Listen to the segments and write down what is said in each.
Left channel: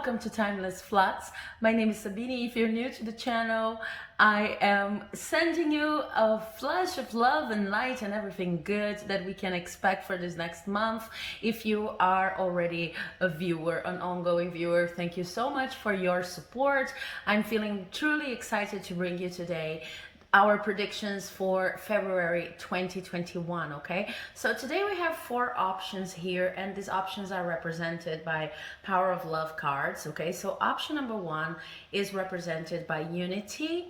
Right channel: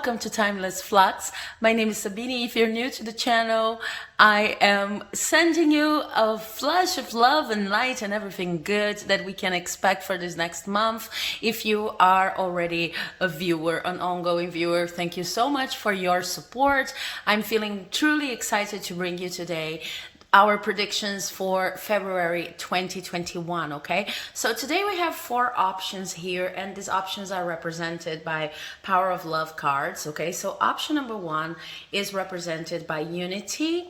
welcome to Timeless Flux. My name is Sabine. If you're new to the channel, I am sending you a flash of love and light and everything good that we can expect for this next month. If you are already a viewer, an ongoing viewer, thank you so much for your support. I'm feeling truly excited to bring you today our predictions for February 2021. Okay, so today we have 4 options here, and these options are represented by Power of Love cards. Okay, so option number 1 is represented by unity.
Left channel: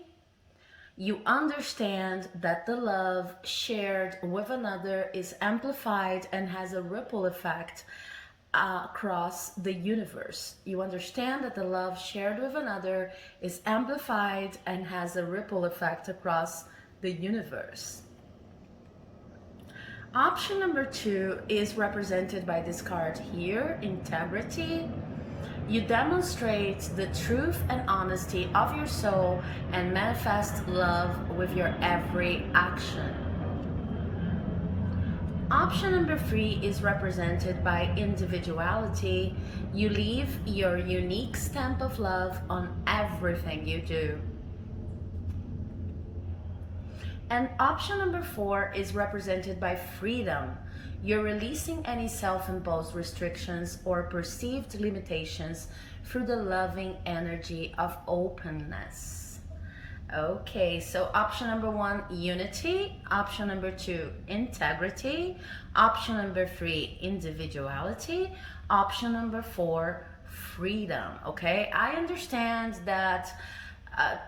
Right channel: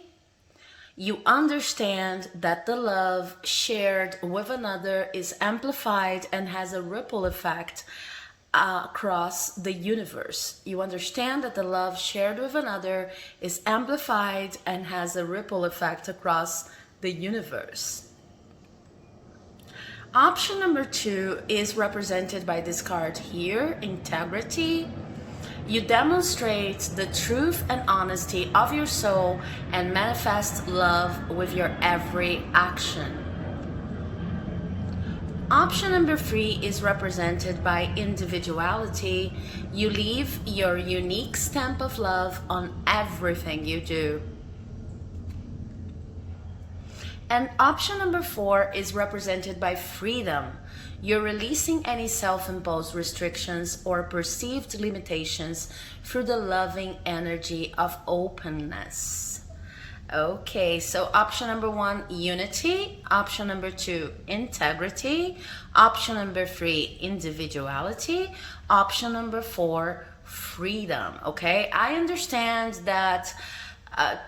You understand that the love shared with another is amplified and has a ripple effect across the universe. You understand that the love shared with another is amplified and has a ripple effect across the universe. Option number 2 is represented by this card here, integrity. You demonstrate the truth and honesty of your soul and manifest love with your every action. Option number 3 is represented by individuality. You leave your unique stamp of love on everything you do. And option number 4 is represented by freedom. You're releasing any self-imposed restrictions or perceived limitations through the loving energy of openness. Okay, so option number 1, unity. Option number 2, integrity. Option number 3, individuality. Option number 4, freedom. Okay, I understand that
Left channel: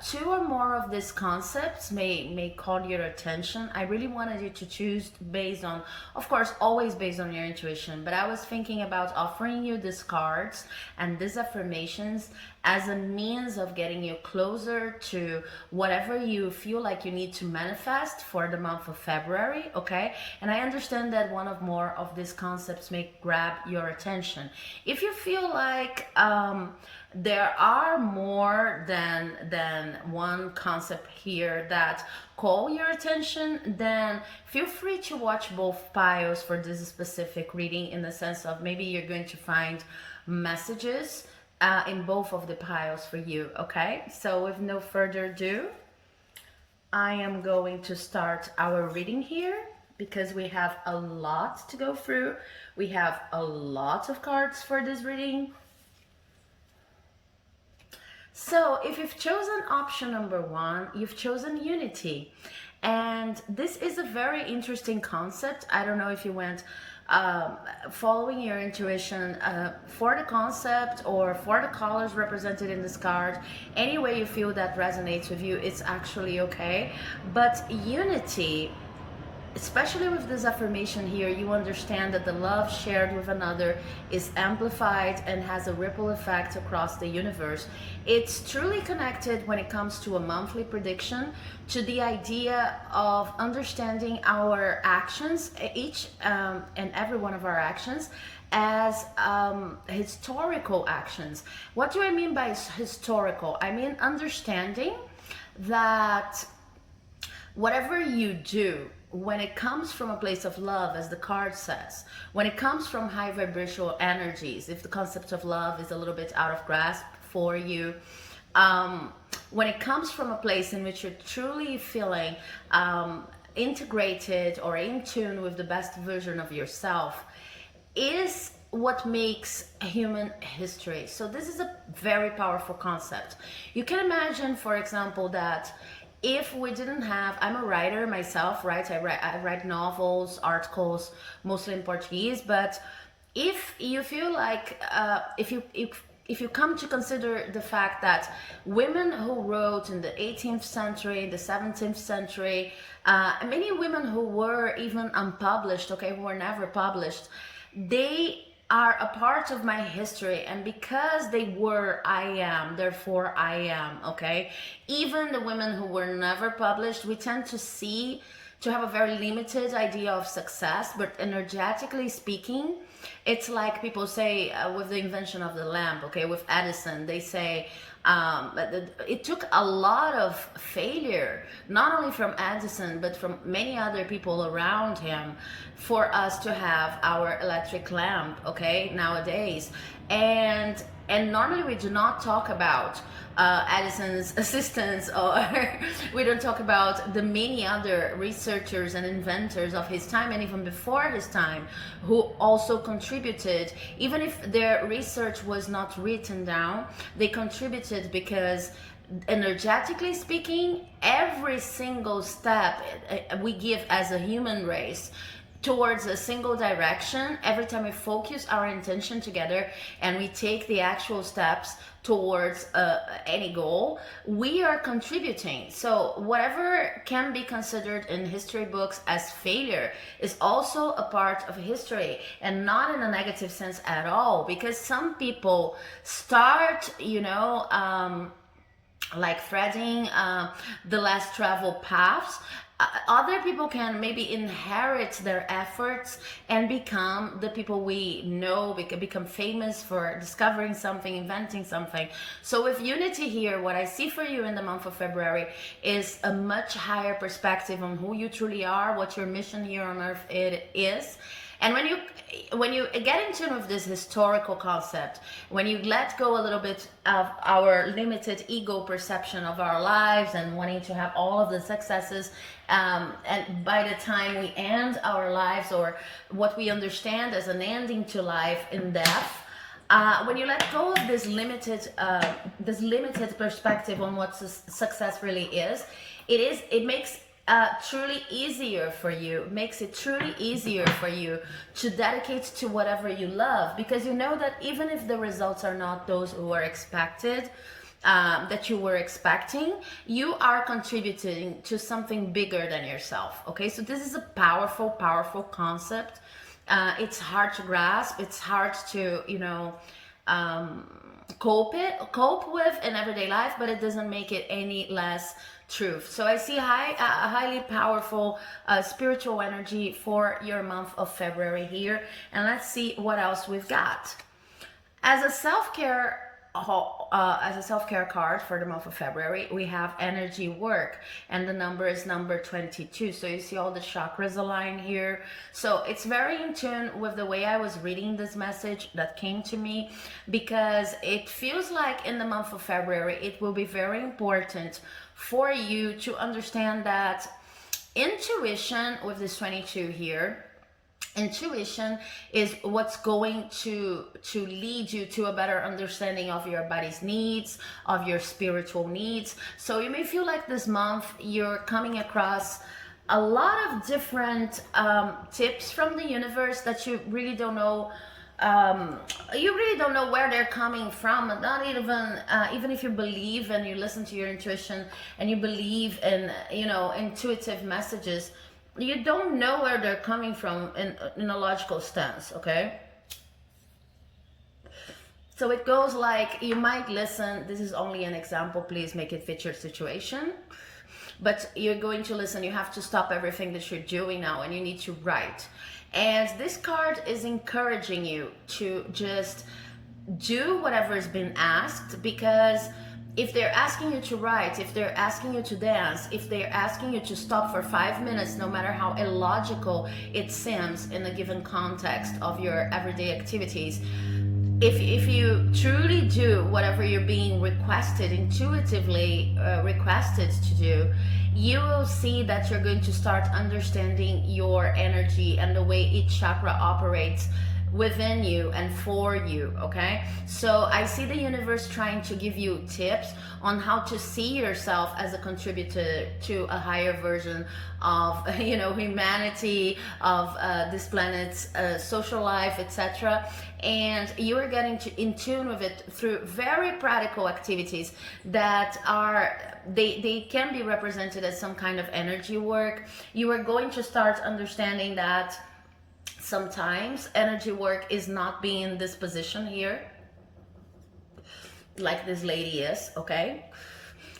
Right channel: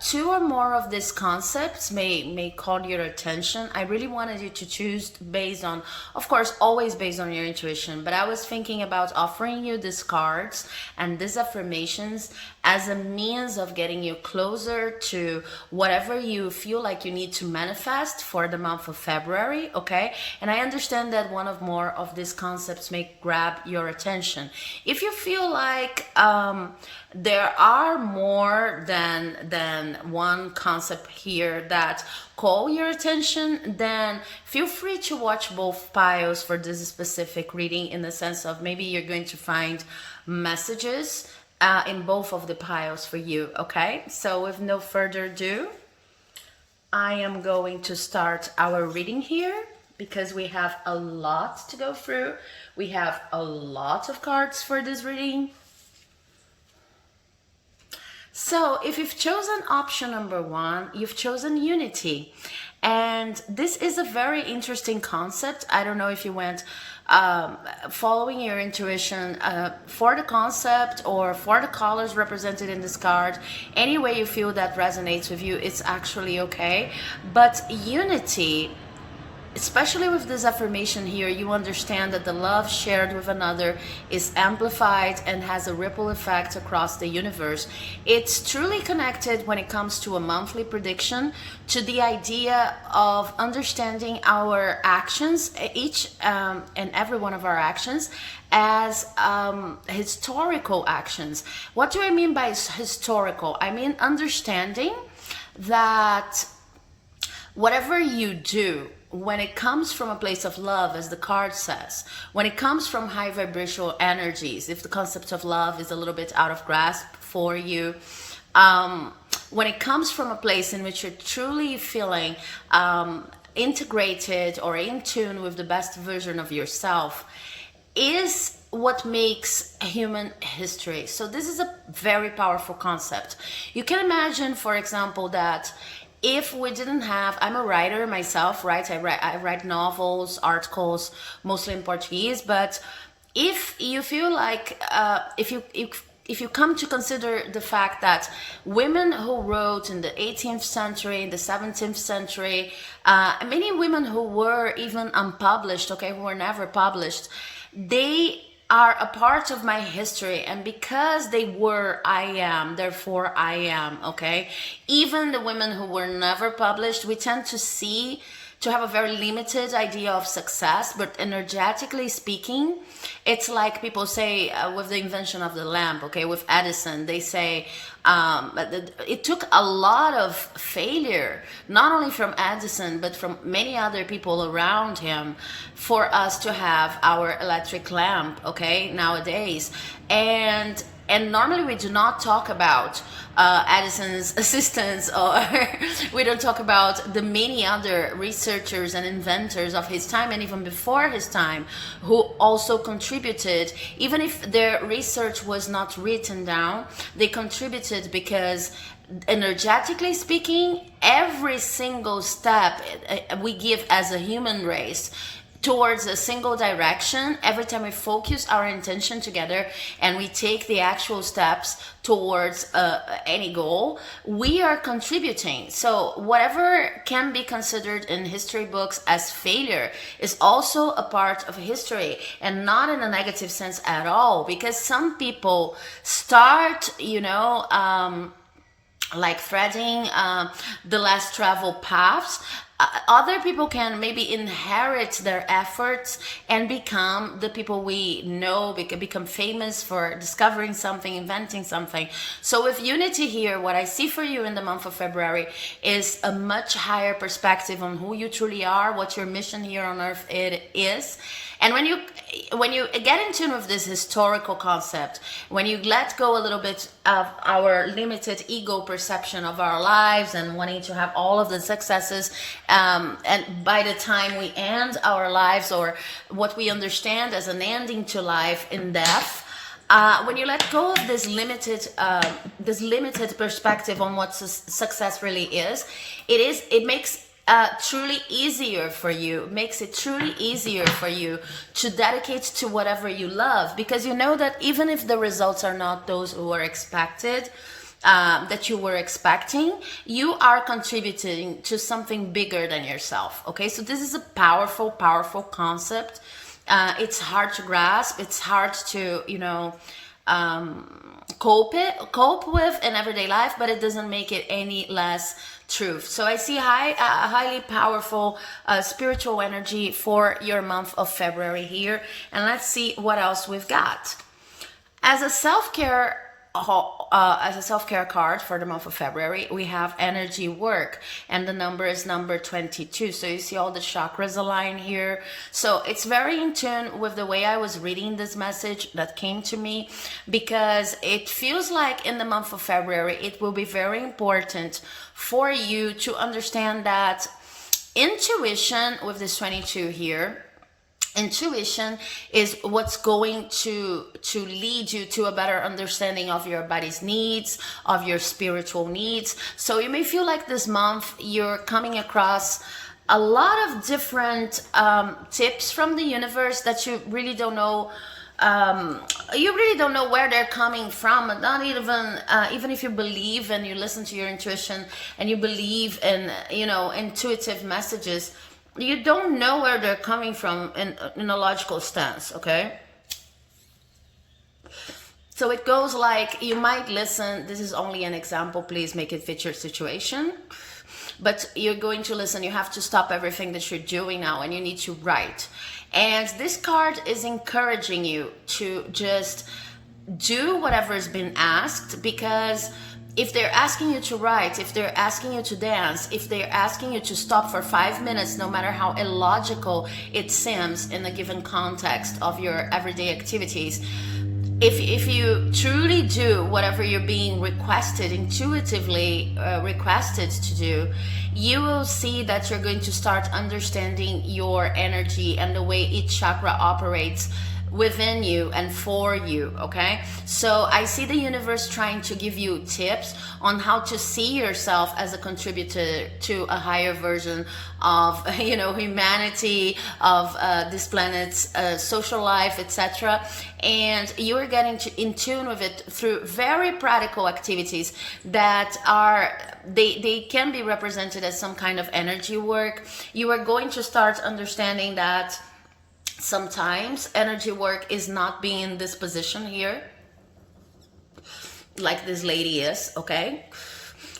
2 or more of these concepts may call your attention. I really wanted you to choose based on, of course, always based on your intuition, but I was thinking about offering you these cards and these affirmations as a means of getting you closer to whatever you feel like you need to manifest for the month of February. Okay, and I understand that one or more of these concepts may grab your attention. If you feel like there are more than one concept here that call your attention, then feel free to watch both piles for this specific reading, in the sense of maybe you're going to find messages in both of the piles for you. Okay, so with no further ado, I am going to start our reading here because we have a lot to go through. We have a lot of cards for this reading. So if you've chosen option number 1, you've chosen unity. And this is a very interesting concept. I don't know if you went following your intuition for the concept or for the colors represented in this card. Any way you feel that resonates with you, it's actually okay. But unity, especially with this affirmation here, you understand that the love shared with another is amplified and has a ripple effect across the universe. It's truly connected when it comes to a monthly prediction to the idea of understanding our actions, each and every one of our actions, as historical actions. What do I mean by historical? I mean understanding that whatever you do, when it comes from a place of love, as the card says, when it comes from high vibrational energies, if the concept of love is a little bit out of grasp for you, when it comes from a place in which you're truly feeling integrated or in tune with the best version of yourself, is what makes human history. So this is a very powerful concept. You can imagine, for example, that if we didn't have, I'm a writer myself, right? I write novels, articles, mostly in Portuguese. But if you feel like, if you come to consider the fact that women who wrote in the 18th century, in the 17th century, many women who were even unpublished, okay, who were never published, they are a part of my history, and because they were, I am, therefore I am. Okay, even the women who were never published, we tend to have a very limited idea of success, but energetically speaking, it's like people say with the invention of the lamp, okay, with Edison, they say it took a lot of failure, not only from Edison, but from many other people around him, for us to have our electric lamp, okay, nowadays. And And normally we do not talk about Edison's assistants, or we don't talk about the many other researchers and inventors of his time and even before his time who also contributed. Even if their research was not written down, they contributed because energetically speaking, every single step we give as a human race towards a single direction, every time we focus our intention together and we take the actual steps towards any goal, we are contributing. So whatever can be considered in history books as failure is also a part of history, and not in a negative sense at all, because some people start, like threading the less traveled paths. Other people can maybe inherit their efforts and become the people we know, become famous for discovering something, inventing something. So with unity here, what I see for you in the month of February is a much higher perspective on who you truly are, what your mission here on earth it is. And when you get in tune with this historical concept, when you let go a little bit of our limited ego perception of our lives and wanting to have all of the successes, and by the time we end our lives, or what we understand as an ending to life in death, when you let go of this limited perspective on what success really is, it makes truly easier for you, makes it truly easier for you to dedicate to whatever you love, because you know that even if the results are not those who are expected, that you were expecting, you are contributing to something bigger than yourself. Okay, so this is a powerful concept. It's hard to grasp, it's hard to cope with in everyday life, but it doesn't make it any less truth. So I see highly powerful spiritual energy for your month of February here, and let's see what else we've got as a self-care. As a self-care card for the month of February, we have energy work, and the number is number 22. So you see all the chakras align here. So it's very in tune with the way I was reading this message that came to me, because it feels like in the month of February, it will be very important for you to understand that intuition with this 22 here, intuition is what's going to lead you to a better understanding of your body's needs, of your spiritual needs. So you may feel like this month you're coming across a lot of different tips from the universe that you really don't know. You really don't know where they're coming from. Not even if you believe and you listen to your intuition and you believe in intuitive messages, you don't know where they're coming from in a logical stance. Okay, so it goes like, you might listen, this is only an example, please make it fit your situation, but you're going to listen, you have to stop everything that you're doing now and you need to write. And this card is encouraging you to just do whatever has been asked, because if they're asking you to write, if they're asking you to dance, if they're asking you to stop for 5 minutes, no matter how illogical it seems in a given context of your everyday activities, if you truly do whatever you're being requested, intuitively requested to do, you will see that you're going to start understanding your energy and the way each chakra operates within you and for you. Okay, so I see the universe trying to give you tips on how to see yourself as a contributor to a higher version of humanity, of this planet's social life, etc. And you are getting in tune with it through very practical activities that are they can be represented as some kind of energy work. You are going to start understanding that sometimes energy work is not being in this position here, like this lady is. Okay,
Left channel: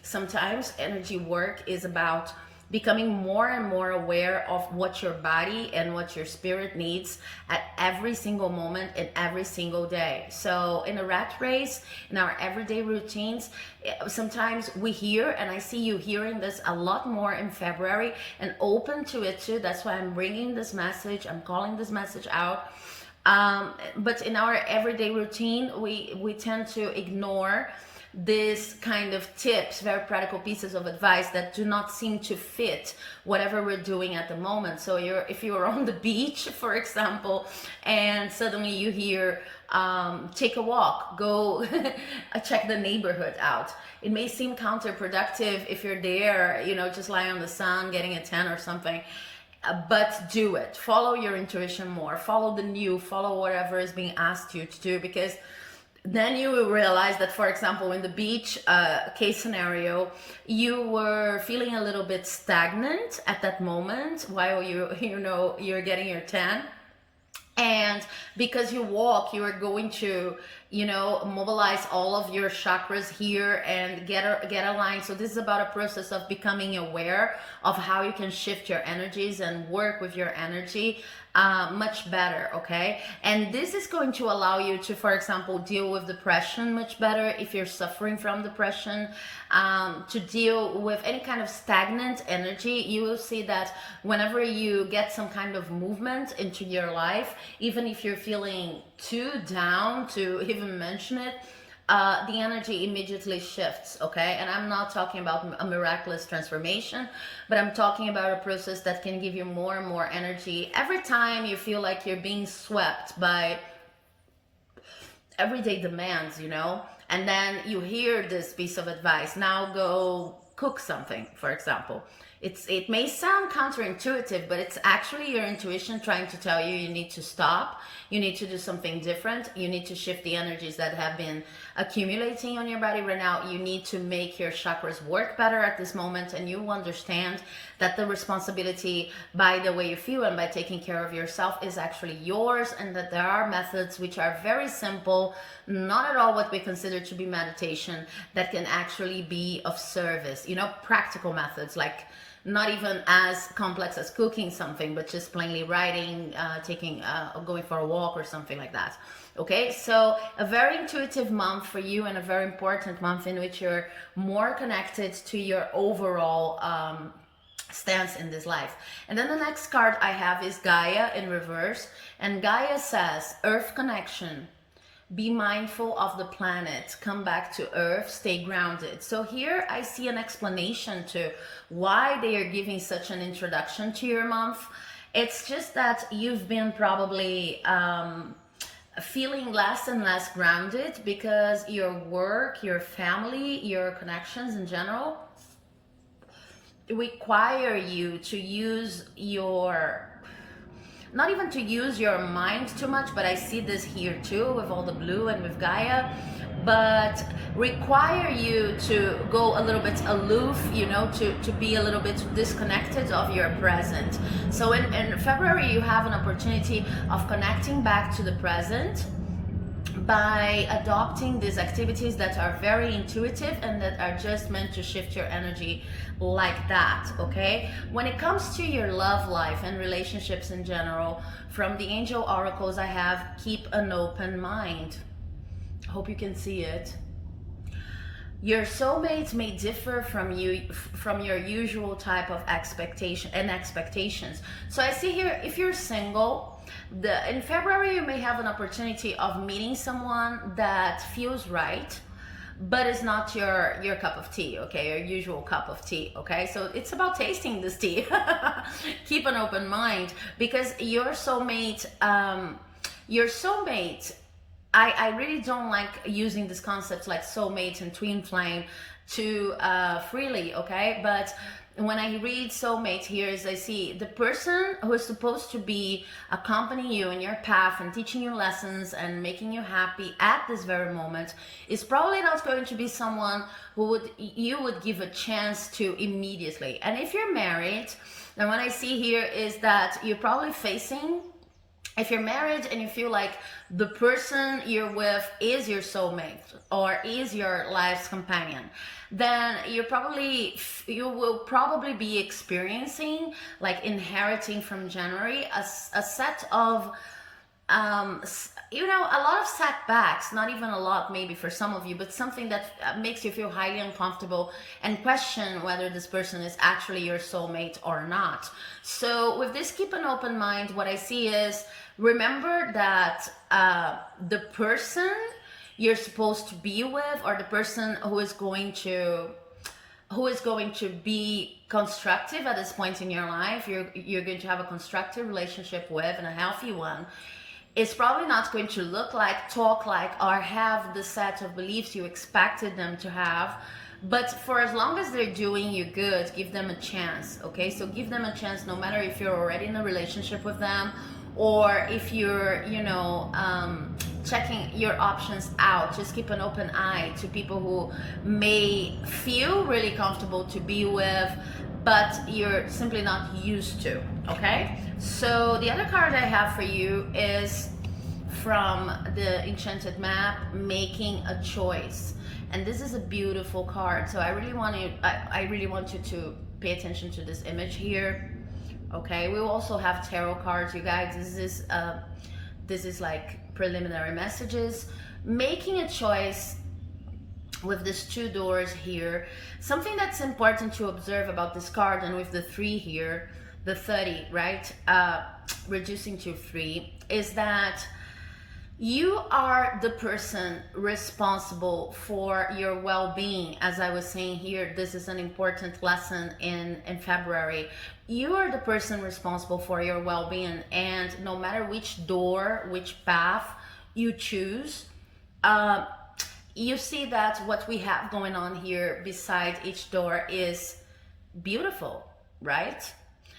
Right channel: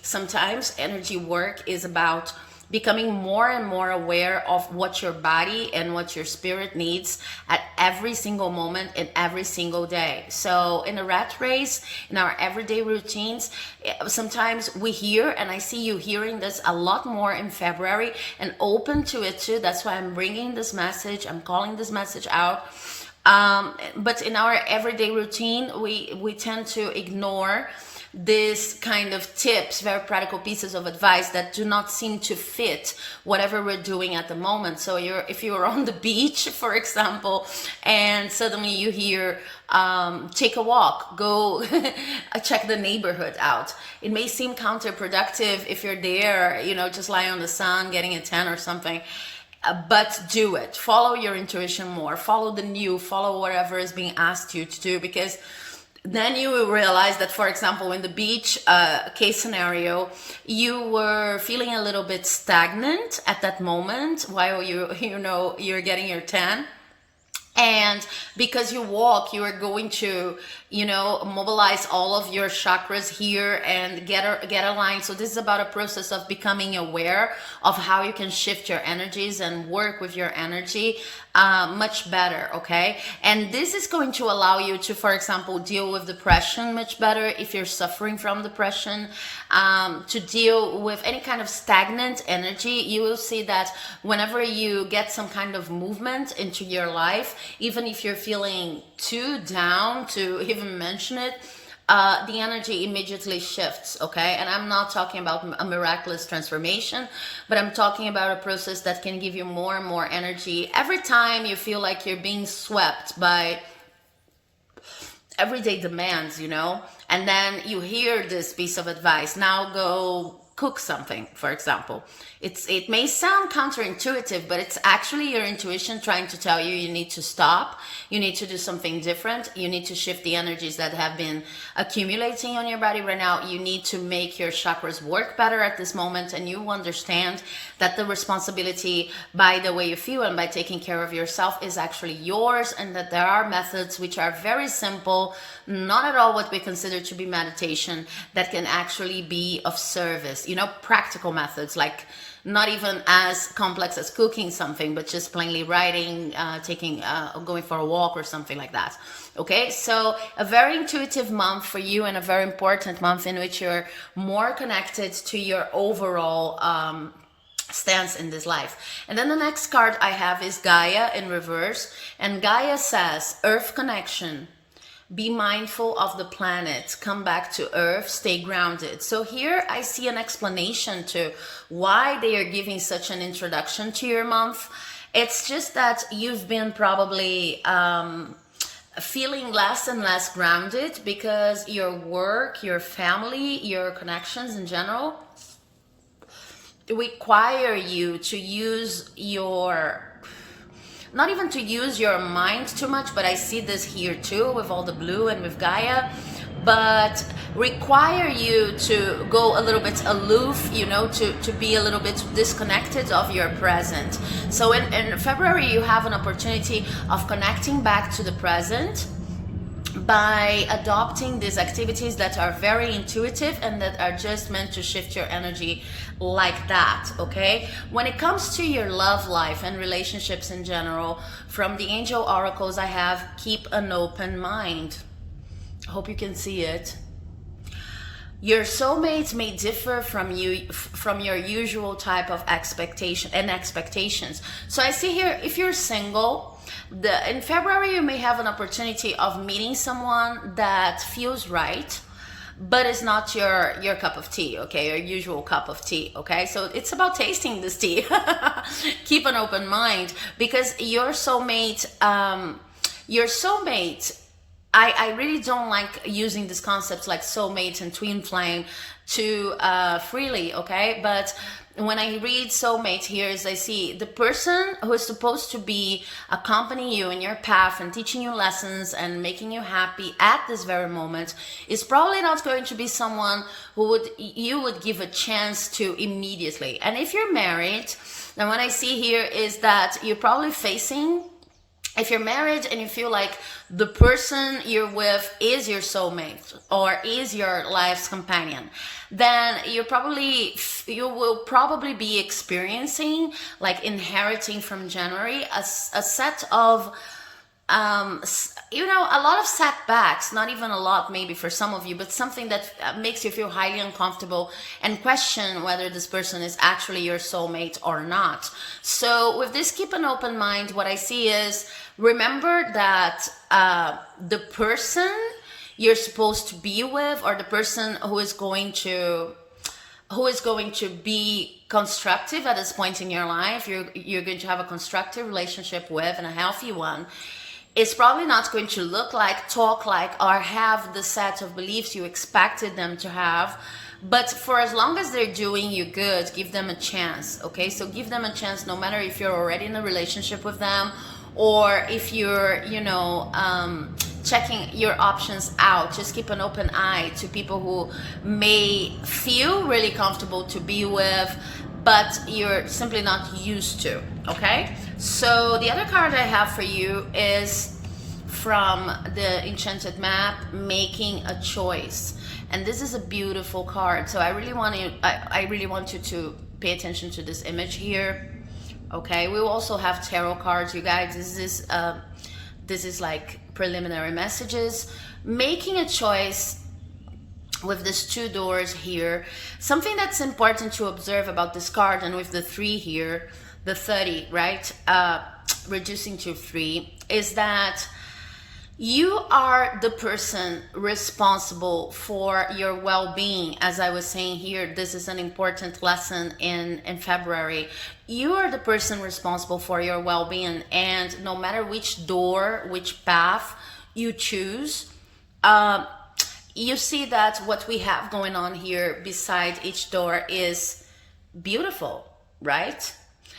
sometimes energy work is about becoming more and more aware of what your body and what your spirit needs at every single moment in every single day. So in a rat race, in our everyday routines, sometimes we hear, and I see you hearing this a lot more in February and open to it too. That's why I'm bringing this message, I'm calling this message out. But in our everyday routine, we tend to ignore this kind of tips, very practical pieces of advice that do not seem to fit whatever we're doing at the moment. So if you're on the beach, for example, and suddenly you hear, take a walk, go check the neighborhood out. It may seem counterproductive if you're there, just lying on the sun, getting a tan or something. But do it. Follow your intuition more. Follow follow whatever is being asked you to do, because then you will realize that, for example, in the beach case scenario, you were feeling a little bit stagnant at that moment while you're getting your tan. And because you walk, you are going to, mobilize all of your chakras here and get aligned. So this is about a process of becoming aware of how you can shift your energies and work with your energy much better, okay? And this is going to allow you to, for example, deal with depression much better if you're suffering from depression, to deal with any kind of stagnant energy. You will see that whenever you get some kind of movement into your life, even if you're feeling too down to even mention it, the energy immediately shifts, okay? And I'm not talking about a miraculous transformation, but I'm talking about a process that can give you more and more energy every time you feel like you're being swept by everyday demands, and then you hear this piece of advice. Now go cook something, for example. It may sound counterintuitive, but it's actually your intuition trying to tell you need to stop, you need to do something different, you need to shift the energies that have been accumulating on your body right now. You need to make your chakras work better at this moment, and you understand that the responsibility by the way you feel and by taking care of yourself is actually yours, and that there are methods which are very simple, not at all what we consider to be meditation, that can actually be of service, practical methods, like not even as complex as cooking something, but just plainly writing, going for a walk or something like that. Okay, so a very intuitive month for you, and a very important month in which you're more connected to your overall stance in this life. And then the next card I have is Gaia in reverse, and Gaia says earth connection. Be mindful of the planet, come back to earth, stay grounded. So here I see an explanation to why they are giving such an introduction to your month. It's just that you've been probably feeling less and less grounded because your work, your family, your connections in general require you to use not even to use your mind too much, but I see this here too with all the blue and with Gaia, but require you to go a little bit aloof, to be a little bit disconnected of your present. So in February, you have an opportunity of connecting back to the present by adopting these activities that are very intuitive and that are just meant to shift your energy like that, okay? When it comes to your love life and relationships in general, from the angel oracles I have, keep an open mind. I hope you can see it. Your soulmates may differ from your usual type of expectations. So I see here, if you're single, in February you may have an opportunity of meeting someone that feels right, but it's not your cup of tea, okay? Your usual cup of tea, okay? So it's about tasting this tea. Keep an open mind, because your soulmate, I really don't like using these concepts like soulmate and twin flame too freely, okay? But when I read soulmate here, is I see the person who is supposed to be accompanying you in your path and teaching you lessons and making you happy at this very moment is probably not going to be someone who you would give a chance to immediately. And if you're married, then what I see here is that you're probably facing, if you're married and you feel like the person you're with is your soulmate or is your life's companion, then you will probably be experiencing, like inheriting from January, a set of you know, a lot of setbacks, not even a lot maybe for some of you, but something that makes you feel highly uncomfortable and question whether this person is actually your soulmate or not. So with this, keep an open mind. What I see is, remember that the person you're supposed to be with, or the person who is going to be constructive at this point in your life, you're going to have a constructive relationship with, and a healthy one, is probably not going to look like, talk like, or have the set of beliefs you expected them to have. But for as long as they're doing you good, give them a chance. Okay, so give them a chance, no matter if you're already in a relationship with them, or if you're, you know, checking your options out. Just keep an open eye to people who may feel really comfortable to be with, but you're simply not used to. Okay, so the other card I have for you is from the Enchanted Map, Making a Choice. And this is a beautiful card, so I really want you to pay attention to this image here. Okay, we will also have tarot cards, you guys. This is like preliminary messages. Making a choice with these two doors here. Something that's important to observe about this card, and with the 3 here, the 30, right? Reducing to 3, is that you are the person responsible for your well-being. As I was saying here, this is an important lesson in February. You are the person responsible for your well-being, and no matter which door, which path you choose, you see that what we have going on here beside each door is beautiful, right?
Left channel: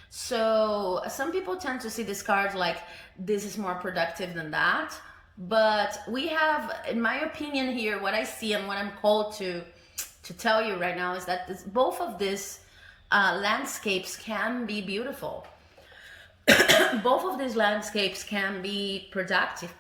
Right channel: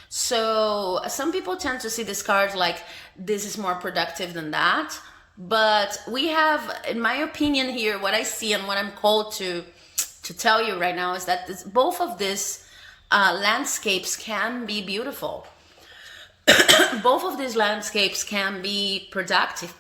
So some people tend to see this card like this is more productive than that. But we have, in my opinion here, what I see and what I'm called to tell you right now is that both of these landscapes can be beautiful. Both of these landscapes can be productive,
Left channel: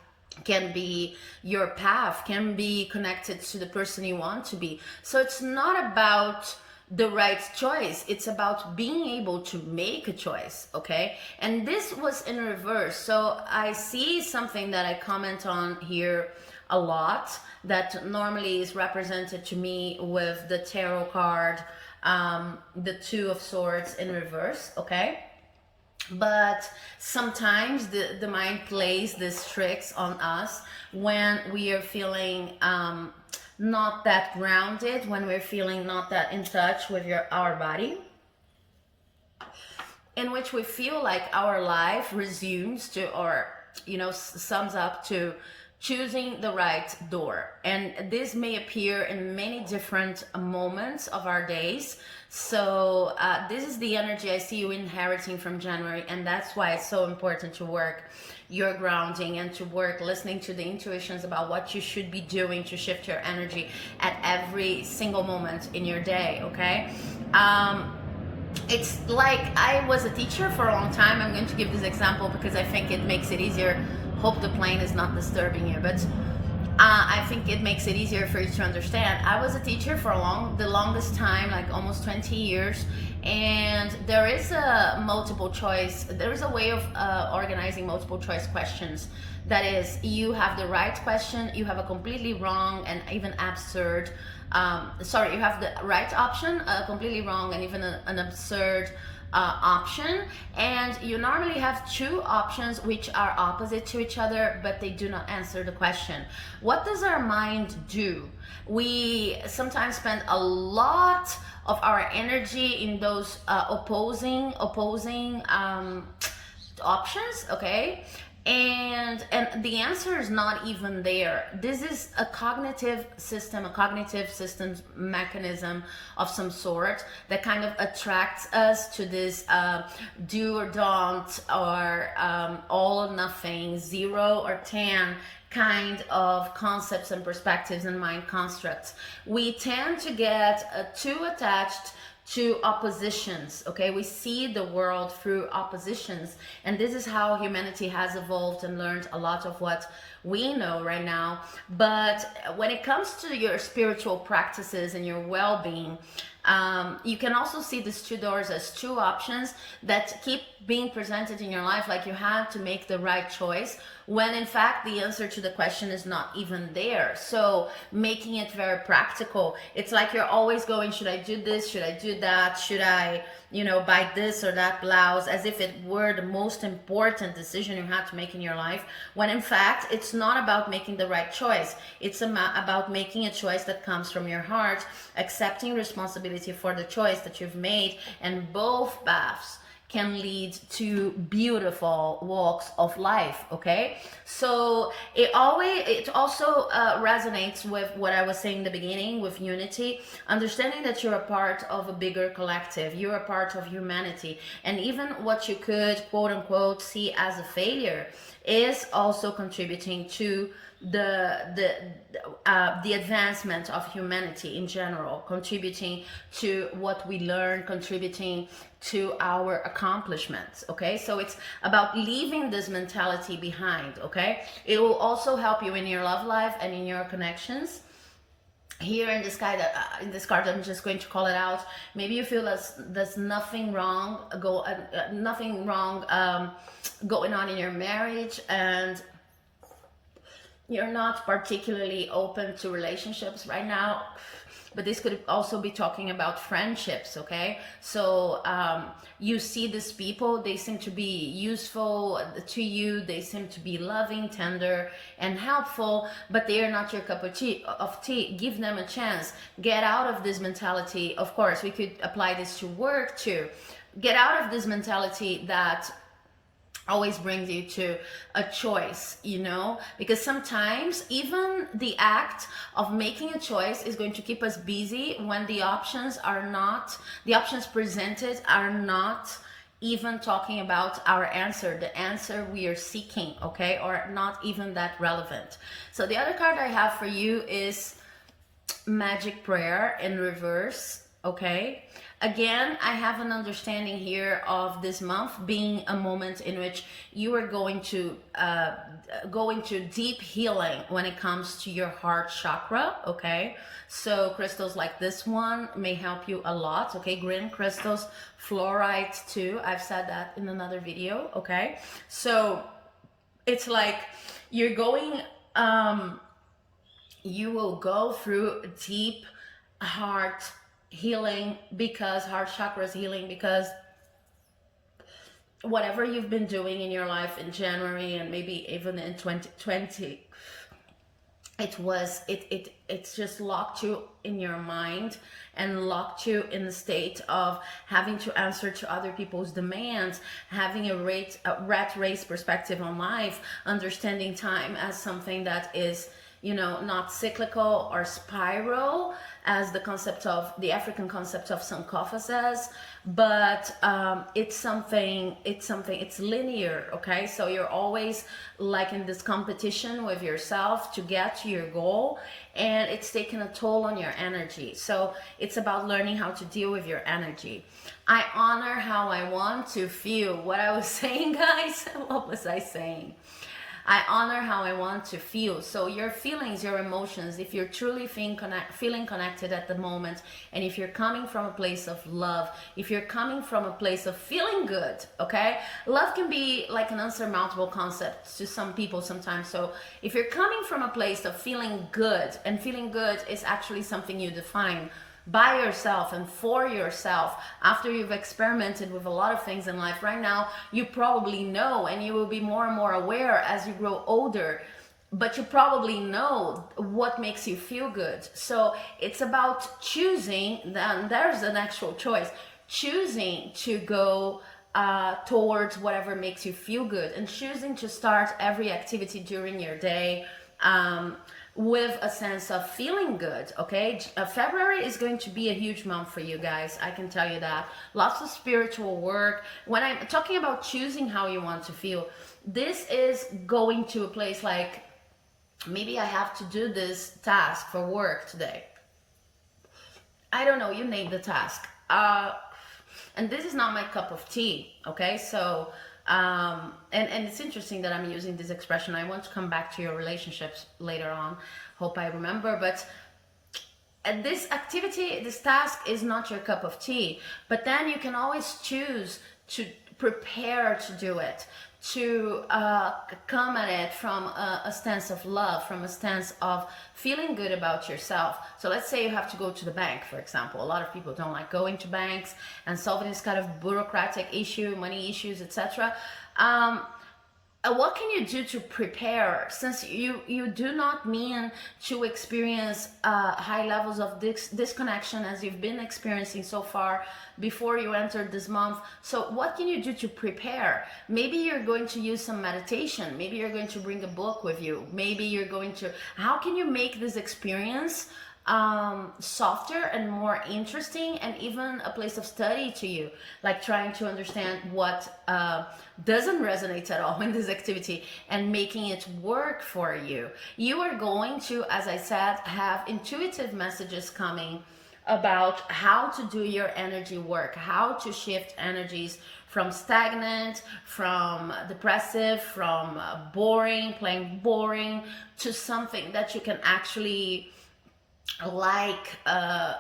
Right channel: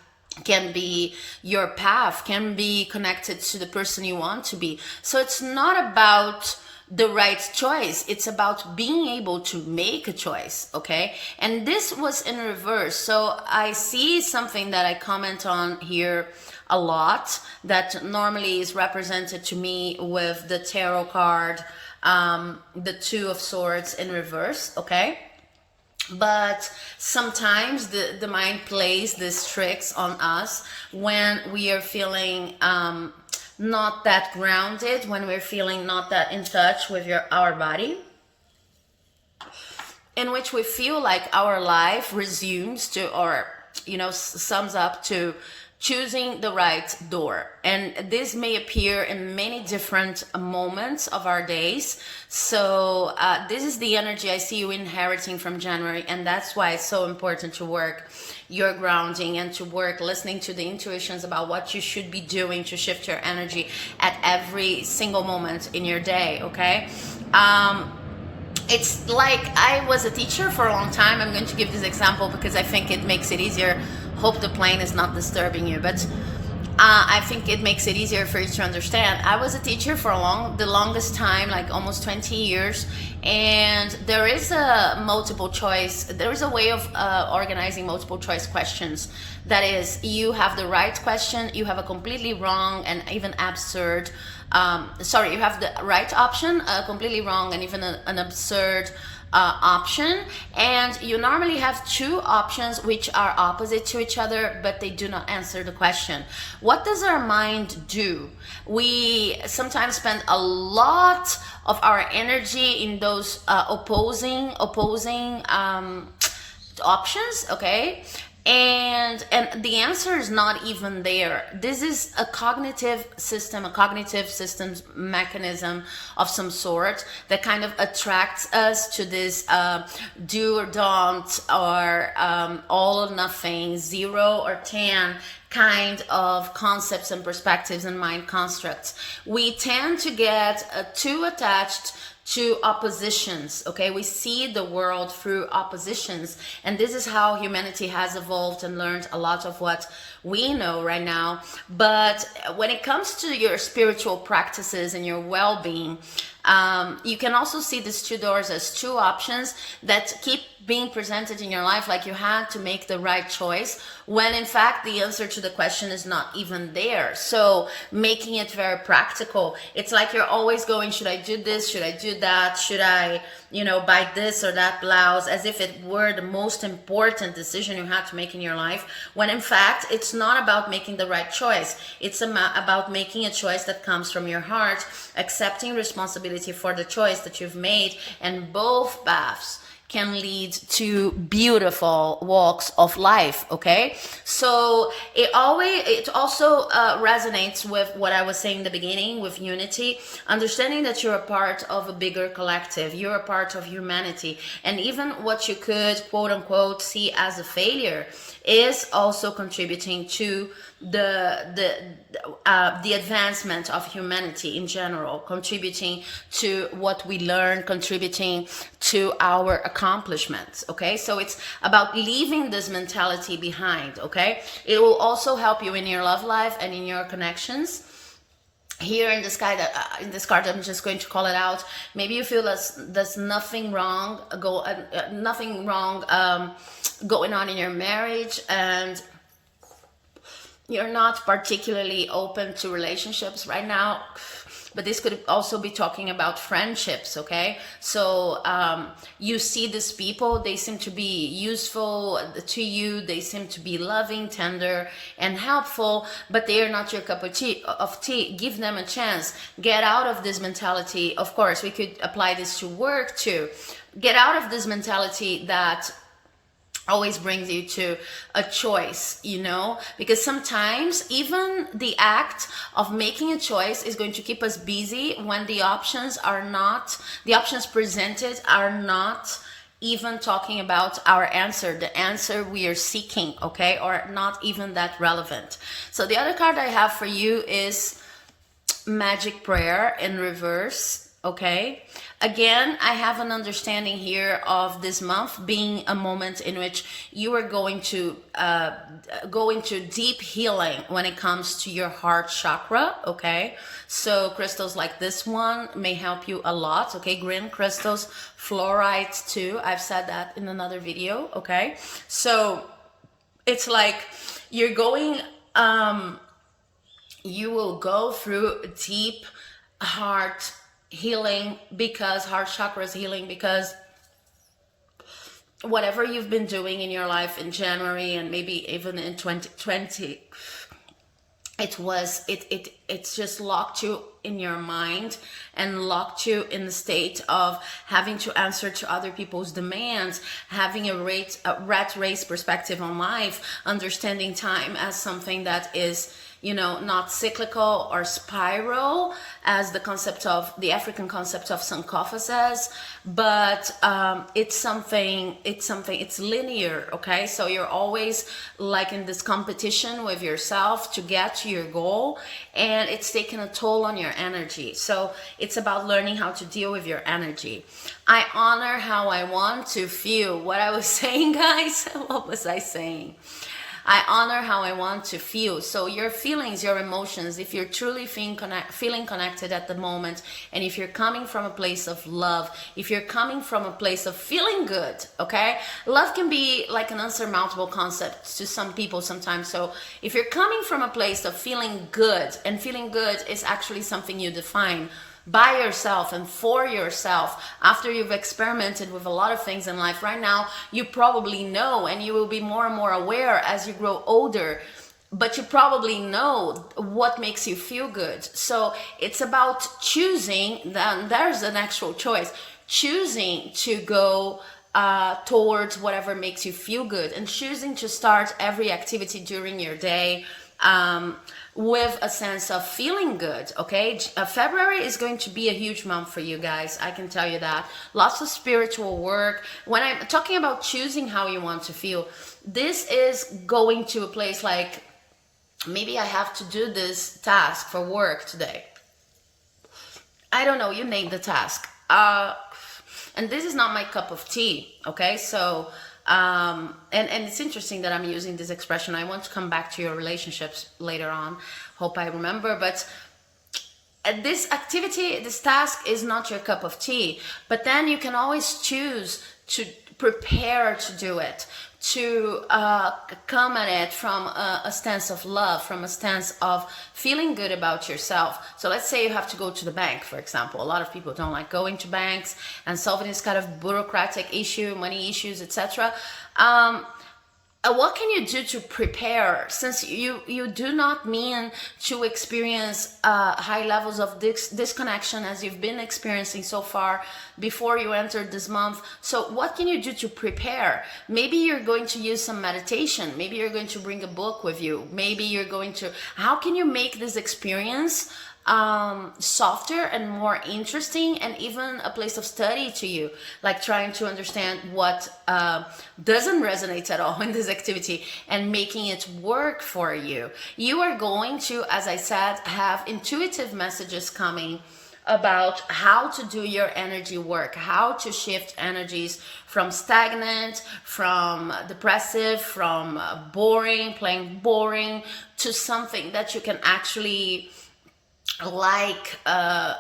can be your path, can be connected to the person you want to be. So it's not about the right choice, it's about being able to make a choice. Okay, and this was in reverse. So I see something that I comment on here a lot, that normally is represented to me with the tarot card, the 2 of Swords in reverse. Okay, but sometimes the mind plays these tricks on us when we are feeling not that grounded, when we're feeling not that in touch with our body, in which we feel like our life resumes to, or, you know, sums up to choosing the right door. And this may appear in many different moments of our days. So this is the energy I see you inheriting from January, and that's why it's so important to work your grounding and to work listening to the intuitions about what you should be doing to shift your energy at every single moment in your day. Okay, it's like, I was a teacher for a long time. I'm going to give this example because I think it makes it easier. Hope the plane is not disturbing you, but I think it makes it easier for you to understand. I was a teacher for the longest time, like almost 20 years, and there is a multiple choice. There is a way of organizing multiple choice questions. That is, you have the right question, you have a completely wrong and even absurd. You have the right option, a completely wrong and even an absurd option, and you normally have 2 options which are opposite to each other, but they do not answer the question. What does our mind do? We sometimes spend a lot of our energy in those opposing options. Okay, and the answer is not even there. This is a cognitive systems mechanism of some sort that kind of attracts us to this do or don't, or all or nothing, 0 or 10 kind of concepts and perspectives and mind constructs. We tend to get too attached to oppositions. Okay, we see the world through oppositions, and this is how humanity has evolved and learned a lot of what we know right now. But when it comes to your spiritual practices and your well-being, You can also see these two doors as two options that keep being presented in your life, like you had to make the right choice, when in fact the answer to the question is not even there. So making it very practical, it's like you're always going, should I do this, should I do that, should I, you know, buy this or that blouse, as if it were the most important decision you had to make in your life, when in fact it's not about making the right choice. It's about making a choice that comes from your heart, accepting responsibility for the choice that you've made, and both paths can lead to beautiful walks of life. Okay, so it also resonates with what I was saying in the beginning, with unity, understanding that you're a part of a bigger collective, you're a part of humanity, and even what you could quote unquote see as a failure is also contributing to the advancement of humanity in general, contributing to what we learn, contributing to our accomplishments. Okay, so it's about leaving this mentality behind. Okay, it will also help you in your love life and in your connections. Here in this guy that in this card, I'm just going to call it out. Maybe you feel there's nothing wrong going on in your marriage, and you're not particularly open to relationships right now. But this could also be talking about friendships. Okay, so you see these people, they seem to be useful to you, they seem to be loving, tender, and helpful, but they are not your cup of tea. Give them a chance. Get out of this mentality. Of course, we could apply this to work too. Get out of this mentality that always brings you to a choice, you know, because sometimes even the act of making a choice is going to keep us busy when the options presented are not even talking about our answer, the answer we are seeking. Okay, or not even that relevant. So the other card I have for you is Magic Prayer in reverse. Okay, again, I have an understanding here of this month being a moment in which you are going to go into deep healing when it comes to your heart chakra. Okay, so crystals like this one may help you a lot. Okay, green crystals, fluorides too, I've said that in another video. Okay, so it's like you're going you will go through deep heart healing, because heart chakra is healing, because whatever you've been doing in your life in January and maybe even in 2020, it's just locked you in your mind and locked you in the state of having to answer to other people's demands, having a rat race perspective on life, understanding time as something that is, you know, not cyclical or spiral as the concept of the African concept of Sankofa says, but it's linear. Okay, so you're always like in this competition with yourself to get to your goal, and it's taking a toll on your energy. So it's about learning how to deal with your energy. I honor how I want to feel. What I was saying, guys, what was I saying? I honor how I want to feel. So your feelings, your emotions, if you're truly feeling connected at the moment, and if you're coming from a place of love, if you're coming from a place of feeling good, okay? Love can be like an unsurmountable concept to some people sometimes. So if you're coming from a place of feeling good, and feeling good is actually something you define by yourself and for yourself after you've experimented with a lot of things in life. Right now you probably know, and you will be more and more aware as you grow older, but you probably know what makes you feel good. So it's about choosing. Then there's an actual choice, choosing to go towards whatever makes you feel good, and choosing to start every activity during your day with a sense of feeling good. Okay, February is going to be a huge month for you guys, I can tell you that. Lots of spiritual work. When I'm talking about choosing how you want to feel, this is going to a place like, maybe I have to do this task for work today. I don't know, you name the task. And this is not my cup of tea. Okay, so and it's interesting that I'm using this expression. I want to come back to your relationships later on, hope I remember, but And this activity, this task is not your cup of tea, but then you can always choose to prepare to do it, to come at it from a stance of love, from a stance of feeling good about yourself. So let's say you have to go to the bank, for example. A lot of people don't like going to banks and solving this kind of bureaucratic issue, money issues, etc. What can you do to prepare, since you do not mean to experience high levels of disconnection as you've been experiencing so far before you entered this month? So what can you do to prepare? Maybe you're going to use some meditation. Maybe you're going to bring a book with you. Maybe you're going to, how can you make this experience softer and more interesting, and even a place of study to you, like trying to understand what doesn't resonate at all in this activity and making it work for you. You are going to, as I said, have intuitive messages coming about how to do your energy work, how to shift energies from stagnant, from depressive, from boring, plain boring, to something that you can actually like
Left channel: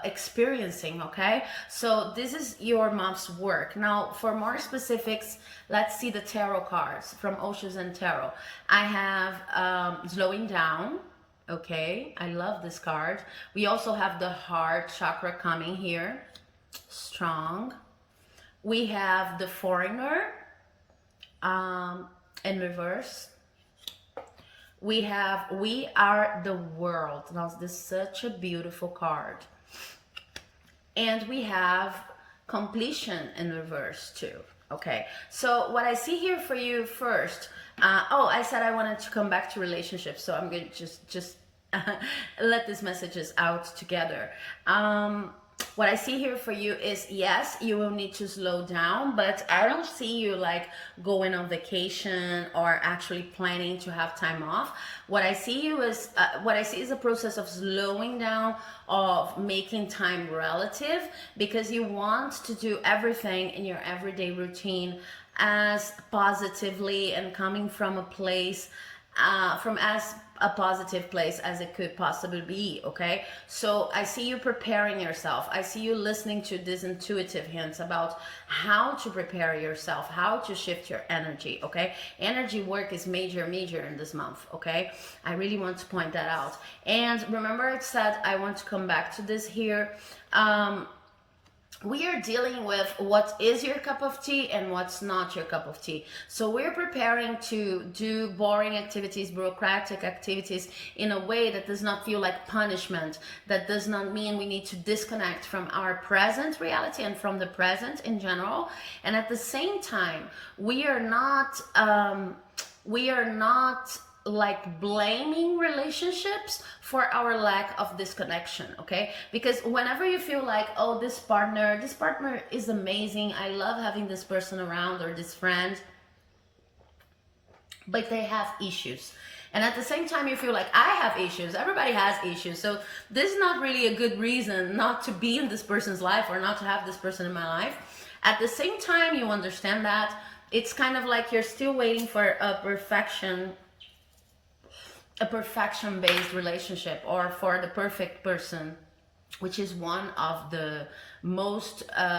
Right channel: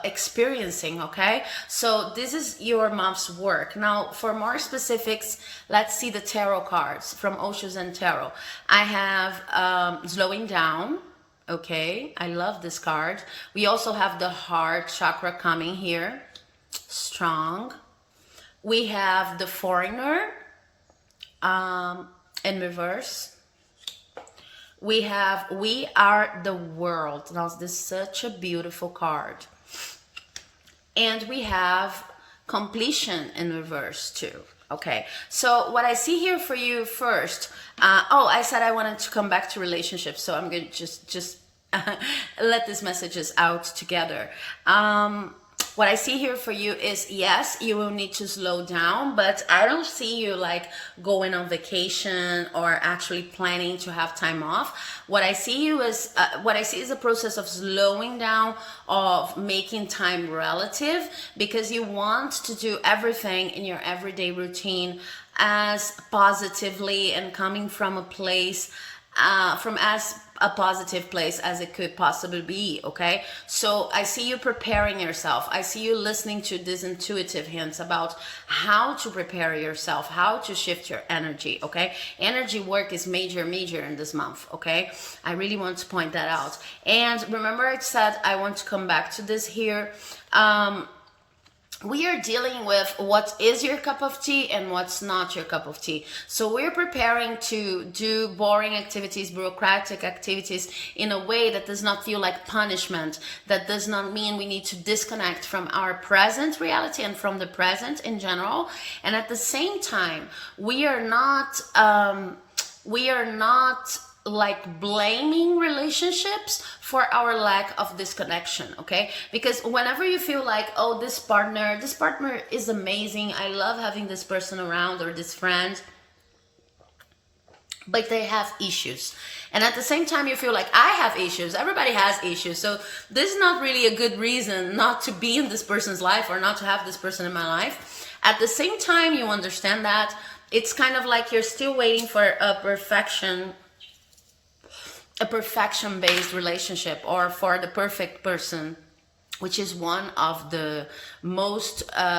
experiencing. Okay, so this is your month's work. Now for more specifics, let's see the tarot cards from Osho's and Tarot. I have slowing down. Okay, I love this card. We also have the heart chakra coming here, strong. We have the foreigner in reverse. We have we are the world. Now this is such a beautiful card. And we have completion in reverse too. Okay, so what I see here for you first, oh, I said I wanted to come back to relationships, so I'm going to just let these messages out together. What I see here for you is, yes, you will need to slow down, but I don't see you like going on vacation or actually planning to have time off. What I see is a process of slowing down, of making time relative, because you want to do everything in your everyday routine as positively and coming from a place, from as a positive place as it could possibly be. Okay, so I see you preparing yourself. I see you listening to these intuitive hints about how to prepare yourself, how to shift your energy. Okay, energy work is major in this month. Okay, I really want to point that out. And remember, I said I want to come back to this here. We are dealing with what is your cup of tea and what's not your cup of tea. So we're preparing to do boring activities, bureaucratic activities in a way that does not feel like punishment, that does not mean we need to disconnect from our present reality and from the present in general. And at the same time, we are not like blaming relationships for our lack of disconnection. Okay, because whenever you feel like, oh, this partner is amazing, I love having this person around, or this friend, but they have issues, and at the same time you feel like, I have issues, everybody has issues, so this is not really a good reason not to be in this person's life or not to have this person in my life. At the same time, you understand that it's kind of like you're still waiting for a perfection-based relationship, or for the perfect person, which is one of the most the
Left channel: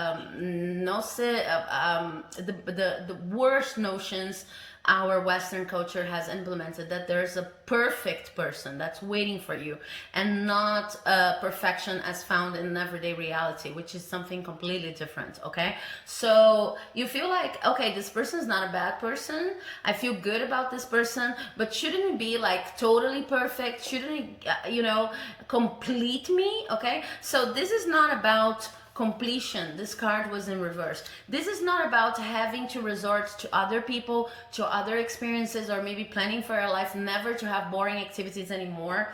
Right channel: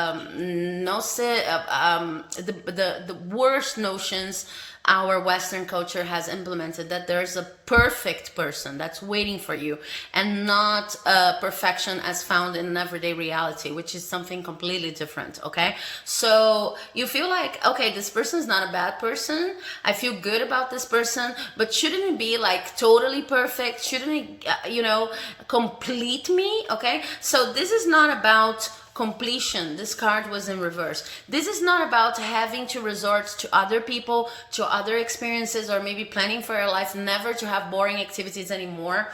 worst notions our Western culture has implemented, that there's a perfect person that's waiting for you, and not perfection as found in everyday reality, which is something completely different. Okay, so you feel like, okay, this person's not a bad person, I feel good about this person, but shouldn't it be like totally perfect? Shouldn't it complete me? Okay, so this is not about completion. This card was in reverse. This is not about having to resort to other people, to other experiences, or maybe planning for your life never to have boring activities anymore.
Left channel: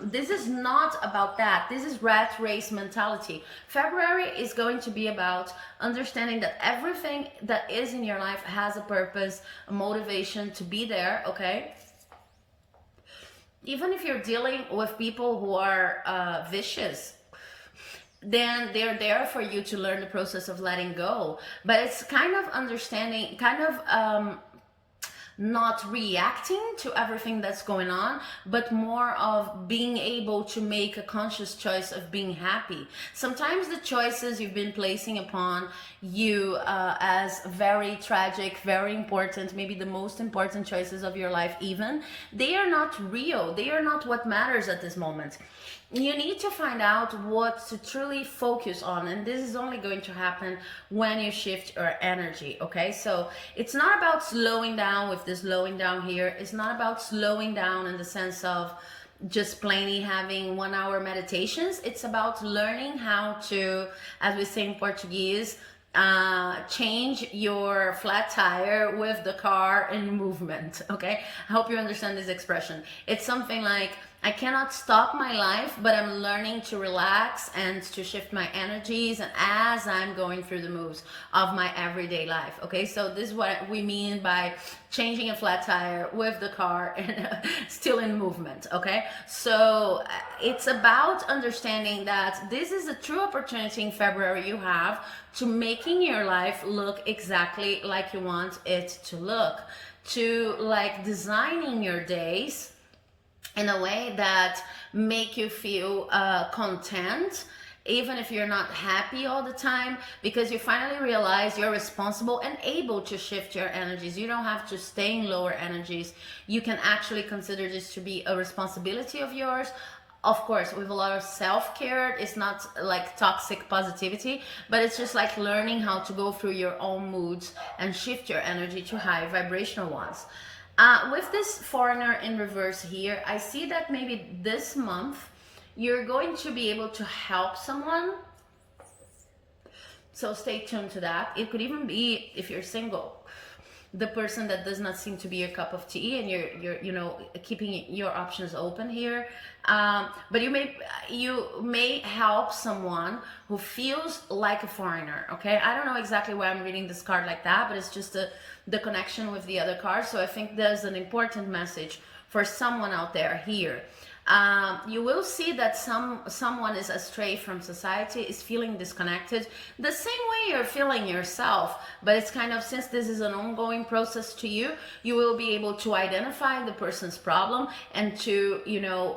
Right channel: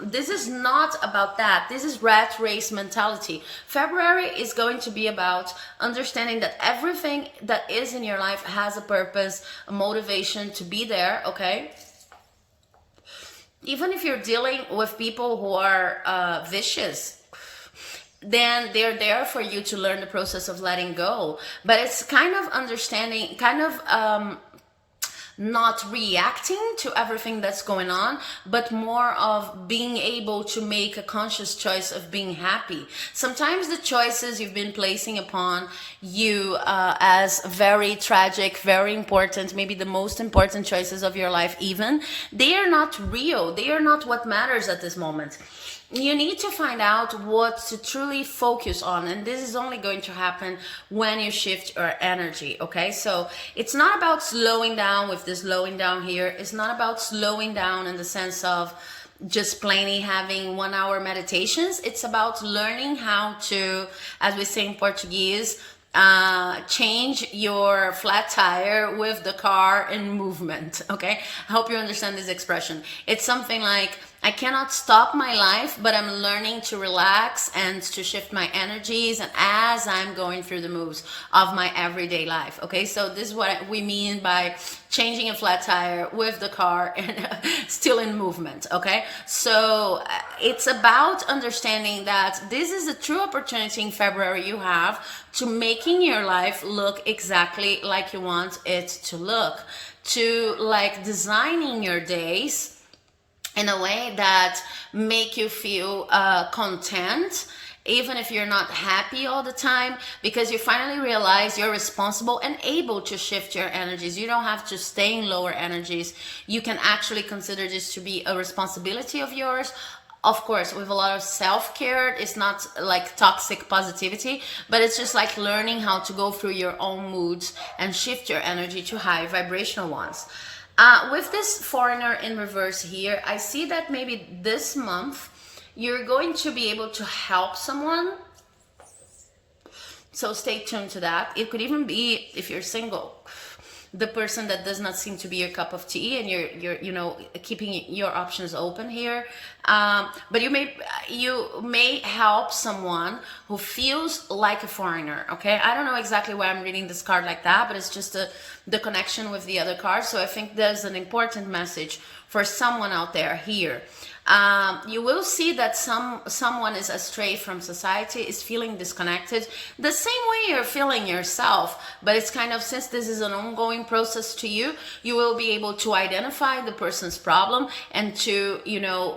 This is not about that. This is rat race mentality. February is going to be about understanding that everything that is in your life has a purpose, a motivation to be there. Okay, even if you're dealing with people who are vicious, then they're there for you to learn the process of letting go. But it's kind of understanding, kind of not reacting to everything that's going on, but more of being able to make a conscious choice of being happy. Sometimes the choices you've been placing upon you as very tragic, very important, maybe the most important choices of your life even, they are not real. They are not what matters at this moment. You need to find out what to truly focus on, and this is only going to happen when you shift your energy. Okay, so it's not about slowing down with this slowing down here. It's not about slowing down in the sense of just plainly having 1 hour meditations. It's about learning how to, as we say in Portuguese, change your flat tire with the car in movement. Okay, I hope you understand this expression. It's something like, I cannot stop my life, but I'm learning to relax and to shift my energies, and as I'm going through the moves of my everyday life. Okay, so this is what we mean by changing a flat tire with the car and still in movement. Okay, so it's about understanding that this is a true opportunity in February you have to making your life look exactly like you want it to look, to like designing your days in a way that make you feel content, even if you're not happy all the time, because you finally realize you're responsible and able to shift your energies. You don't have to stay in lower energies. You can actually consider this to be a responsibility of yours. Of course, with a lot of self-care. It's not like toxic positivity, but it's just like learning how to go through your own moods and shift your energy to high vibrational ones. With this foreigner in reverse here, I see that maybe this month you're going to be able to help someone. So stay tuned to that. It could even be, if you're single, the person that does not seem to be your cup of tea, and you're keeping your options open here. But you may help someone who feels like a foreigner. Okay, I don't know exactly why I'm reading this card like that, but it's just the connection with the other card. So I think there's an important message for someone out there here. You will see that someone is astray from society, is feeling disconnected, the same way you're feeling yourself. But it's kind of, since this is an ongoing process to you, you will be able to identify the person's problem and to,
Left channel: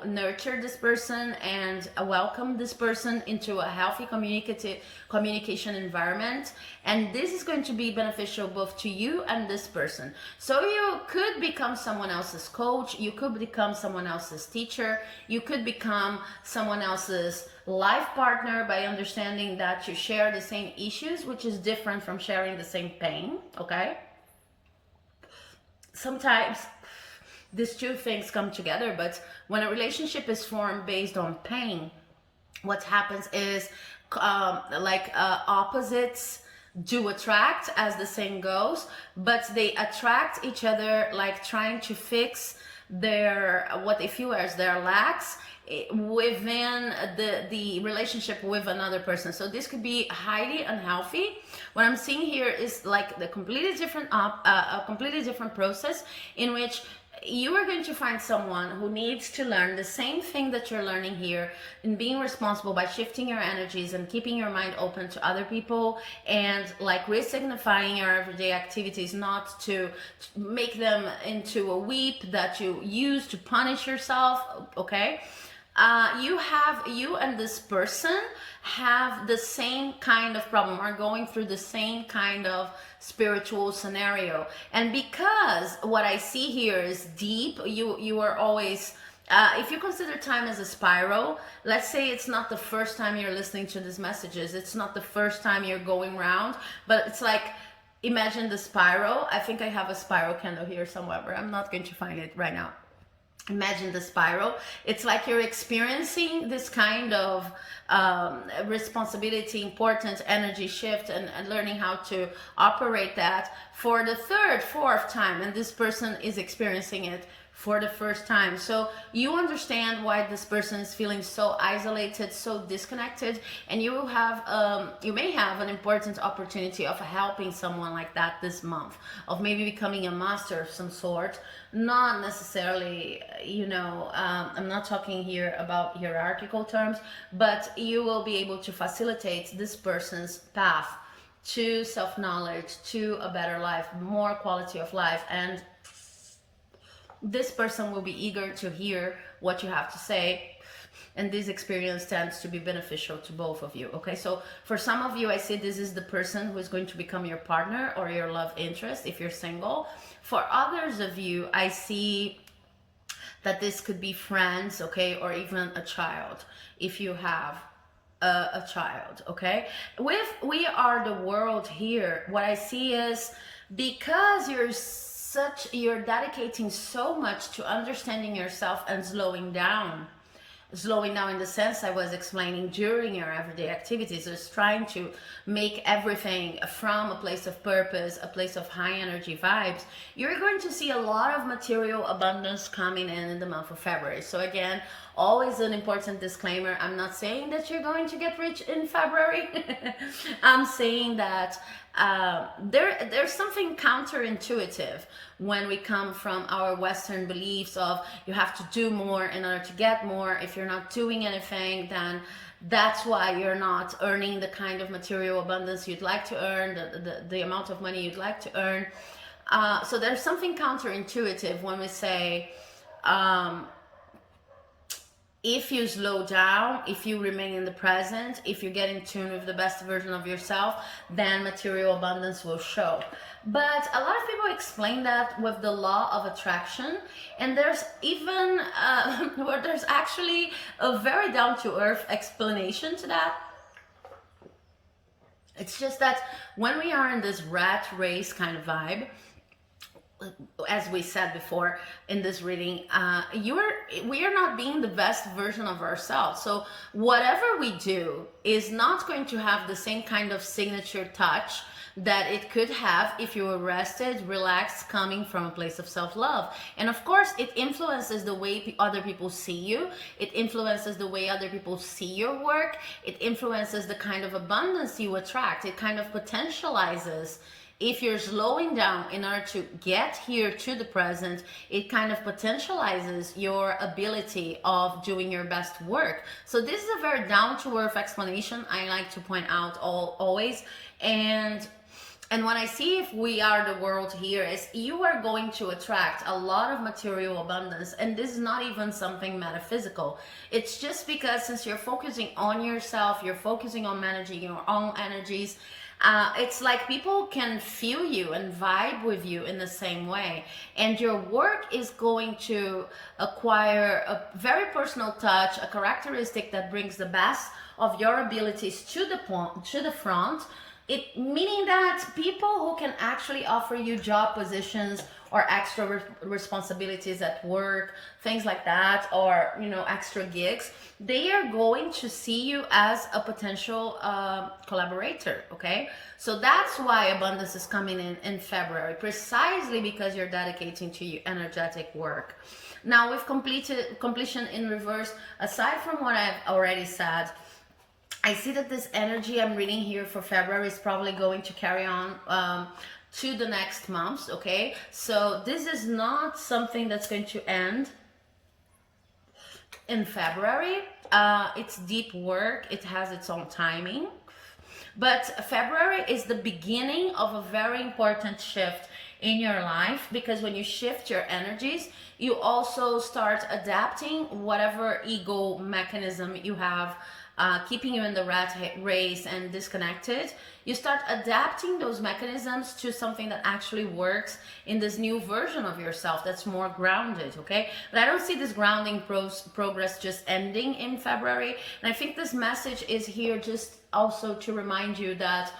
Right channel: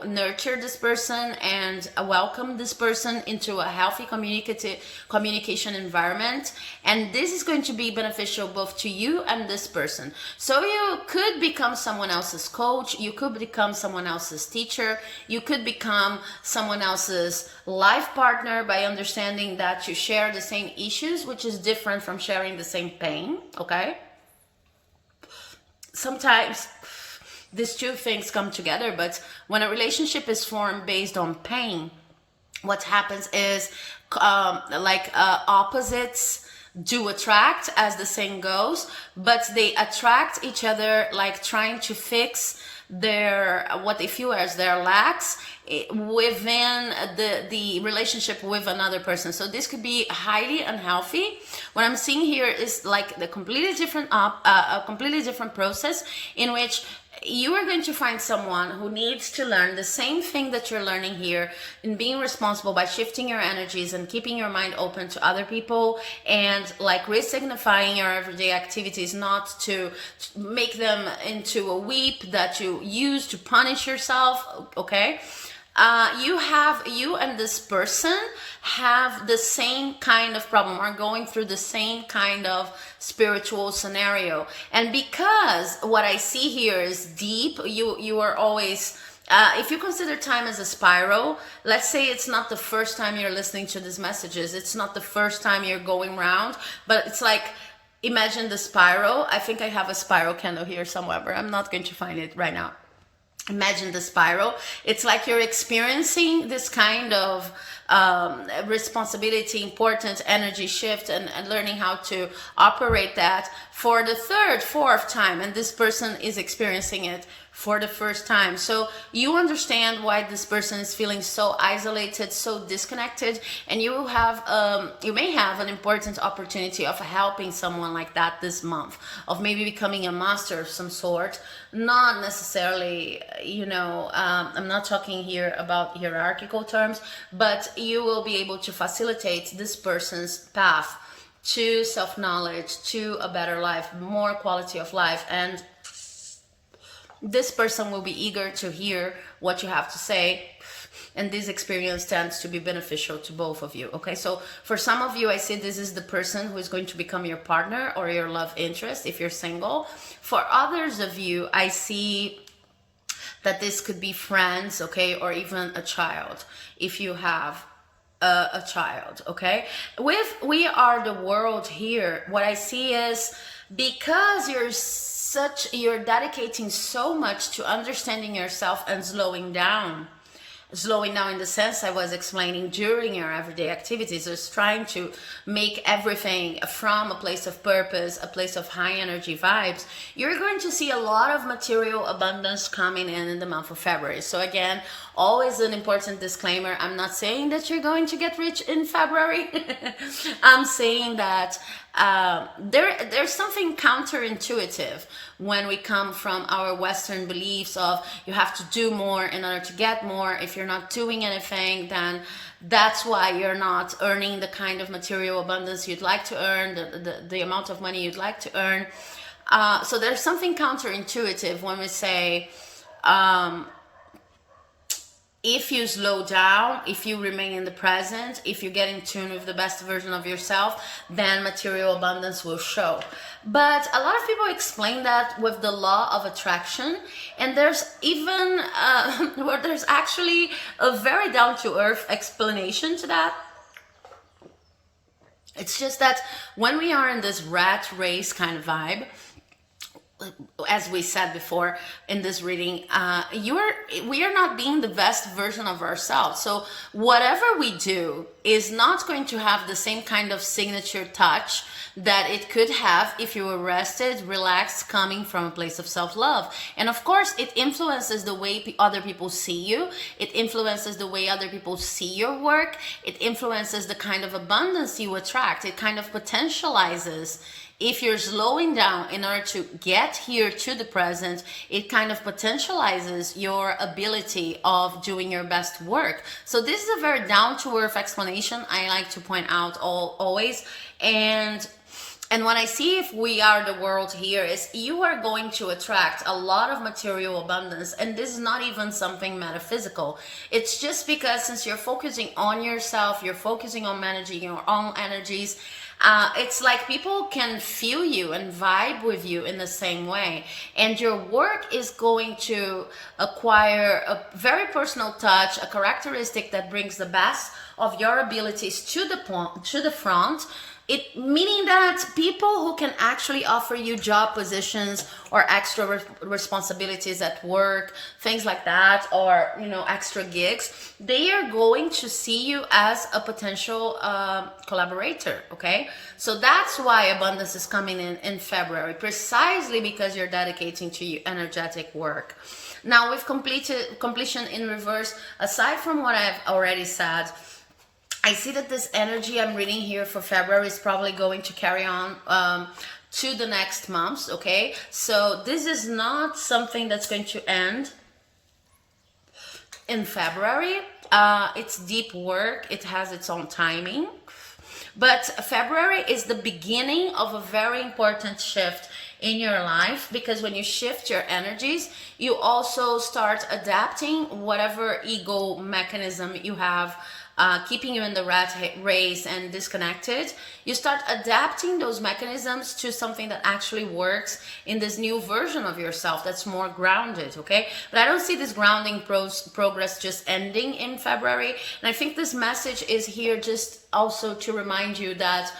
nurture this person and welcome this person into a healthy communication environment. And this is going to be beneficial both to you and this person. So you could become someone else's coach, you could become someone else's teacher, you could become someone else's life partner by understanding that you share the same issues, which is different from sharing the same pain. Okay, sometimes these two things come together, but when a relationship is formed based on pain, what happens is opposites do attract, as the saying goes, but they attract each other like trying to fix what they feel as their lacks within the relationship with another person. So this could be highly unhealthy. What I'm seeing here is like the completely different a completely different process in which you are going to find someone who needs to learn the same thing that you're learning here, in being responsible by shifting your energies and keeping your mind open to other people, and like resignifying your everyday activities, not to make them into a weep that you use to punish yourself. Okay, you and this person have the same kind of problem, are going through the same kind of spiritual scenario. And because what I see here is deep, you are always if you consider time as a spiral, let's say it's not the first time you're listening to these messages, it's not the first time you're going round, but it's like, imagine the spiral. I think I have a spiral candle here somewhere, but I'm not going to find it right now. Imagine the spiral. It's like you're experiencing this kind of responsibility, important energy shift, and learning how to operate that for the third, fourth time. And this person is experiencing it for the first time. So you understand why this person is feeling so isolated, so disconnected, and you may have an important opportunity of helping someone like that this month, of maybe becoming a master of some sort. Not necessarily, I'm not talking here about hierarchical terms, but you will be able to facilitate this person's path to self-knowledge, to a better life, more quality of life, and this person will be eager to hear what you have to say, and this experience tends to be beneficial to both of you. Okay, so for some of you, I see this is the person who is going to become your partner or your love interest if you're single. For others of you, I see that this could be friends, okay, or even a child if you have a child. Okay, with We Are the World here, what I see is, because you're dedicating so much to understanding yourself and slowing down in the sense I was explaining during your everyday activities, is trying to make everything from a place of purpose, a place of high energy vibes. You're going to see a lot of material abundance coming in the month of February. So again, always an important disclaimer, I'm not saying that you're going to get rich in February. I'm saying that there's something counterintuitive when we come from our Western beliefs of you have to do more in order to get more. If you're not doing anything, then that's why you're not earning the kind of material abundance you'd like to earn, the amount of money you'd like to earn. So there's something counterintuitive when we say, if you slow down, if you remain in the present, if you get in tune with the best version of yourself, then material abundance will show. But a lot of people explain that with the law of attraction, and there's even where there's actually a very down-to-earth explanation to that. It's just that when we are in this rat race kind of vibe, as we said before in this reading, we are not being the best version of ourselves. So whatever we do is not going to have the same kind of signature touch that it could have if you were rested, relaxed, coming from a place of self-love. And of course, it influences the way other people see you. It influences the way other people see your work. It influences the kind of abundance you attract. It kind of potentializes. If you're slowing down in order to get here to the present, it kind of potentializes your ability of doing your best work. So this is a very down-to-earth explanation I like to point out always. And what I see if we are the world here is you are going to attract a lot of material abundance. And this is not even something metaphysical. It's just because since you're focusing on yourself, you're focusing on managing your own energies, it's like people can feel you and vibe with you in the same way. And your work is going to acquire a very personal touch, a characteristic that brings the best of your abilities to the front. It meaning that people who can actually offer you job positions or extra responsibilities at work, things like that, or extra gigs, they are going to see you as a potential collaborator. Okay, so that's why abundance is coming in February, precisely because you're dedicating to your energetic work. Now, with completion in reverse, aside from what I've already said, I see that this energy I'm reading here for February is probably going to carry on to the next months, okay? So this is not something that's going to end in February. It's deep work. It has its own timing. But February is the beginning of a very important shift in your life, because when you shift your energies, you also start adapting whatever ego mechanism you have keeping you in the rat race and disconnected. You start adapting those mechanisms to something that actually works in this new version of yourself that's more grounded, okay? But I don't see this grounding progress just ending in February. And I think this message is here just also to remind you that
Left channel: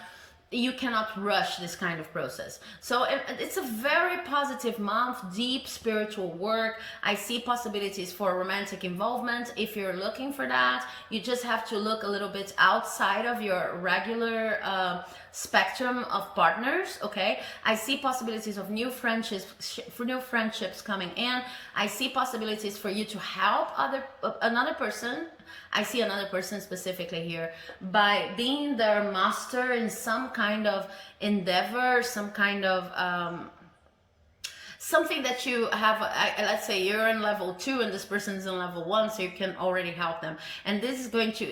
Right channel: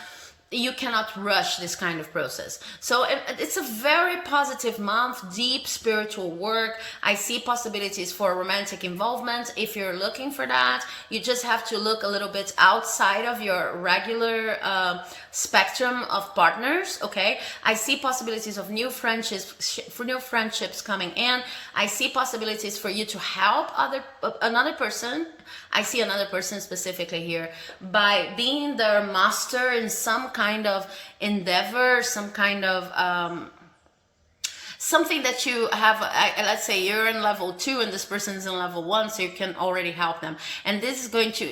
you cannot rush this kind of process. So it's a very positive month, deep spiritual work. I see possibilities for romantic involvement. If you're looking for that, you just have to look a little bit outside of your regular spectrum of partners, okay? I see possibilities of new friendships coming in. I see possibilities for you to help another person. I see another person specifically here by being their master in some kind of endeavor, some kind of something that you have, let's say you're in level 2 and this person is in level 1, so you can already help them, and this is going to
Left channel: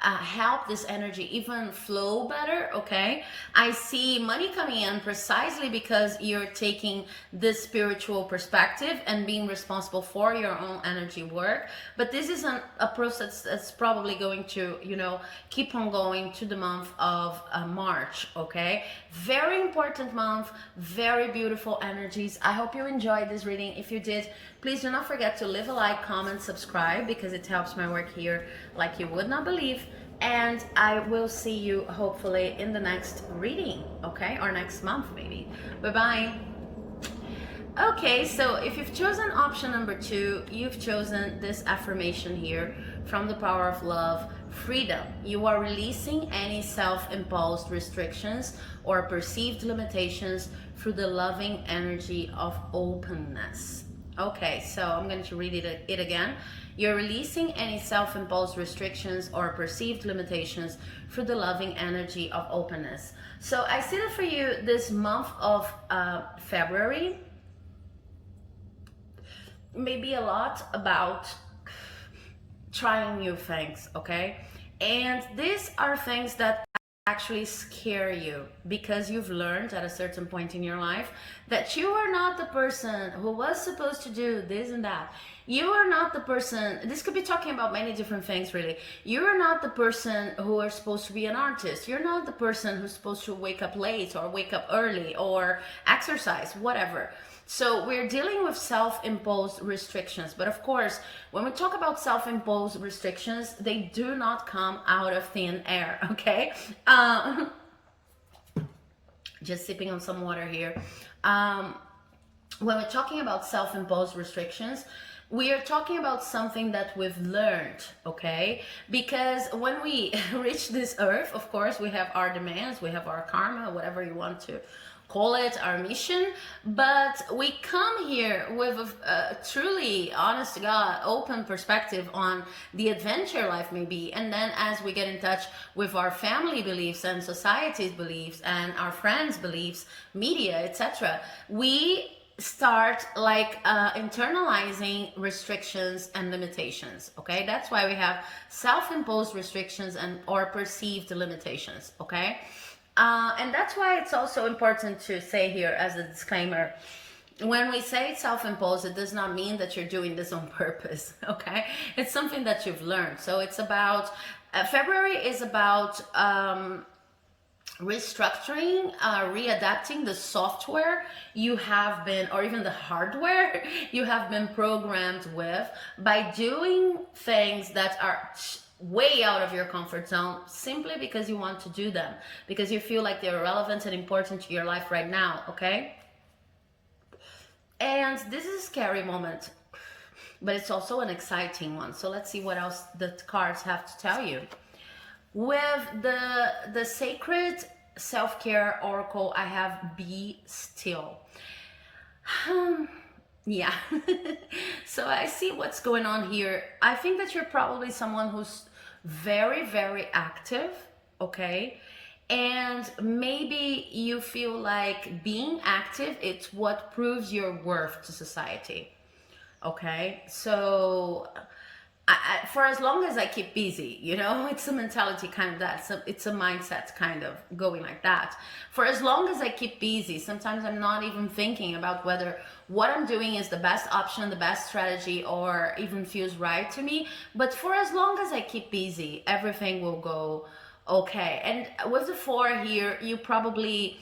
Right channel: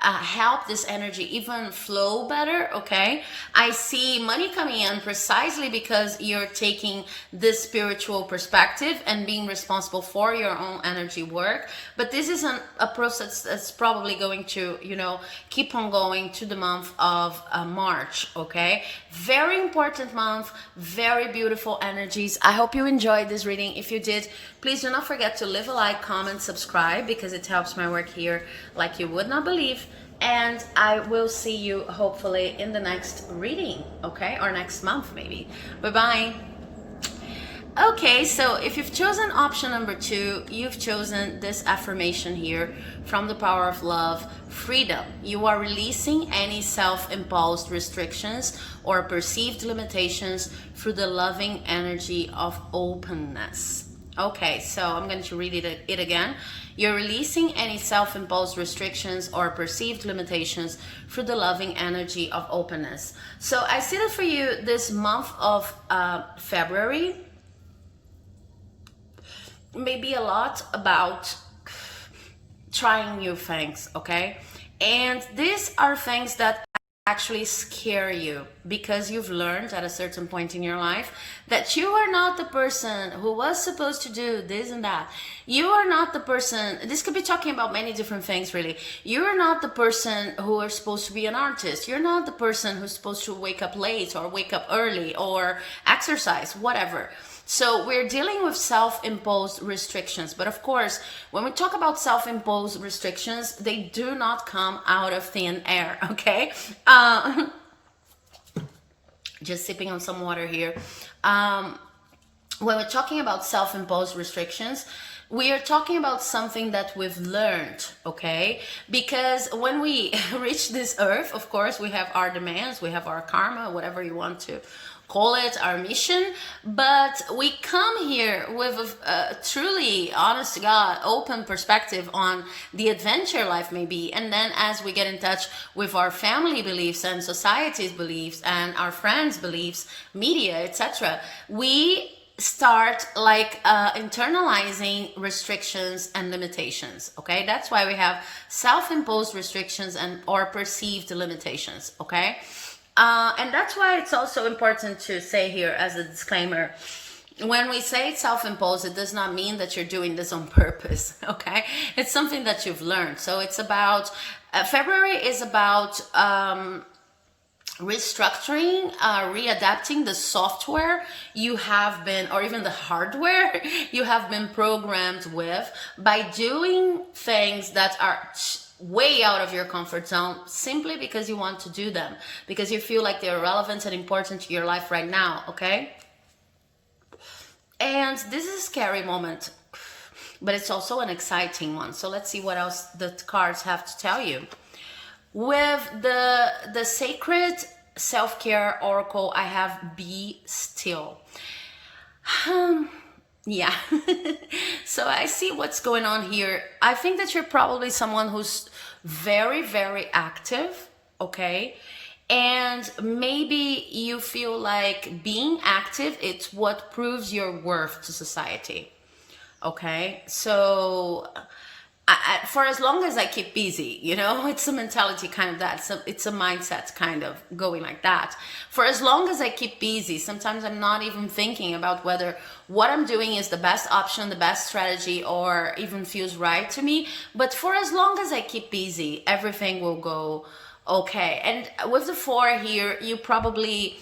help this energy even flow better. Okay, I see money coming in precisely because you're taking this spiritual perspective and being responsible for your own energy work. But this is a process that's probably going to, you know, keep on going to the month of March. Okay, very important month, very beautiful energies. I hope you enjoyed this reading. If you did, please do not forget to leave a like, comment, subscribe, because it helps my work here like you would not believe. And I will see you hopefully in the next reading, okay? Or next month maybe. Bye-bye. Okay, so if you've chosen option number 2, you've chosen this affirmation here from the Power of Love: freedom. You are releasing any self-imposed restrictions or perceived limitations through the loving energy of openness. Okay, so I'm going to read it again. You're releasing any self-imposed restrictions or perceived limitations through the loving energy of openness. So I see that for you, this month of February may be a lot about trying new things, okay? And these are things that actually scare you because you've learned at a certain point in your life that you are not the person who was supposed to do this and that. You are not the person, this could be talking about many different things really. You're not the person who are supposed to be an artist. You're not the person who's supposed to wake up late or wake up early or exercise, whatever. So we're dealing with self-imposed restrictions. But of course, when we talk about self-imposed restrictions, they do not come out of thin air, okay? Just sipping on some water here. When we're talking about self-imposed restrictions, we are talking about something that we've learned, okay? Because when we reach this earth, of course, we have our demands, we have our karma, whatever you want to call it, our mission, but we come here with a truly, honest to God, open perspective on the adventure life may be. And then as we get in touch with our family beliefs and society's beliefs and our friends' beliefs, media, etc., we start like internalizing restrictions and limitations. Okay, that's why we have self-imposed restrictions and or perceived limitations. Okay. And that's why it's also important to say here as a disclaimer, when we say it's self-imposed, it does not mean that you're doing this on purpose, okay? It's something that you've learned. So it's about, February is about restructuring, readapting the software you have been, or even the hardware you have been programmed with by doing things that are way out of your comfort zone simply because you want to do them, because you feel like they're relevant and important to your life right now, okay? And this is a scary moment, but it's also an exciting one. So let's see what else the cards have to tell you. With the sacred self-care oracle, I have be still. Yeah. So I see what's going on here. I think that you're probably someone who's very, very active, okay? And maybe you feel like being active, it's what proves your worth to society, okay? So for as long as I keep busy, you know, it's a mentality kind of that. So it's a mindset kind of going like that. For as long as I keep busy, sometimes I'm not even thinking about whether what I'm doing is the best option, the best strategy, or even feels right to me. But for as long as I keep busy, everything will go okay. And with the 4 here, you probably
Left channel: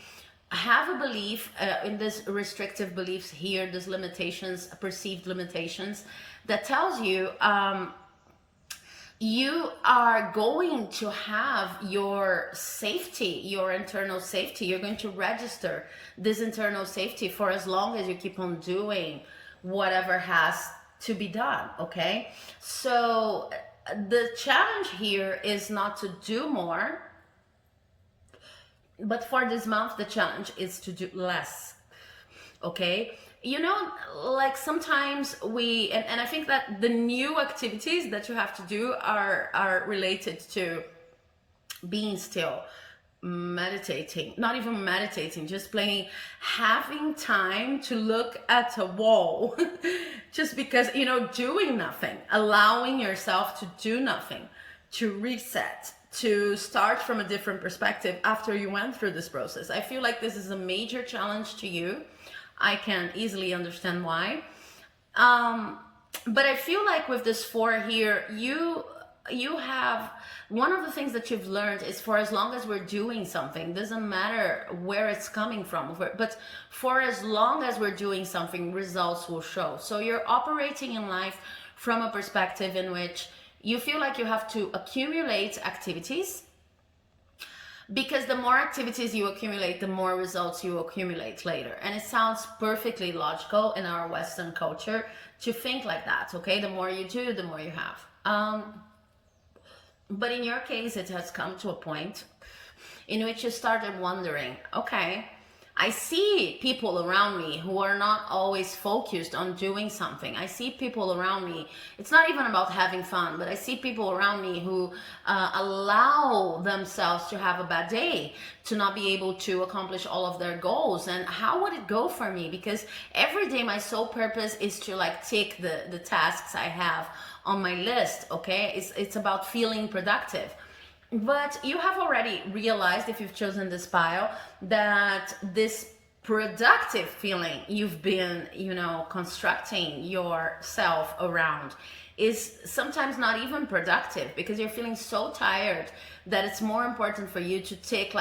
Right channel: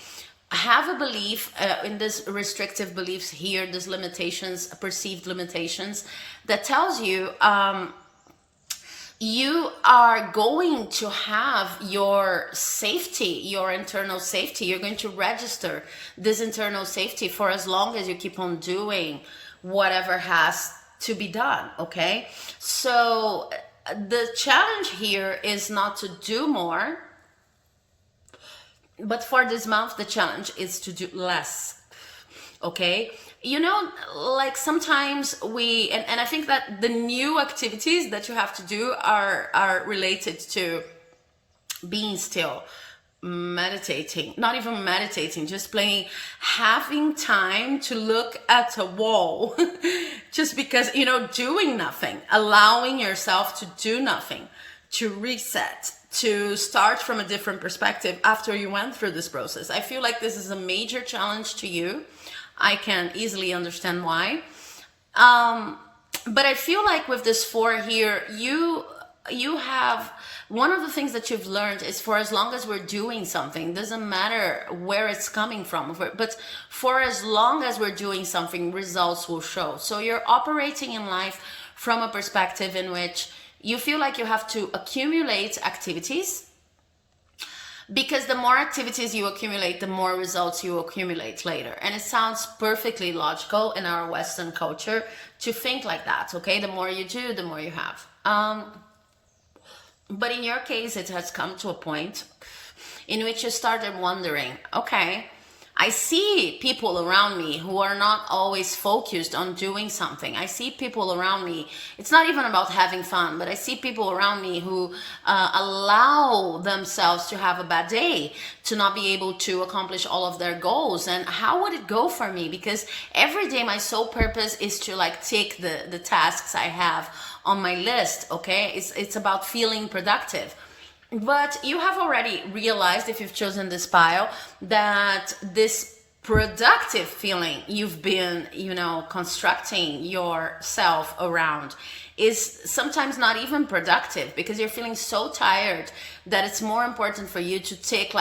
have a belief in this restrictive beliefs here, these limitations, perceived limitations, that tells you you are going to have your safety, your internal safety. You're going to register this internal safety for as long as you keep on doing whatever has to be done, okay? So the challenge here is not to do more, but for this month, the challenge is to do less, okay? You know, like sometimes we, and I think that the new activities that you have to do are related to being still. meditating, not even meditating, just plain having time to look at a wall just because, doing nothing, allowing yourself to do nothing, to reset, to start from a different perspective after you went through this process. I feel like this is a major challenge to you. I can easily understand why. But I feel like with this 4 here, you have, one of the things that you've learned is, for as long as we're doing something, doesn't matter where it's coming from, but for as long as we're doing something, results will show. So you're operating in life from a perspective in which you feel like you have to accumulate activities, because the more activities you accumulate, the more results you accumulate later. And it sounds perfectly logical in our Western culture to think like that, okay? The more you do, the more you have. But in your case, it has come to a point in which you started wondering, okay, I see people around me who are not always focused on doing something. I see people around me, it's not even about having fun, but I see people around me who allow themselves to have a bad day, to not be able to accomplish all of their goals. And how would it go for me? Because every day my sole purpose is to take the tasks I have on my list, okay? It's about feeling productive. But you have already realized, if you've chosen this pile, that this productive feeling you've been, constructing yourself around is sometimes not even productive, because you're feeling so tired that it's more important for you to take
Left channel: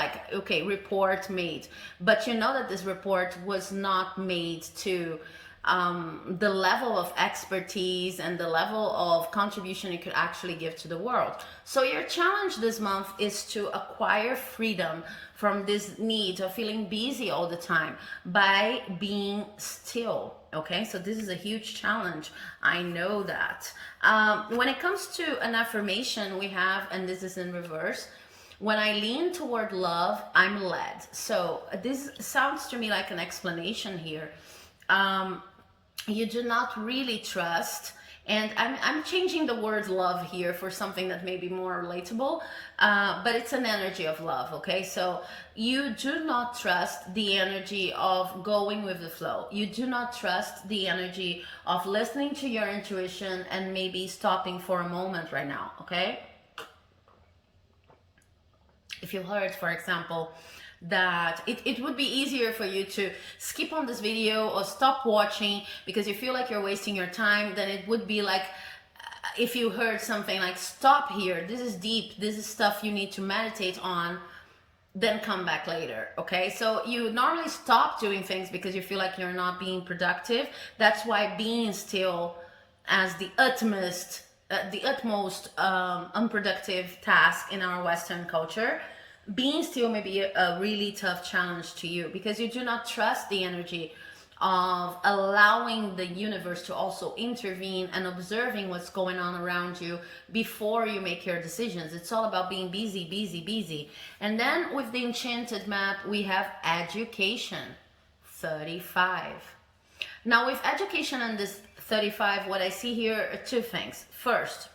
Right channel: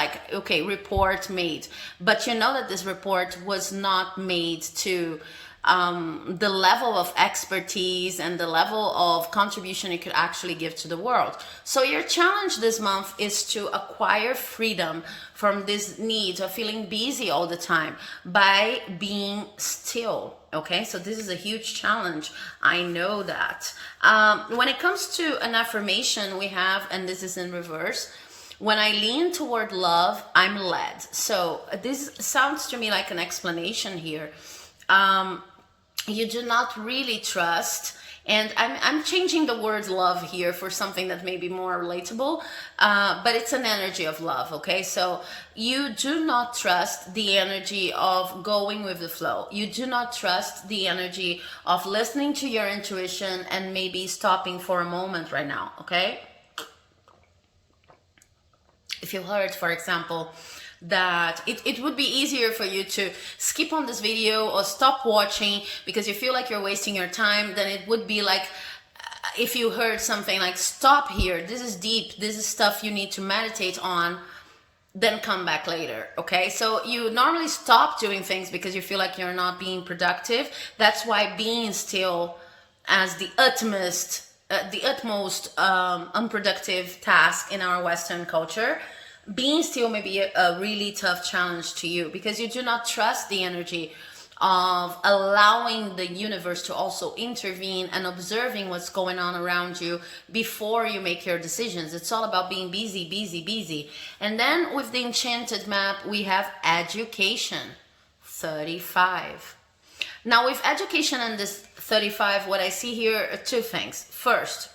report made. But you know that this report was not made to the level of expertise and the level of contribution you could actually give to the world. So your challenge this month is to acquire freedom from this need of feeling busy all the time by being still. Okay, so this is a huge challenge. I know that. When it comes to an affirmation, we have, and this is in reverse, when I lean toward love, I'm led. So this sounds to me like an explanation here. You do not really trust, and I'm changing the word love here for something that may be more relatable, but it's an energy of love, okay? So you do not trust the energy of going with the flow. You do not trust the energy of listening to your intuition and maybe stopping for a moment right now, okay? If you heard, for example, that it would be easier for you to skip on this video or stop watching because you feel like you're wasting your time, then it would be like if you heard something like, stop here, this is deep, this is stuff you need to meditate on, then come back later, okay? So you normally stop doing things because you feel like you're not being productive. That's why being still as the utmost unproductive task in our Western culture, being still may be a really tough challenge to you because you do not trust the energy of allowing the universe to also intervene and observing what's going on around you before you make your decisions. It's all about being busy, busy, busy. And then with the enchanted map, we have education, 35. Now with education and this 35, what I see here are two things. First,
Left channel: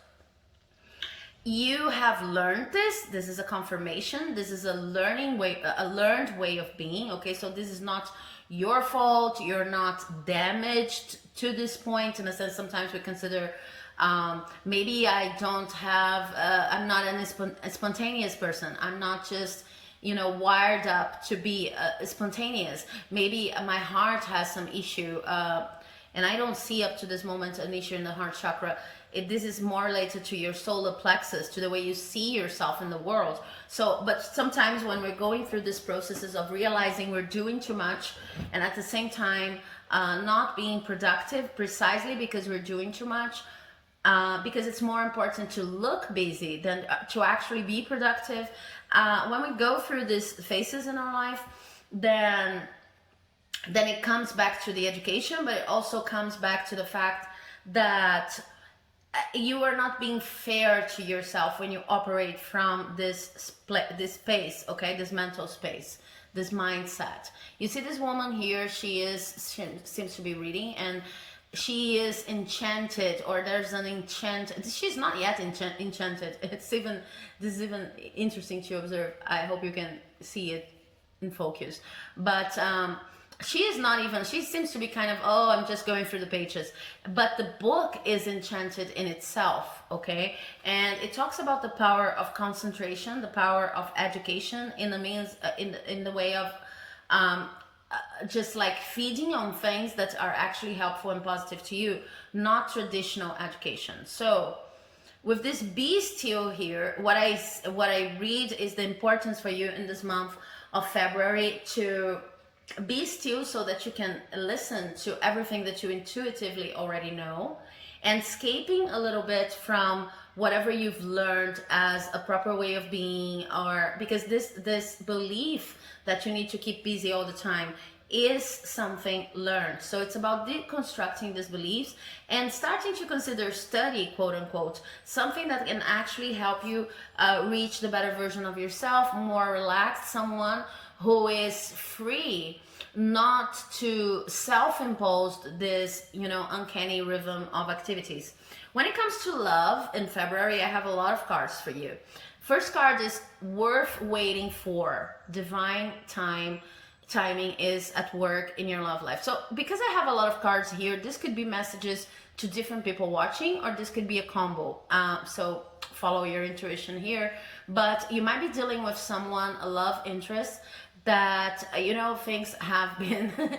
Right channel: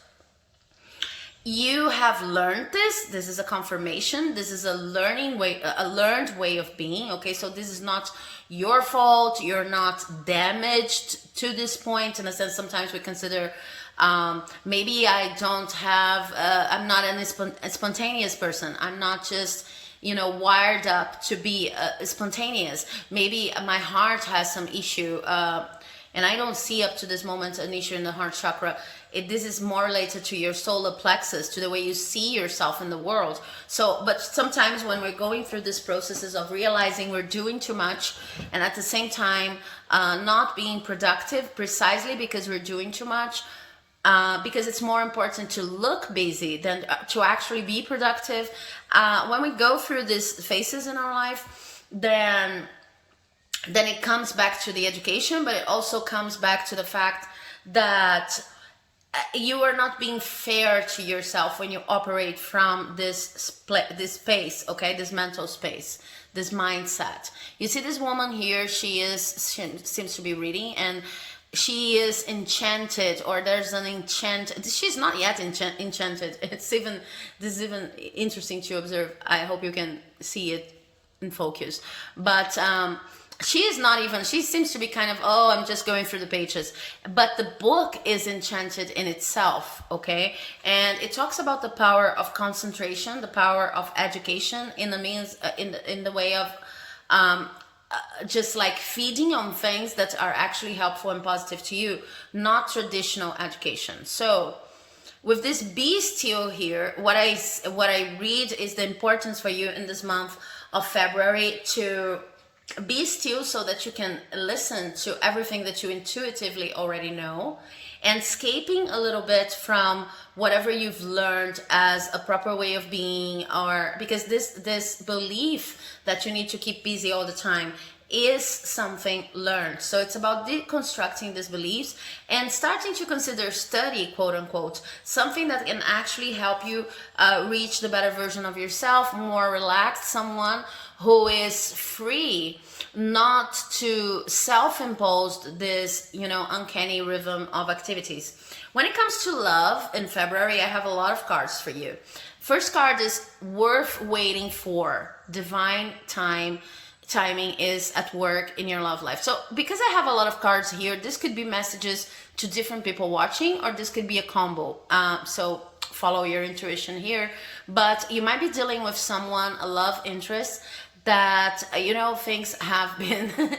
you have learned this is a confirmation, this is a learned way of being, okay? So this is not your fault, you're not damaged to this point. In a sense, sometimes we consider maybe I don't have I'm not a spontaneous person, I'm not just wired up to be spontaneous. Maybe my heart has some issue, and I don't see up to this moment an issue in the heart chakra. This is more related to your solar plexus, to the way you see yourself in the world. So, but sometimes when we're going through these processes of realizing we're doing too much and at the same time not being productive, precisely because we're doing too much, because it's more important to look busy than to actually be productive. When we go through these phases in our life, then it comes back to the education, but it also comes back to the fact that you are not being fair to yourself when you operate from this space, okay, this mental space, this mindset. You see this woman here, she seems to be reading, and she is enchanted, or there's an enchant. She's not yet enchanted. This is even interesting to observe. I hope you can see it in focus. But she is not even, she seems to be kind of, oh, I'm just going through the pages. But the book is enchanted in itself, okay? And it talks about the power of concentration, the power of education in the means, in the way of just like feeding on things that are actually helpful and positive to you, not traditional education. So with this be still here, what I read is the importance for you in this month of February to be still, so that you can listen to everything that you intuitively already know, and escaping a little bit from whatever you've learned as a proper way of being, or because this belief that you need to keep busy all the time is something learned. So it's about deconstructing these beliefs and starting to consider study, quote unquote, something that can actually help you reach the better version of yourself, more relaxed, someone who is free, not to self-impose this, uncanny rhythm of activities. When it comes to love in February, I have a lot of cards for you. First card is worth waiting for. Divine timing is at work in your love life. So because I have a lot of cards here, this could be messages to different people watching, or this could be a combo. So follow your intuition here. But you might be dealing with someone, a love interest, that things have been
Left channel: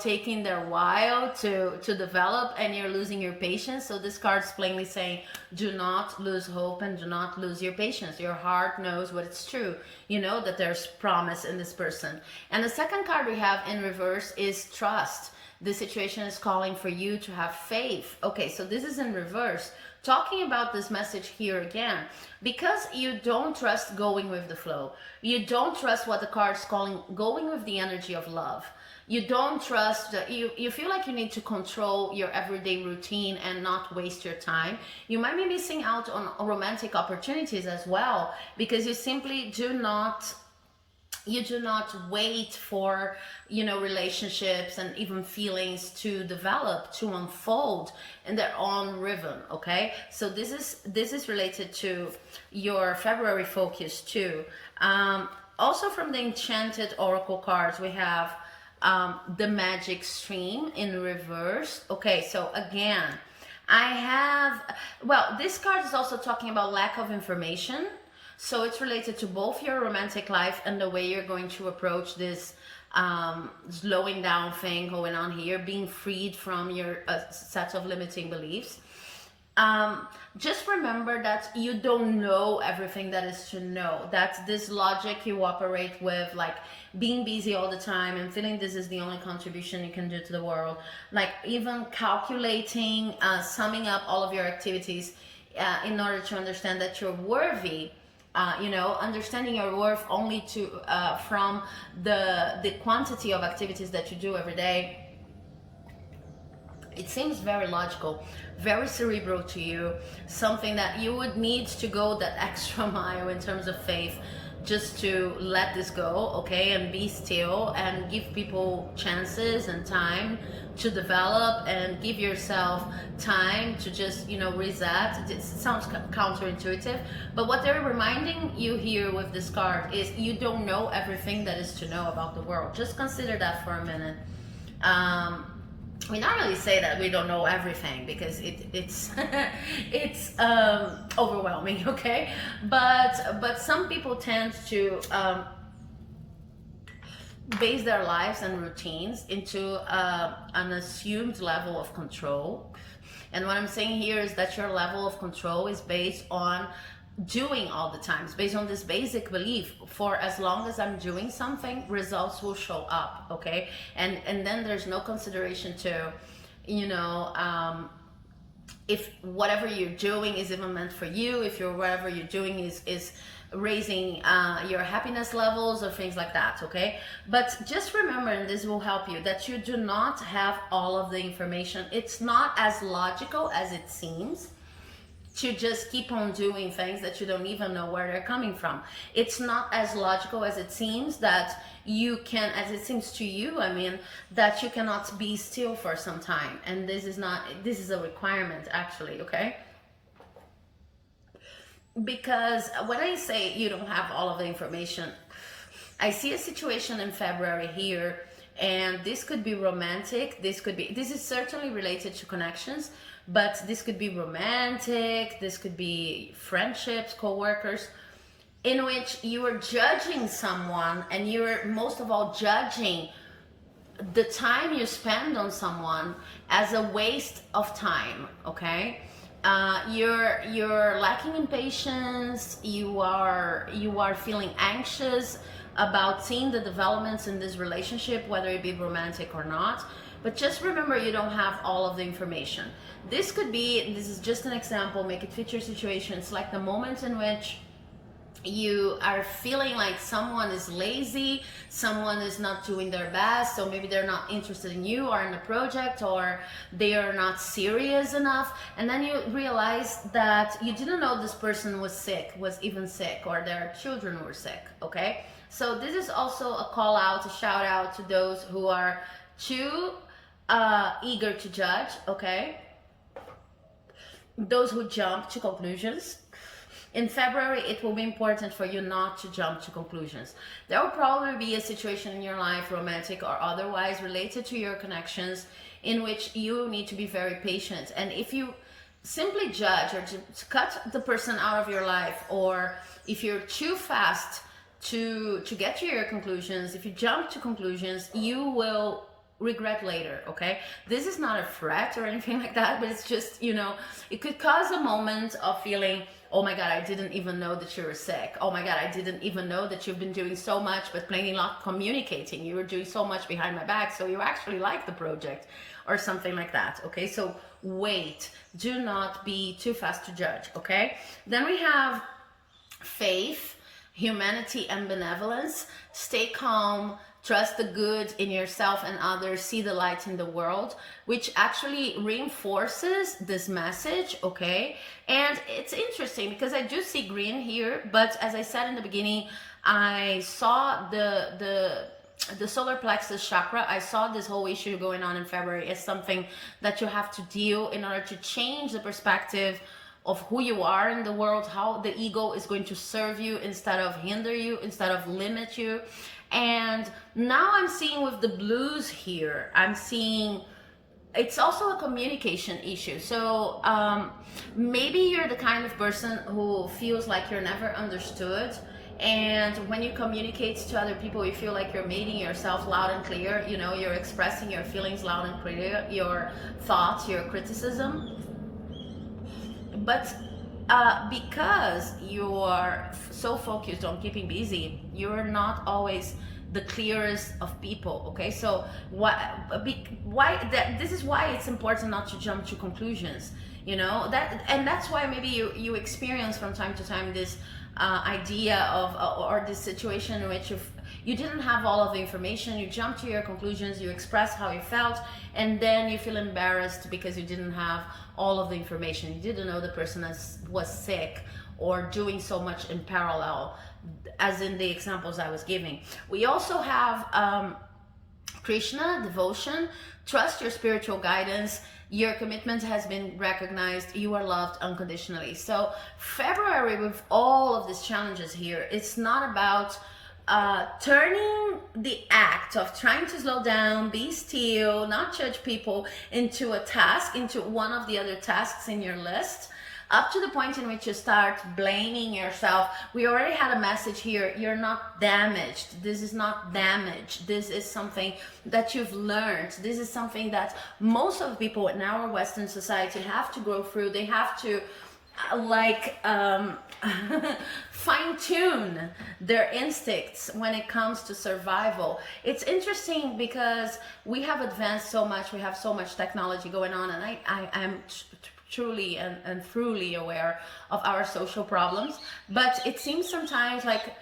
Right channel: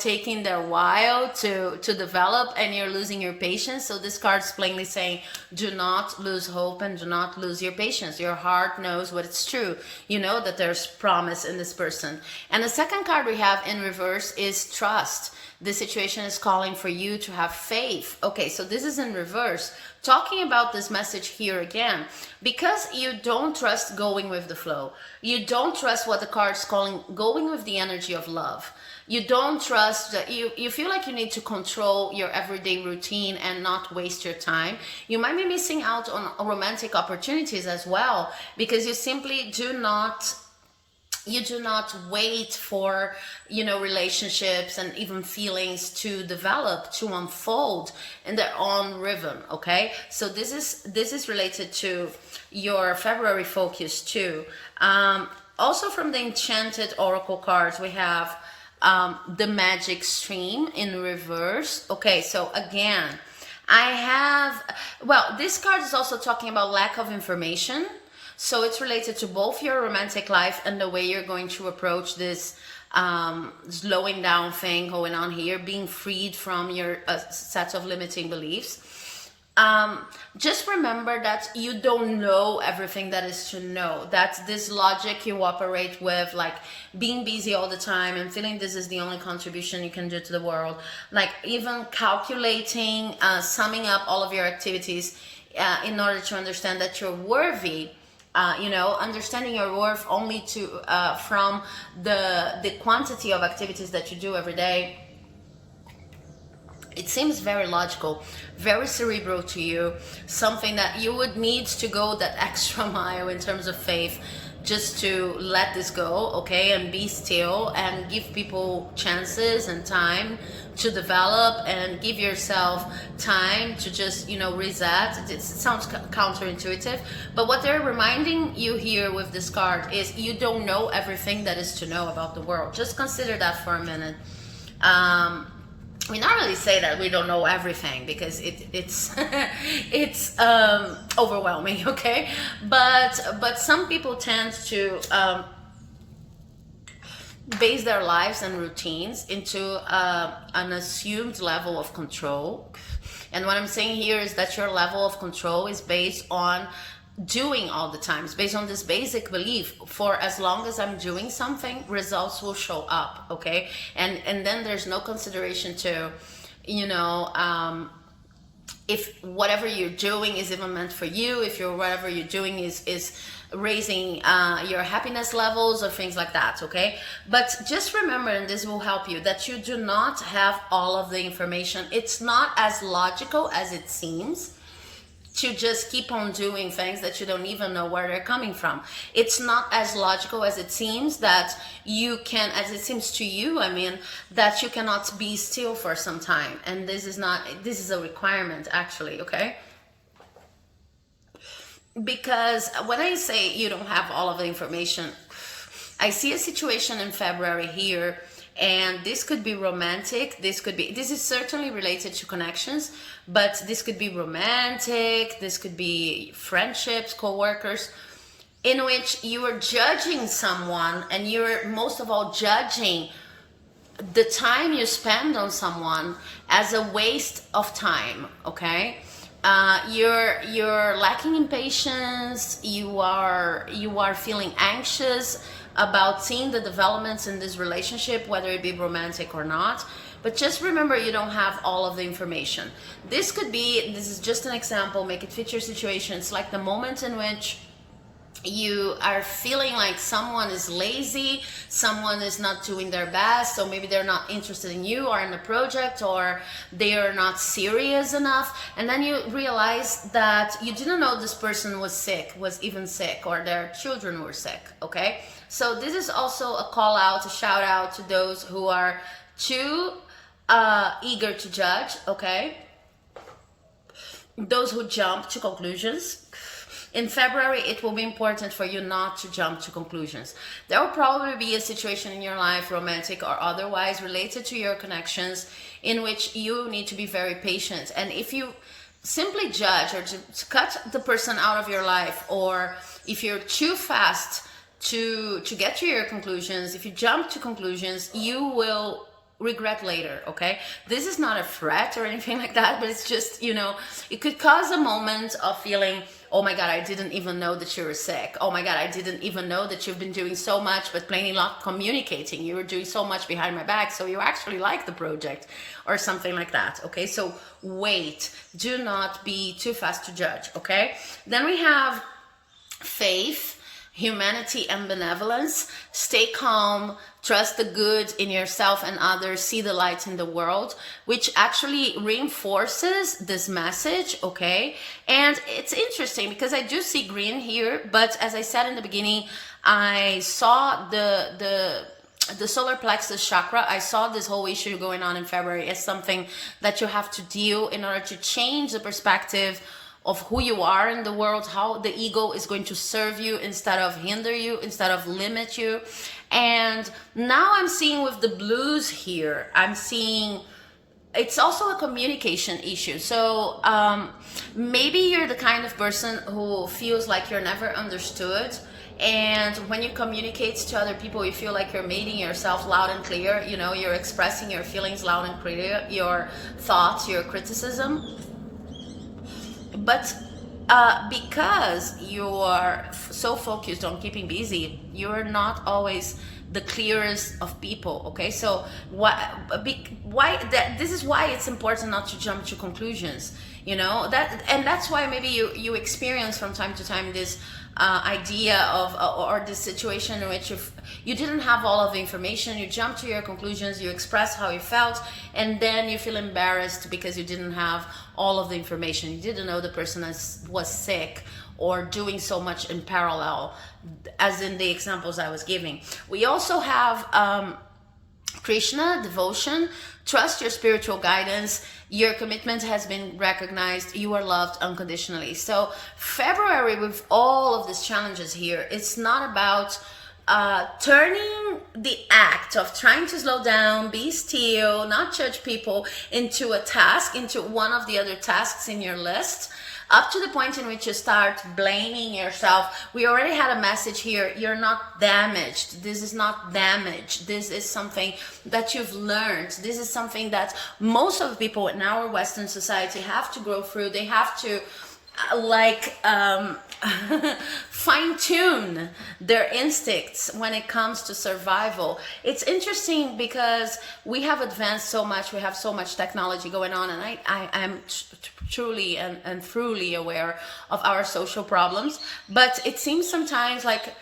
taking their while to develop, and you're losing your patience. So this card's plainly saying, do not lose hope and do not lose your patience. Your heart knows what it's true. You know that there's promise in this person. And the second card we have in reverse is trust. The situation is calling for you to have faith. Okay, so this is in reverse, talking about this message here again, because you don't trust going with the flow. You don't trust what the card's calling, going with the energy of love. You don't trust that you feel like you need to control your everyday routine and not waste your time. You might be missing out on romantic opportunities as well, because you simply do not wait for relationships and even feelings to develop, to unfold in their own rhythm. Okay, so this is related to your February focus too. Also from the Enchanted Oracle cards, we have the Magic Stream in reverse. Okay, so again, this card is also talking about lack of information. So it's related to both your romantic life and the way you're going to approach this slowing down thing going on here, being freed from your set of limiting beliefs. Just remember that you don't know everything that is to know. That's this logic you operate with, like being busy all the time and feeling this is the only contribution you can do to the world. Like even calculating, summing up all of your activities in order to understand that you're worthy. Understanding your worth only from the quantity of activities that you do every day. It seems very logical, very cerebral to you, something that you would need to go that extra mile in terms of faith just to let this go, okay, and be still and give people chances and time to develop, and give yourself time to just reset. It sounds counterintuitive, but what they're reminding you here with this card is you don't know everything that is to know about the world. Just consider that for a minute. We not really say that we don't know everything, because it's it's overwhelming, okay, but some people tend to base their lives and routines into an assumed level of control. And what I'm saying here is that your level of control is based on doing all the time. It's based on this basic belief: for as long as I'm doing something, results will show up, okay? And then there's no consideration to if whatever you're doing is even meant for you, if whatever you're doing is raising your happiness levels or things like that, okay? But just remember, and this will help you, that you do not have all of the information. It's not as logical as it seems. to just keep on doing things that you don't even know where they're coming from. It's not as logical as it seems, that you can, as it seems to you, I mean, that you cannot be still for some time. And this is not, this is a requirement actually, okay? Because when I say you don't have all of the information, I see a situation in February here, and this could be romantic. This is certainly related to connections, but this could be romantic. This could be friendships, co-workers, in which you are judging someone, and you're most of all judging the time you spend on someone as a waste of time, okay? You're lacking in patience. You are feeling anxious about seeing the developments in this relationship, whether it be romantic or not. But just remember, you don't have all of the information. This is just an example, make it fit your situation. It's like the moment in which you are feeling like someone is lazy, someone is not doing their best, so maybe they're not interested in you or in the project, or they are not serious enough, and then you realize that you didn't know this person was even sick, or their children were sick, okay? So this is also a call out, a shout out to those who are too eager to judge, okay? Those who jump to conclusions. In February, it will be important for you not to jump to conclusions. There will probably be a situation in your life, romantic or otherwise, related to your connections, in which you need to be very patient. And if you simply judge, or to cut the person out of your life, or if you're too fast to get to your conclusions, if you jump to conclusions, you will regret later, okay? This is not a threat or anything like that, but it's just, it could cause a moment of feeling, oh my God, I didn't even know that you were sick. Oh my God, I didn't even know that you've been doing so much, but plainly not communicating. You were doing so much behind my back, so you actually like the project, or something like that, okay? So wait, do not be too fast to judge, okay? Then we have faith, humanity, and benevolence. Stay calm, trust the good in yourself and others, see the light in the world, which actually reinforces this message, okay? And it's interesting because I do see green here, but as I said in the beginning, I saw the solar plexus chakra. I saw this whole issue going on in February as something that you have to deal in order to change the perspective of who you are in the world, how the ego is going to serve you instead of hinder you, instead of limit you. And now I'm seeing with the blues here, I'm seeing it's also a communication issue. So maybe you're the kind of person who feels like you're never understood, and when you communicate to other people, you feel like you're making yourself loud and clear. You're expressing your feelings loud and clear, your thoughts, your criticism. But because you are so focused on keeping busy, you're not always the clearest of people, okay? So this is why it's important not to jump to conclusions, that's why maybe you experience from time to time this idea of or this situation in which you didn't have all of the information, you jump to your conclusions, you express how you felt, and then you feel embarrassed because you didn't have all of the information. You didn't know the person was sick or doing so much in parallel, as in the examples I was giving. We also have Krishna, devotion, trust your spiritual guidance, your commitment has been recognized, you are loved unconditionally. So February, with all of these challenges here, it's not about turning the act of trying to slow down, be still, not judge people into a task, into one of the other tasks in your list, up to the point in which you start blaming yourself. We already had a message here. You're not damaged. This is not damage. This is something that you've learned. This is something that most of the people in our Western society have to go through. They have to fine-tune their instincts when it comes to survival. It's interesting because we have advanced so much. We have so much technology going on, and I'm truly and truly aware of our social problems. But it seems sometimes like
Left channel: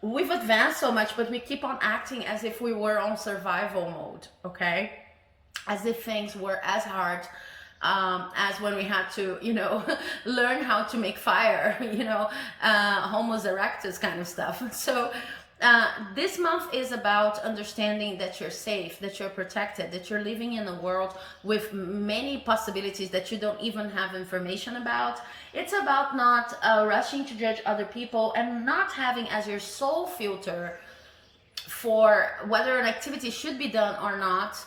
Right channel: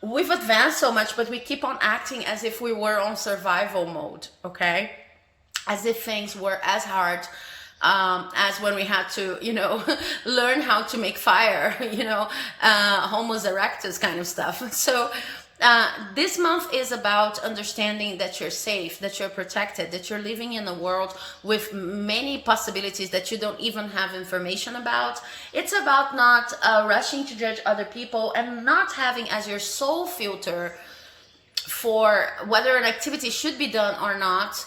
we've advanced so much, but we keep on acting as if we were on survival mode, okay? As if things were as hard as when we had to, learn how to make fire, Homo erectus kind of stuff. So this month is about understanding that you're safe, that you're protected, that you're living in a world with many possibilities that you don't even have information about. It's about not rushing to judge other people and not having as your sole filter for whether an activity should be done or not,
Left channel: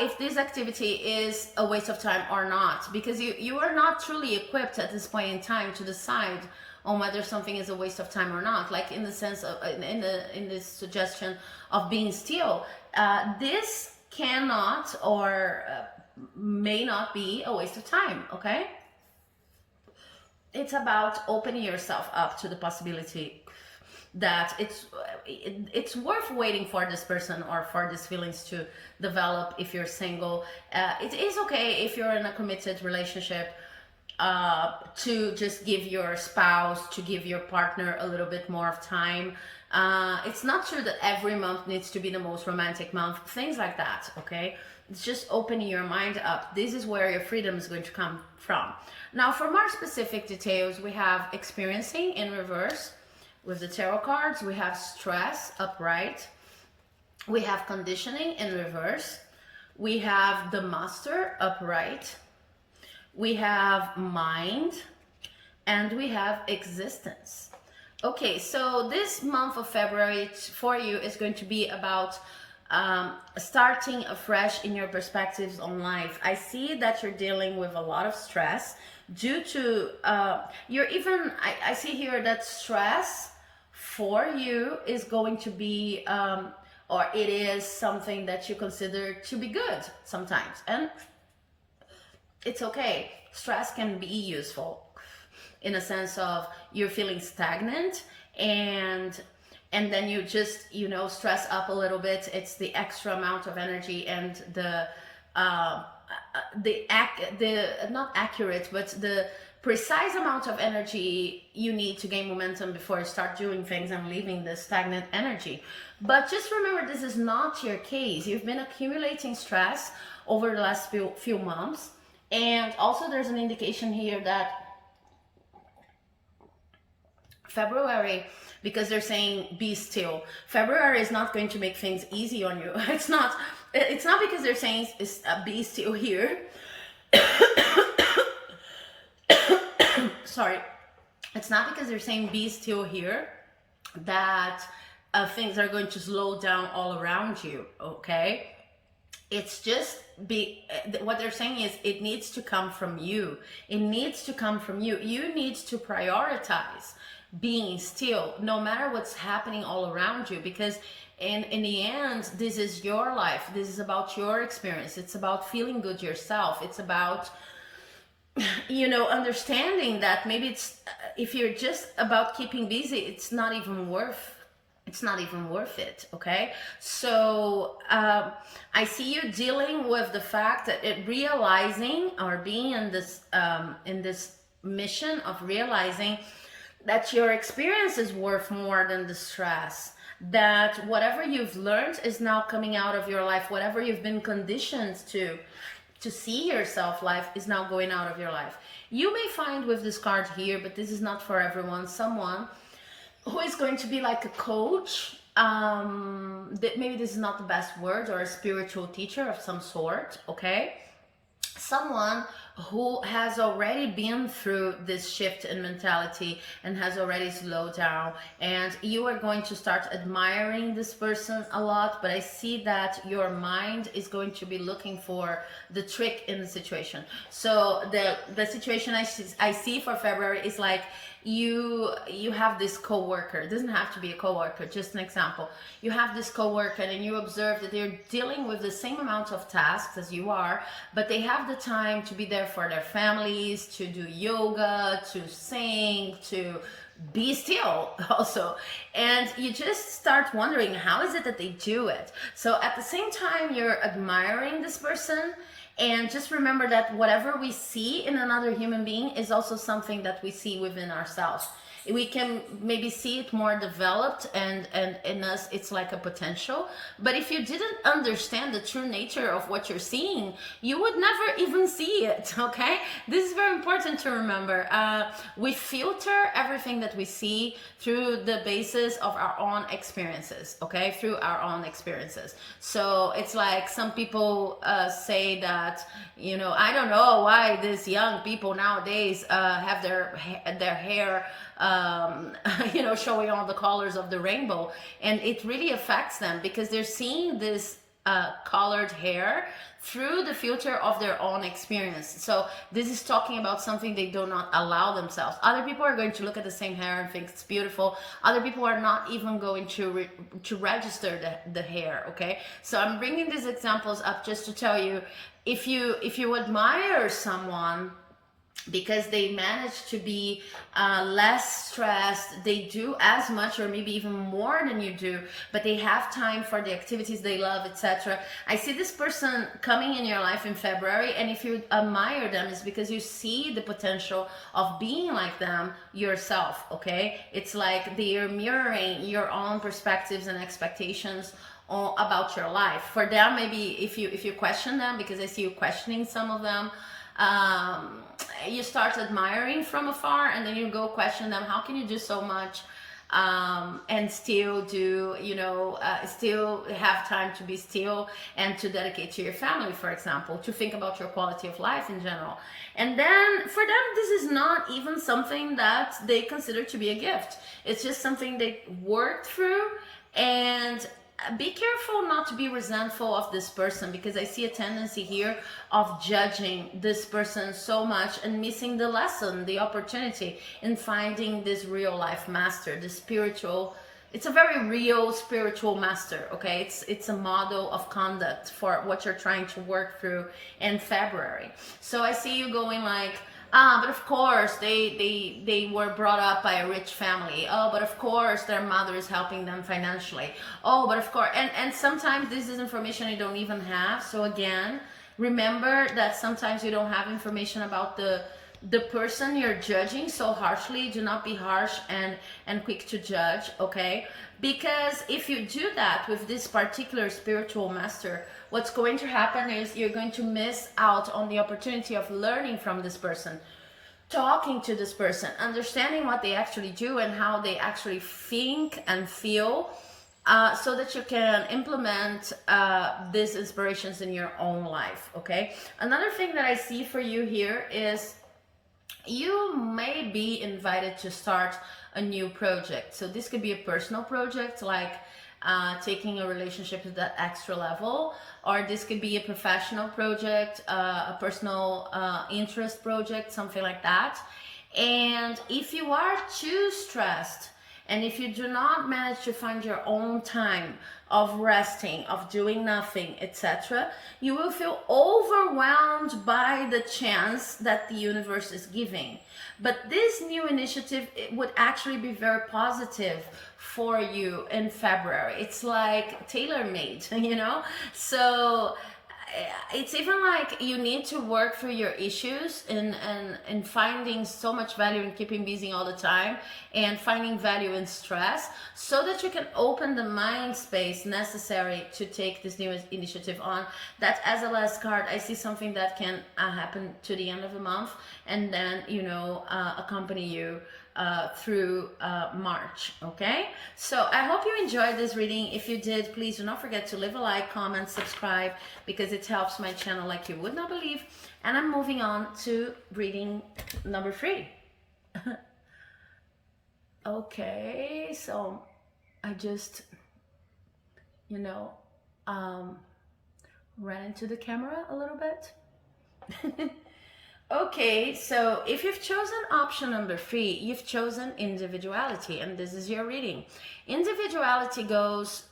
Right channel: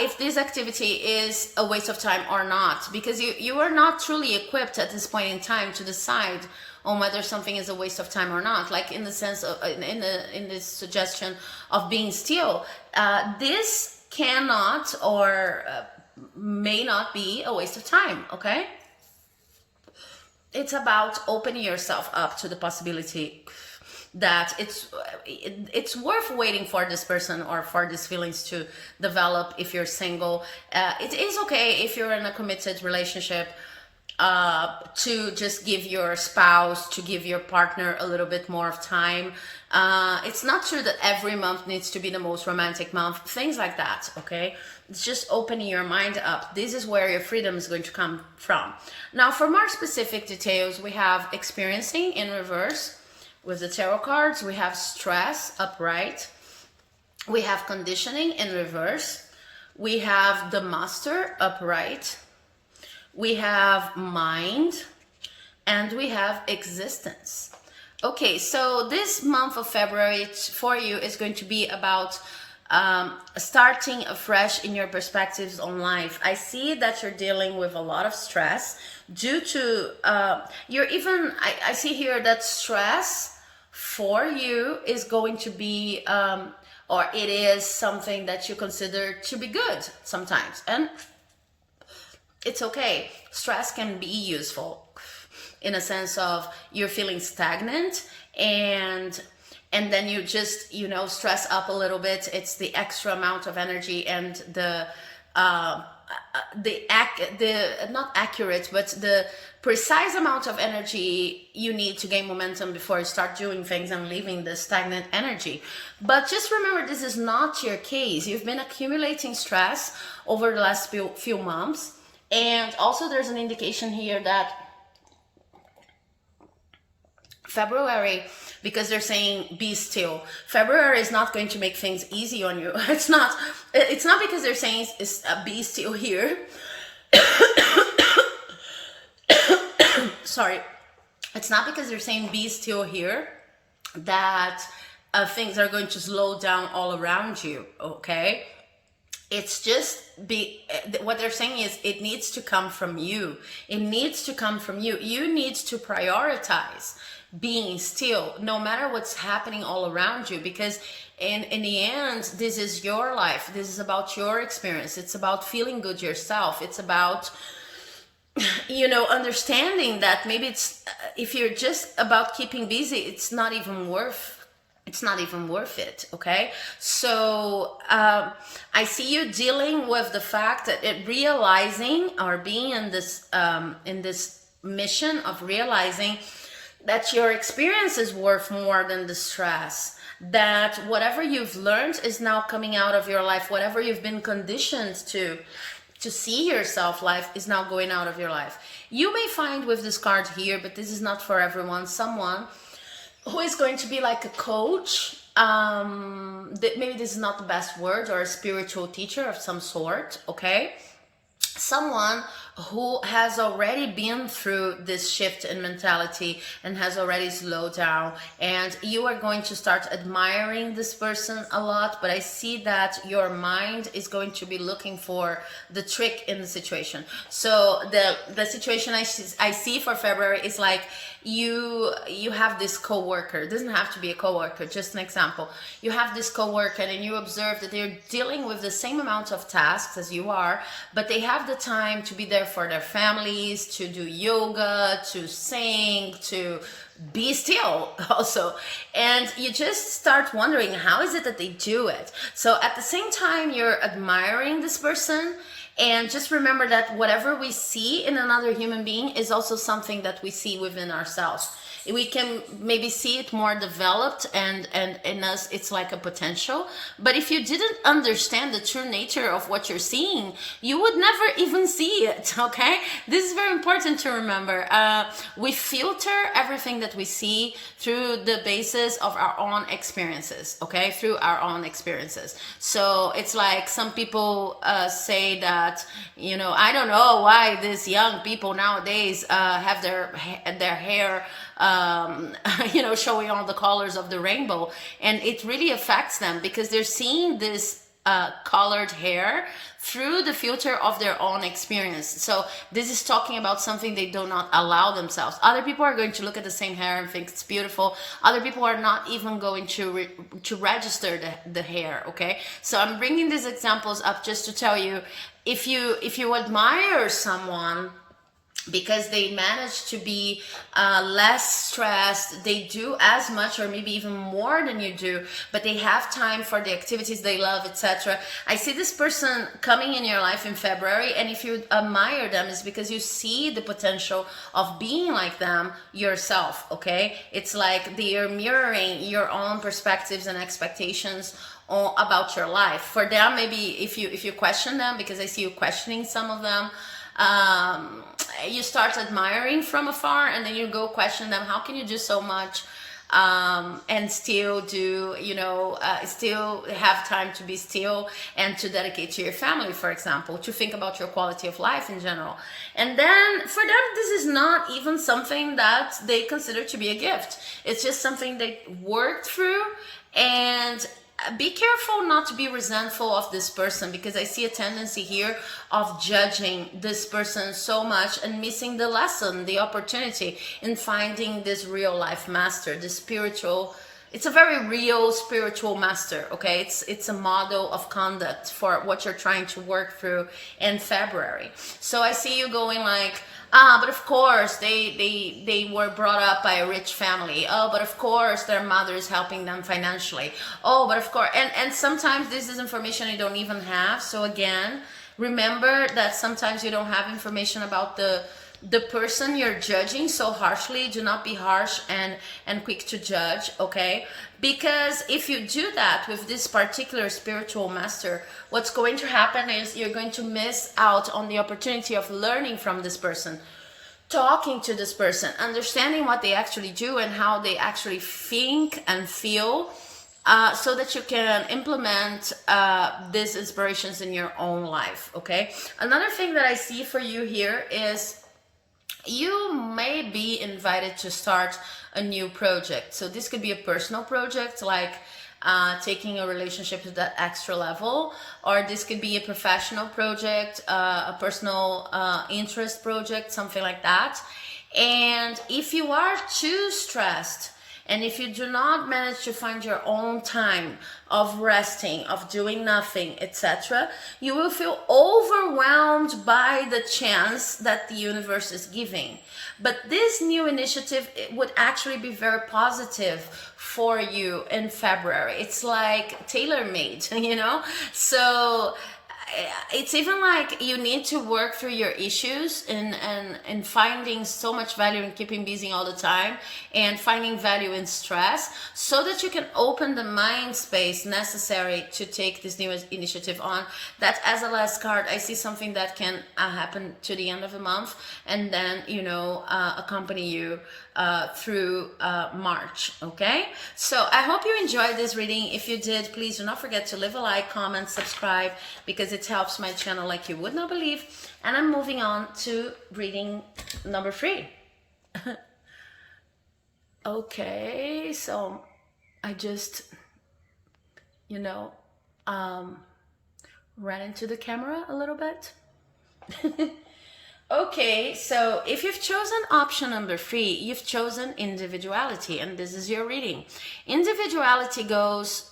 if this activity is a waste of time or not, because you are not truly equipped at this point in time to decide on whether something is a waste of time or not. Like in the sense of in this suggestion of being still, this cannot or may not be a waste of time. Okay, it's about opening yourself up to the possibility that it's worth waiting for this person or for these feelings to develop. If you're single, it is okay if you're in a committed relationship, to just give your spouse, to give your partner a little bit more of time. It's not true that every month needs to be the most romantic month, things like that. Okay, it's just opening your mind up. This is where your freedom is going to come from. Now, for more specific details, we have experiencing in reverse. With the tarot cards, we have stress upright, we have conditioning in reverse, we have the master upright, we have mind, and we have existence. Okay, so this month of February for you is going to be about starting afresh in your perspectives on life. I see that you're dealing with a lot of stress due to I see here that stress for you is going to be or it is something that you consider to be good sometimes, and it's okay. Stress can be useful in a sense of you're feeling stagnant, and then you just stress up a little bit. It's the extra amount of energy and the not accurate, but the precise amount of energy you need to gain momentum before you start doing things and leaving the stagnant energy. But just remember, this is not your case. You've been accumulating stress over the last few months, and also there's an indication here that February, because they're saying be still, February is not going to make things easy on you. It's not because they're saying be still here. Sorry, it's not because they're saying be still here that things are going to slow down all around you. Okay, it's just what they're saying is it needs to come from you. It needs to come from you. You need to prioritize being still no matter what's happening all around you, because in the end, this is your life. This is about your experience. It's about feeling good yourself. It's about understanding that maybe if you're just about keeping busy, it's not even worth it. Okay, so I see you dealing with the fact that realizing or being in this mission of realizing that your experience is worth more than the stress, that whatever you've learned is now coming out of your life, whatever you've been conditioned to see yourself life is now going out of your life. You may find with this card here, but this is not for everyone, someone who is going to be like a coach, maybe this is not the best word, or a spiritual teacher of some sort. Okay, someone who has already been through this shift in mentality and has already slowed down, and you are going to start admiring this person a lot. But I see that your mind is going to be looking for the trick in the situation. So the situation I see for February is like you have this coworker. It doesn't have to be a coworker, just an example. You have this coworker and you observe that they're dealing with the same amount of tasks as you are, but they have the time to be there for their families, to do yoga, to sing, to be still also. And you just start wondering, how is it that they do it? So at the same time, you're admiring this person. And just remember that whatever we see in another human being is also something that we see within ourselves. we can maybe see it more developed, and in us it's like a potential. But if you didn't understand the true nature of what you're seeing, you would never even see it. Okay, this is very important to remember. We filter everything that we see through the basis of our own experiences. Okay, through our own experiences. So it's like some people say that, you know, I don't know why these young people nowadays have their hair you know, showing all the colors of the rainbow, and it really affects them because they're seeing this colored hair through the filter of their own experience. So this is talking about something they do not allow themselves. Other people are going to look at the same hair and think it's beautiful. Other people are not even going to register the hair. Okay, so I'm bringing these examples up just to tell you, if you admire someone because they manage to be less stressed, they do as much or maybe even more than you do, but they have time for the activities they love, etc. I see this person coming in your life in February, and if you admire them, it's because you see the potential of being like them yourself. Okay, it's like they are mirroring your own perspectives and expectations about your life. For them, maybe if you question them, because I see you questioning some of them, you start admiring from afar, and then you go question them, how can you do so much and still do, you know, still have time to be still and to dedicate to your family, for example, to think about your quality of life in general. And then for them, this is not even something that they consider to be a gift. It's just something they worked through. And be careful not to be resentful of this person, because I see a tendency here of judging this person so much and missing the lesson, the opportunity in finding this real life master, this spiritual. It's a very real spiritual master. Okay, it's a model of conduct for what you're trying to work through in February. So I see you going like, but of course they were brought up by a rich family. Oh, but of course their mother is helping them financially. Oh, but of course, and sometimes this is information you don't even have. So again, remember that sometimes you don't have information about the person you're judging so harshly. Do not be harsh and quick to judge, okay? Because if you do that with this particular spiritual master, what's going to happen is you're going to miss out on the opportunity of learning from this person, talking to this person, understanding what they actually do and how they actually think and feel, so that you can implement these inspirations in your own life, okay? Another thing that I see for you here is you may be invited to start a new project. So this could be a personal project, like taking a relationship to that extra level, or this could be a professional project, a personal interest project, something like that. And if you are too stressed, and if you do not manage to find your own time of resting, of doing nothing, etc., you will feel overwhelmed by the chance that the universe is giving. But this new initiative, it would actually be very positive for you in February. It's like tailor-made, you know? So it's even like you need to work through your issues and finding so much value in keeping busy all the time and finding value in stress, so that you can open the mind space necessary to take this new initiative on. That, as a last card, I see something that can happen to the end of the month, and then, you know, accompany you through March. Okay, so I hope you enjoyed this reading. If you did, please do not forget to leave a like, comment, subscribe, because it helps my channel like you would not believe. And I'm moving on to reading number 3. Okay, so I just, you know, ran into the camera a little bit. Okay, so if you've chosen option number 3, you've chosen individuality, and this is your reading. Individuality goes,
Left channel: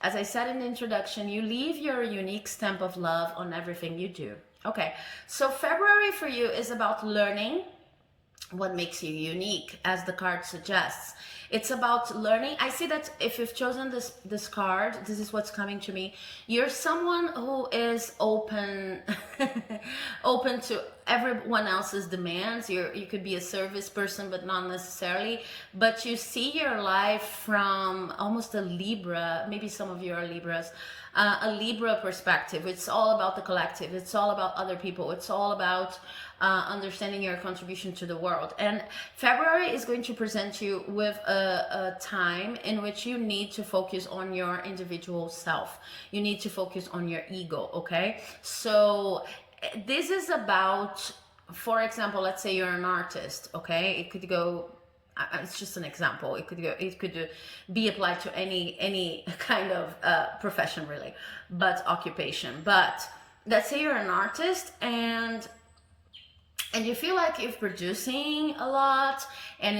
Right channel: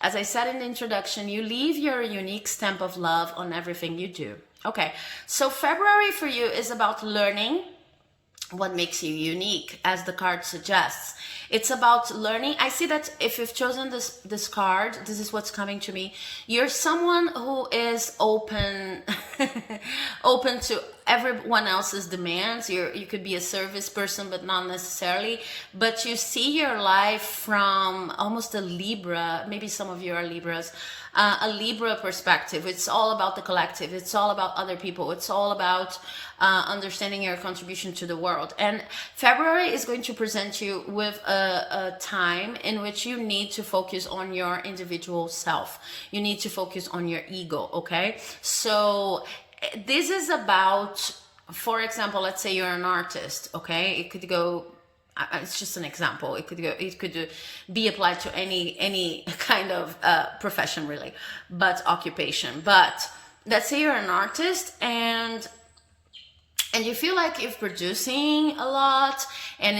as I said in the introduction, you leave your unique stamp of love on everything you do. Okay, so February for you is about learning what makes you unique, as the card suggests. It's about learning. I see that if you've chosen this card, this is what's coming to me. You're someone who is open open to everyone else's demands. You could be a service person, but not necessarily. But you see your life from almost a Libra. Maybe some of you are Libras. A Libra perspective. It's all about the collective. It's all about other people. It's all about understanding your contribution to the world. And February is going to present you with a time in which you need to focus on your individual self. You need to focus on your ego, okay? So this is about, for example, let's say you're an artist, okay? It could go, it's just an example. It could be applied to any kind of profession, really, but occupation. But let's say you're an artist and you feel like you're producing a lot, and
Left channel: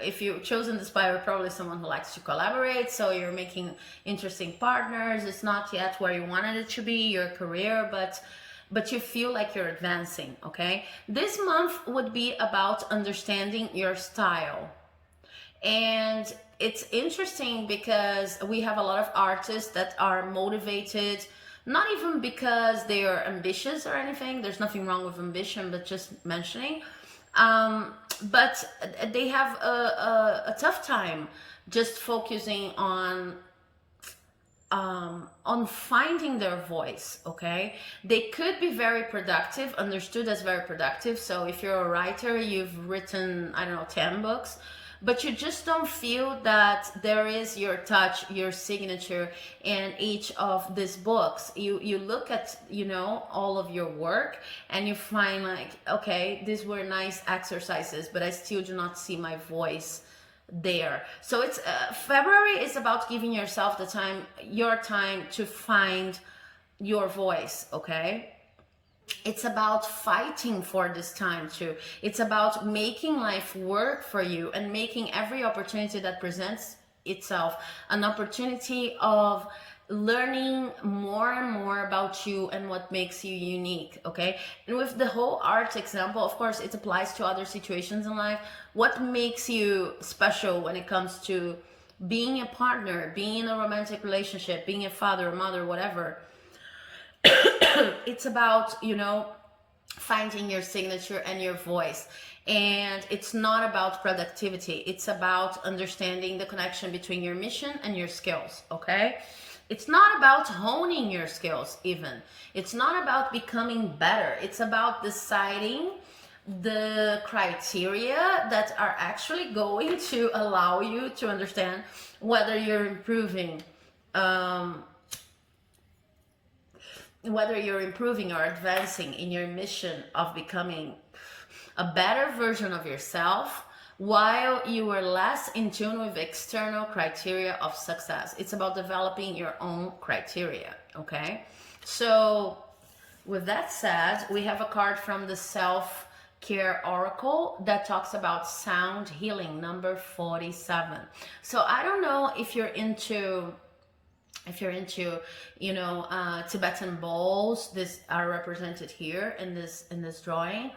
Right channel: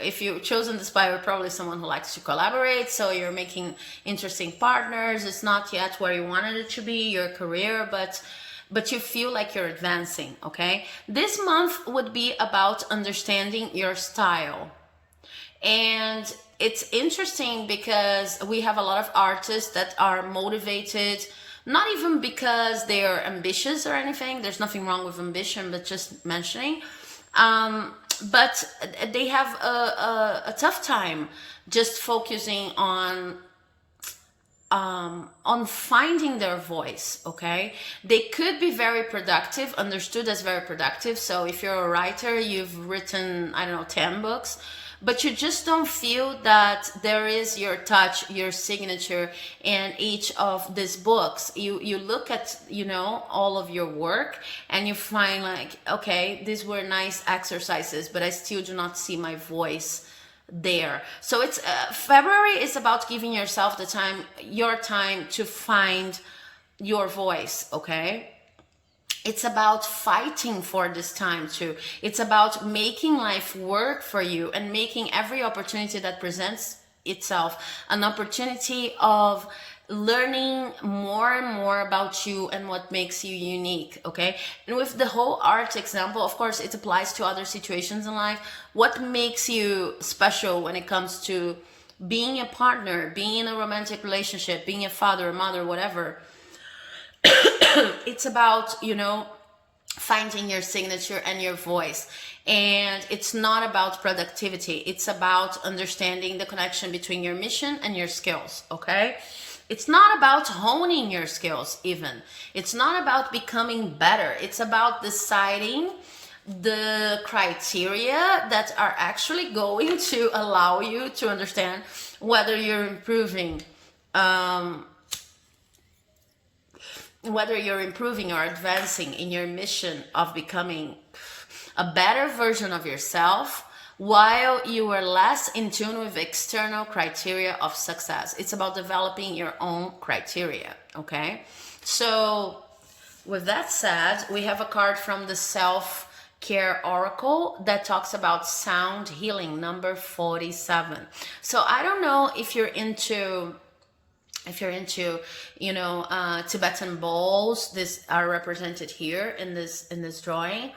if you've chosen this by, you're probably someone who likes to collaborate, so you're making interesting partners. It's not yet where you wanted it to be, your career, but you feel like you're advancing, okay? This month would be about understanding your style. And it's interesting because we have a lot of artists that are motivated, not even because they are ambitious or anything. There's nothing wrong with ambition, but just mentioning. But they have a tough time just focusing on finding their voice, okay? They could be very productive, understood as very productive. So if you're a writer, you've written, I don't know, 10 books, but you just don't feel that there is your touch, your signature in each of these books. You look at, all of your work and you find like, okay, these were nice exercises, but I still do not see my voice there. So it's February is about giving yourself your time to find your voice, okay? It's about fighting for this time too. It's about making life work for you and making every opportunity that presents itself an opportunity of learning more and more about you and what makes you unique, okay? And with the whole art example, of course, it applies to other situations in life. What makes you special when it comes to being a partner, being in a romantic relationship, being a father, mother, whatever? It's about, finding your signature and your voice. And it's not about productivity. It's about understanding the connection between your mission and your skills, okay? It's not about honing your skills even. It's not about becoming better. It's about deciding the criteria that are actually going to allow you to understand whether you're improving, or advancing in your mission of becoming a better version of yourself while you are less in tune with external criteria of success. It's about developing your own criteria, okay? So with that said, we have a card from the Self-Care Oracle that talks about sound healing, number 47. So I don't know if you're into Tibetan bowls. These are represented here in this drawing.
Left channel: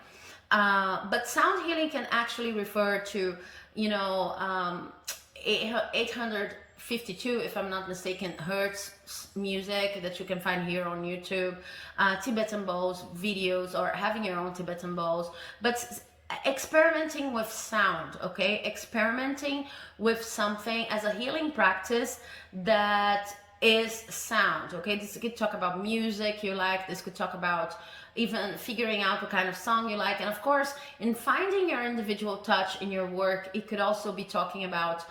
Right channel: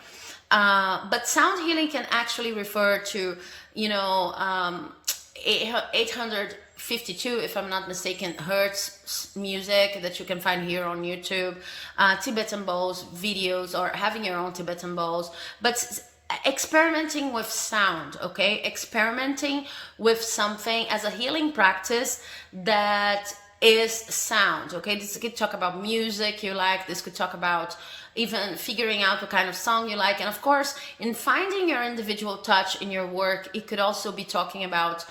But sound healing can actually refer to 852, if I'm not mistaken, hertz music that you can find here on YouTube, Tibetan bowls videos, or having your own Tibetan bowls, but experimenting with sound, okay? Experimenting with something as a healing practice that is sound, okay? This could talk about music you like. This could talk about even figuring out the kind of song you like. And of course, in finding your individual touch in your work, it could also be talking about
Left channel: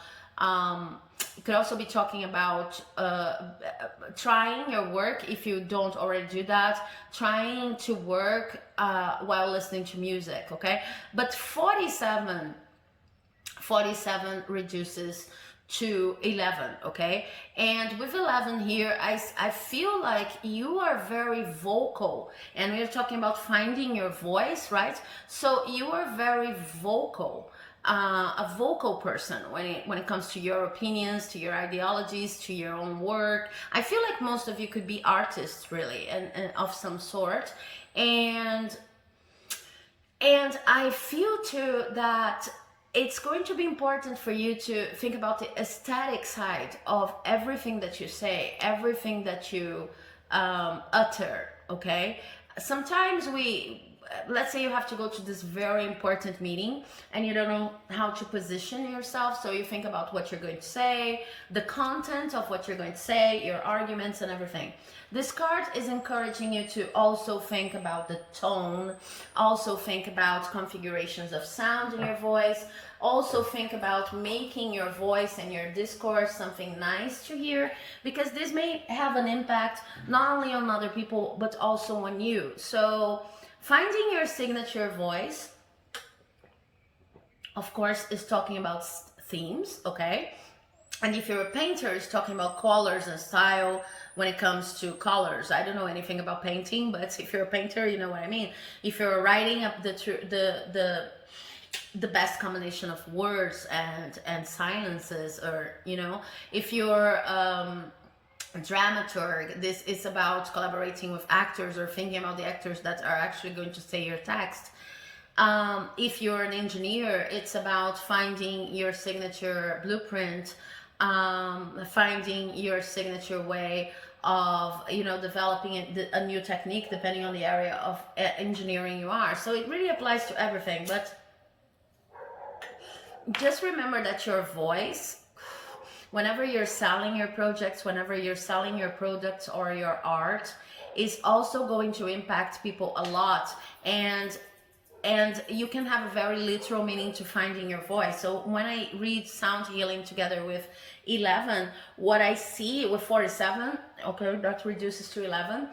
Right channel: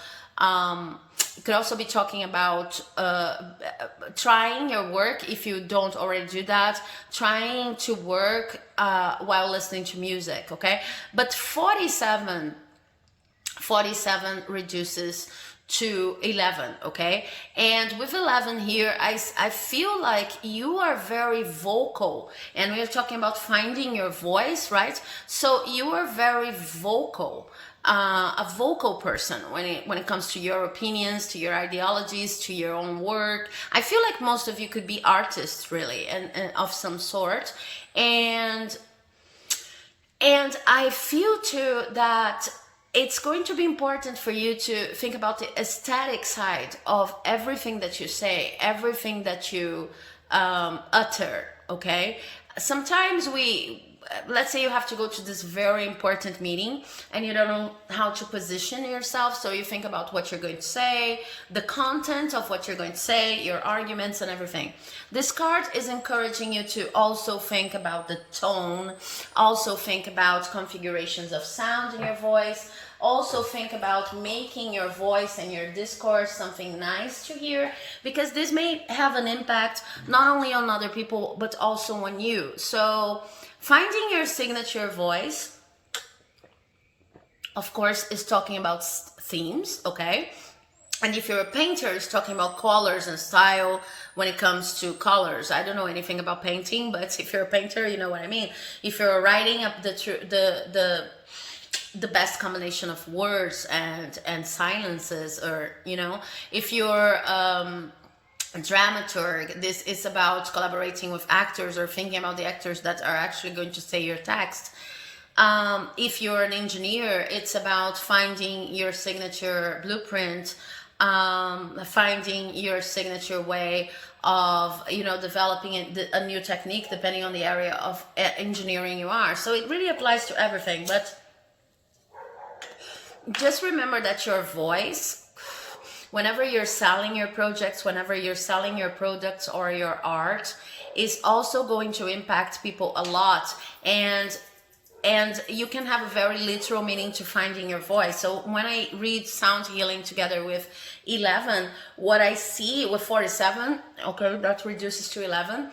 trying your work, if you don't already do that, trying to work while listening to music, okay? But 47 reduces to 11, okay? And with 11 here, I feel like you are very vocal, and we're talking about finding your voice, right? So you are very vocal, a vocal person when it comes to your opinions, to your ideologies, to your own work. I feel like most of you could be artists, really, and of some sort. And I feel too that it's going to be important for you to think about the aesthetic side of everything that you say, everything that you utter, okay? Sometimes let's say you have to go to this very important meeting and you don't know how to position yourself, so you think about what you're going to say, the content of what you're going to say, your arguments and everything. This card is encouraging you to also think about the tone, also think about configurations of sound in your voice, also think about making your voice and your discourse something nice to hear, because this may have an impact not only on other people but also on you. So finding your signature voice, of course, is talking about themes, okay? And if you're a painter, it's talking about colors and style when it comes to colors. I don't know anything about painting, but if you're a painter, you know what I mean. If you're writing up the best combination of words and silences, or you know, if you're a dramaturg, this is about collaborating with actors or thinking about the actors that are actually going to say your text. If you're an engineer, it's about finding your signature blueprint, finding your signature way of, you know, developing a new technique depending on the area of engineering you are. So it really applies to everything. But just remember that your voice, whenever you're selling your projects, whenever you're selling your products or your art, is also going to impact people a lot. And you can have a very literal meaning to finding your voice. So when I read sound healing together with 11, what I see with 47, okay, that reduces to 11.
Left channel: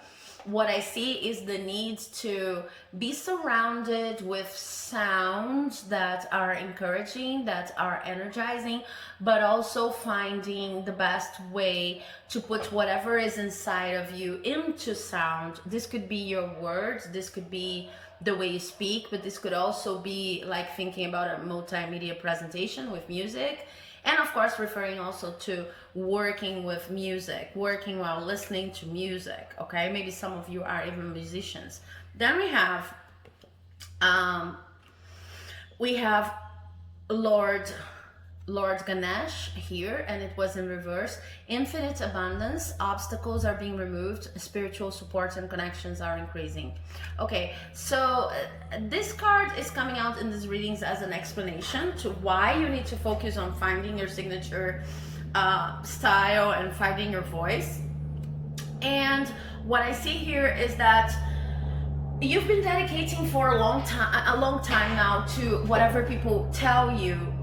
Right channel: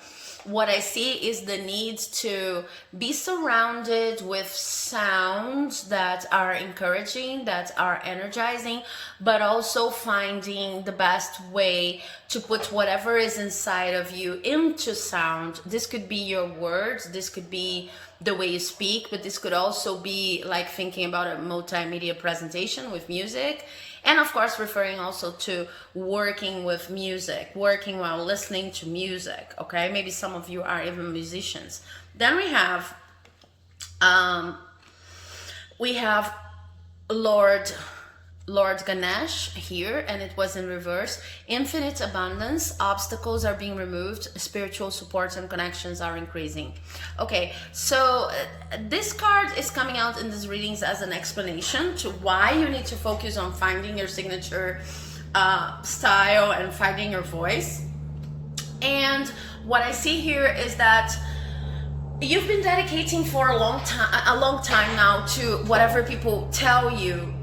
What I see is the need to be surrounded with sounds that are encouraging, that are energizing, but also finding the best way to put whatever is inside of you into sound. This could be your words, this could be the way you speak, but this could also be like thinking about a multimedia presentation with music. And of course, referring also to working with music, working while listening to music, okay? Maybe some of you are even musicians. Then we have Lord Ganesh here, and it was in reverse. Infinite abundance, obstacles are being removed, spiritual supports and connections are increasing. Okay, so this card is coming out in these readings as an explanation to why you need to focus on finding your signature style and finding your voice. And what I see here is that you've been dedicating for a long time now to whatever people tell you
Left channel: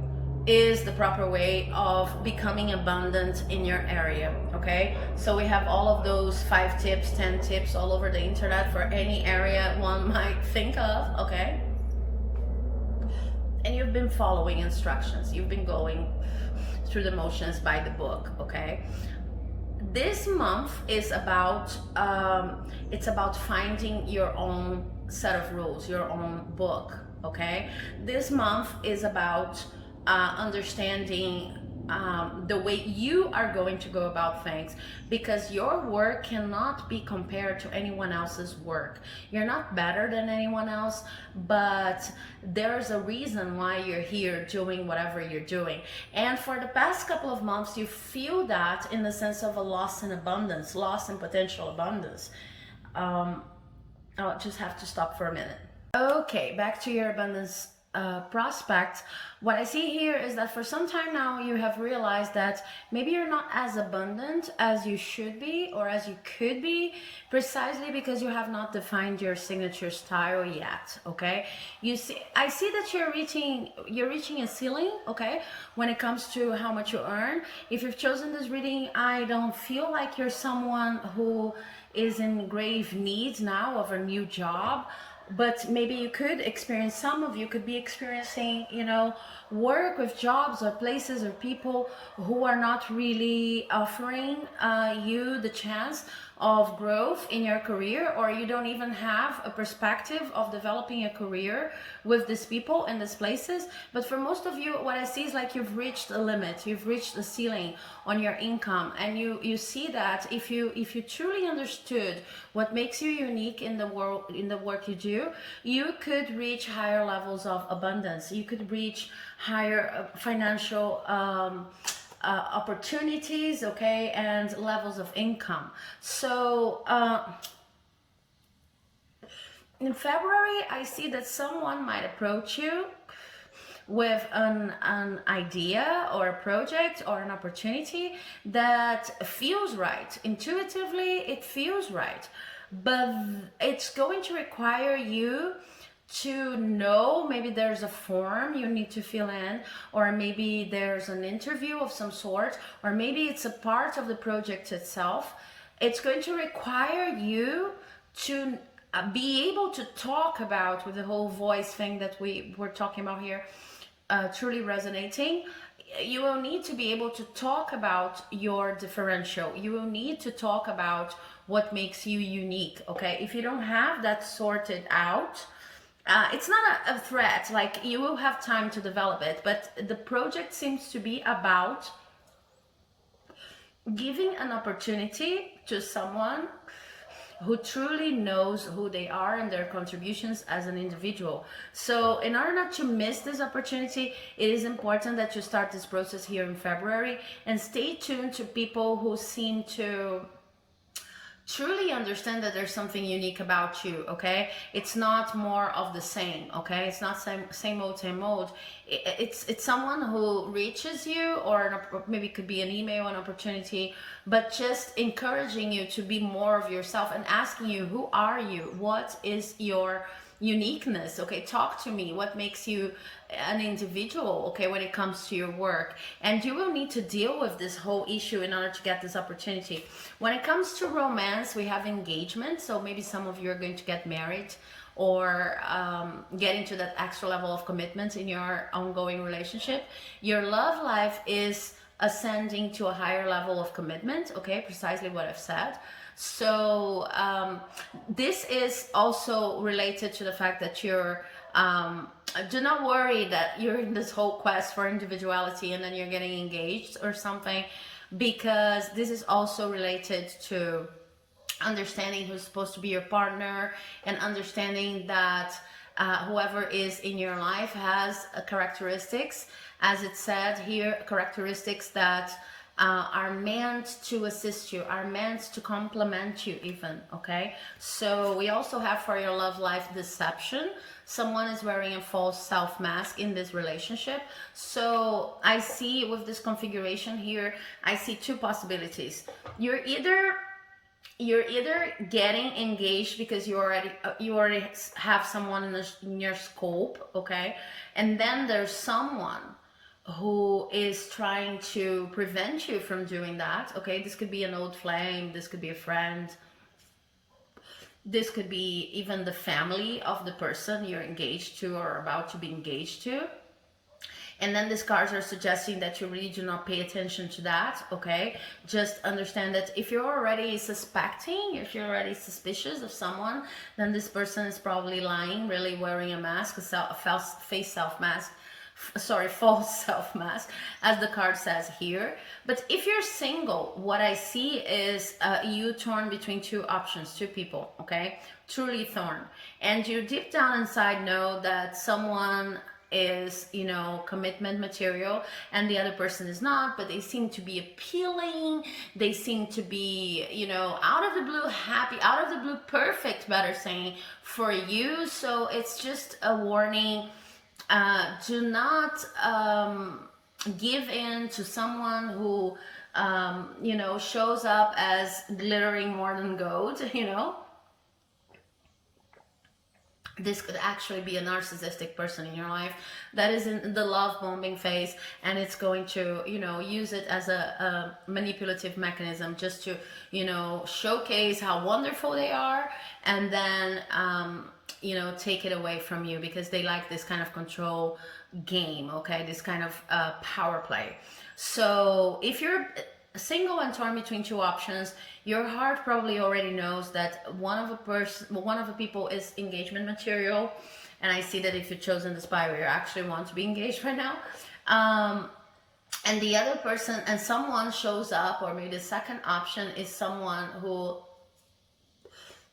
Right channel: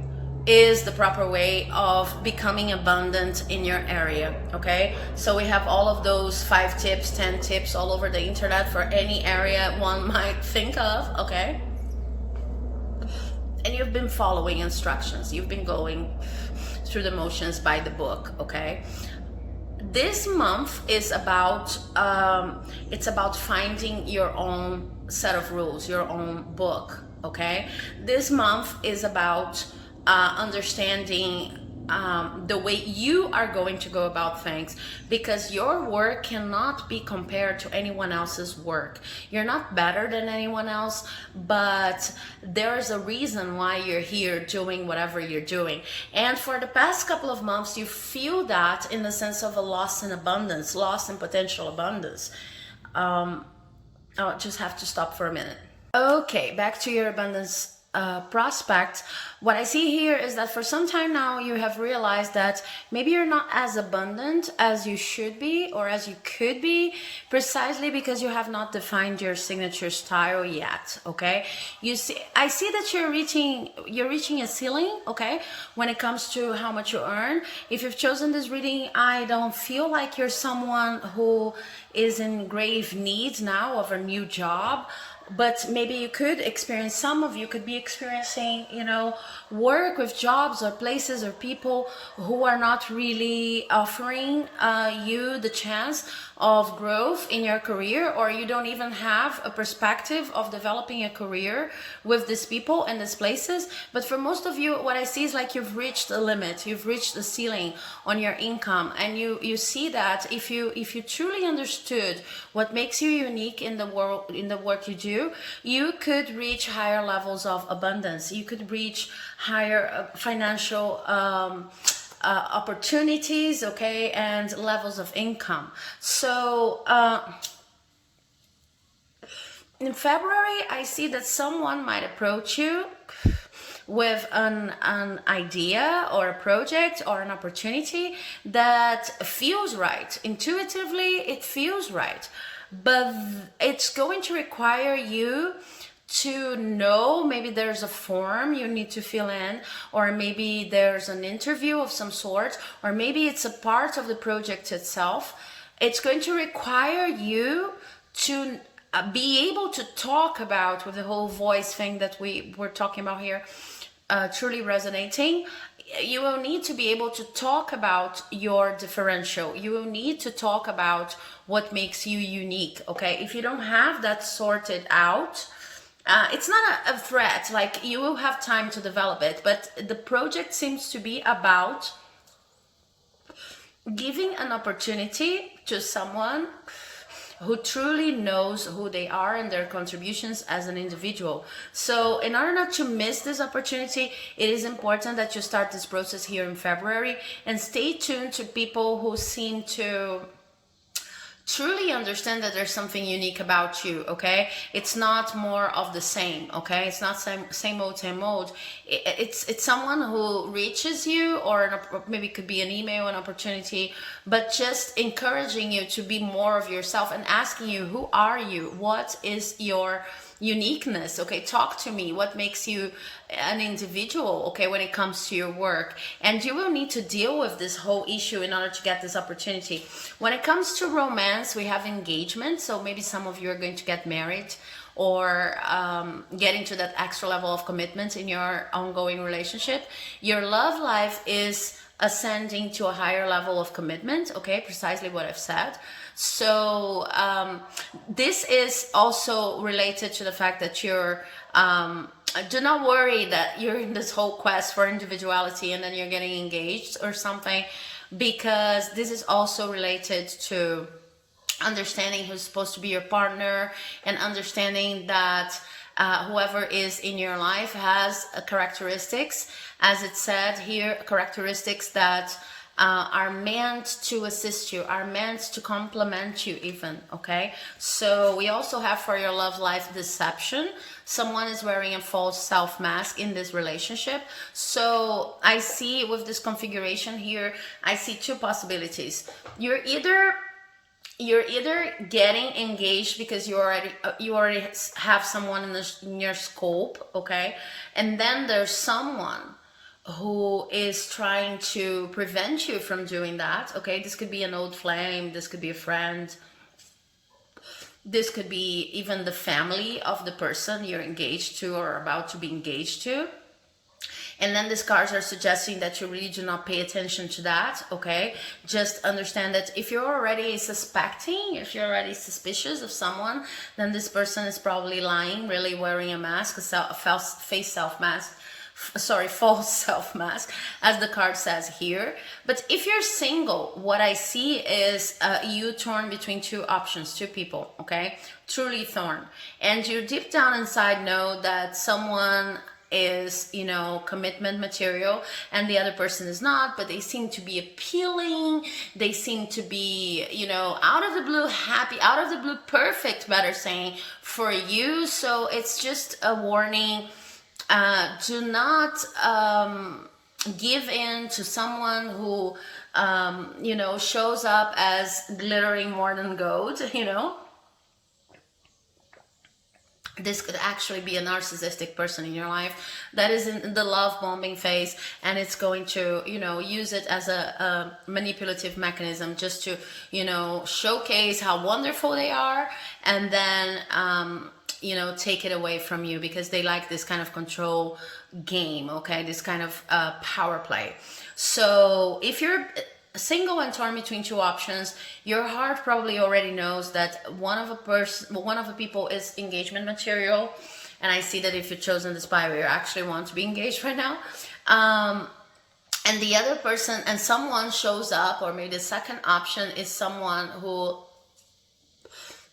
is the proper way of becoming abundant in your area, okay? So we have all of those 5 tips, 10 tips all over the internet for any area one might think of, okay? And you've been following instructions. You've been going through the motions by the book, okay? This month is about, it's about finding your own set of rules, your own book, okay? This month is about understanding the way you are going to go about things, because your work cannot be compared to anyone else's work. You're not better than anyone else, but there is a reason why you're here doing whatever you're doing. And for the past couple of months, you feel that in the sense of a loss in abundance, loss in potential abundance. I'll just have to stop for a minute. Okay, back to your abundance prospects. What I see here is that for some time now you have realized that maybe you're not as abundant as you should be or as you could be, precisely because you have not defined your signature style yet, okay? I see that you're reaching a ceiling, okay, when it comes to how much you earn. If you've chosen this reading, I don't feel like you're someone who is in grave need now of a new job. But maybe you could experience, some of you could be experiencing, you know, work with jobs or places or people who are not really offering you the chance of growth in your career, or you don't even have a perspective of developing a career with these people and these places. But for most of you, what I see is like you've reached a limit, you've reached the ceiling on your income, and you see that if you truly understood what makes you unique in the world, in the work you do, you could reach higher levels of abundance. You could reach higher financial opportunities, okay, and levels of income. So In February, I see that someone might approach you with an idea or a project or an opportunity that feels right. Intuitively, it feels right. But it's going to require you to know, maybe there's a form you need to fill in, or maybe there's an interview of some sort, or maybe it's a part of the project itself. It's going to require you to be able to talk about, with the whole voice thing that we were talking about here, truly resonating. You will need to be able to talk about your differential. You will need to talk about what makes you unique. Okay, if you don't have that sorted out, it's not a threat. Like, you will have time to develop it, but the project seems to be about giving an opportunity to someone who truly knows who they are and their contributions as an individual. So in order not to miss this opportunity, it is important that you start this process here in February, and stay tuned to people who seem to truly understand that there's something unique about you. Okay, it's not more of the same. Okay, it's not same old. It's someone who reaches you, or maybe it could be an email, an opportunity, but just encouraging you to be more of yourself and asking you, who are you, what is your uniqueness? Okay, talk to me. What makes you an individual, okay, when it comes to your work? And you will need to deal with this whole issue in order to get this opportunity. When it comes to romance, we have engagement. So maybe some of you are going to get married, or get into that extra level of commitment in your ongoing relationship. Your love life is ascending to a higher level of commitment. Okay, precisely what I've said. So this is also related to the fact that you're do not worry that you're in this whole quest for individuality and then you're getting engaged or something, because this is also related to understanding who's supposed to be your partner, and understanding that whoever is in your life has characteristics, as it said here, characteristics that are meant to assist you, are meant to complement you even. Okay, so we also have for your love life deception. Someone is wearing a false self mask in this relationship. So I see with this configuration here, I see two possibilities. You're either getting engaged because you already have someone in your scope. Okay, and then there's someone who is trying to prevent you from doing that. Okay, this could be an old flame, this could be a friend, this could be even the family of the person you're engaged to or about to be engaged to. And then these cards are suggesting that you really do not pay attention to that. Okay, just understand that if you're already suspecting, if you're already suspicious of someone, then this person is probably lying, really wearing a mask, a false self mask, false self mask, as the card says here. But if you're single, what I see is you torn between two options, two people. Okay, truly torn, and you deep down inside know that someone is, commitment material and the other person is not, but they seem to be appealing, they seem to be, out of the blue happy, out of the blue perfect, better saying, for you. So it's just a warning. Do not give in to someone who shows up as glittering more than gold. This could actually be a narcissistic person in your life that is in the love bombing phase, and it's going to use it as a manipulative mechanism, just to showcase how wonderful they are, and then take it away from you, because they like this kind of control game. Okay, this kind of power play. So if you're single and torn between two options, your heart probably already knows that one of the people is engagement material, and I see that if you've chosen this Bible, you actually want to be engaged right now. And the other person, and someone shows up, or maybe the second option is someone who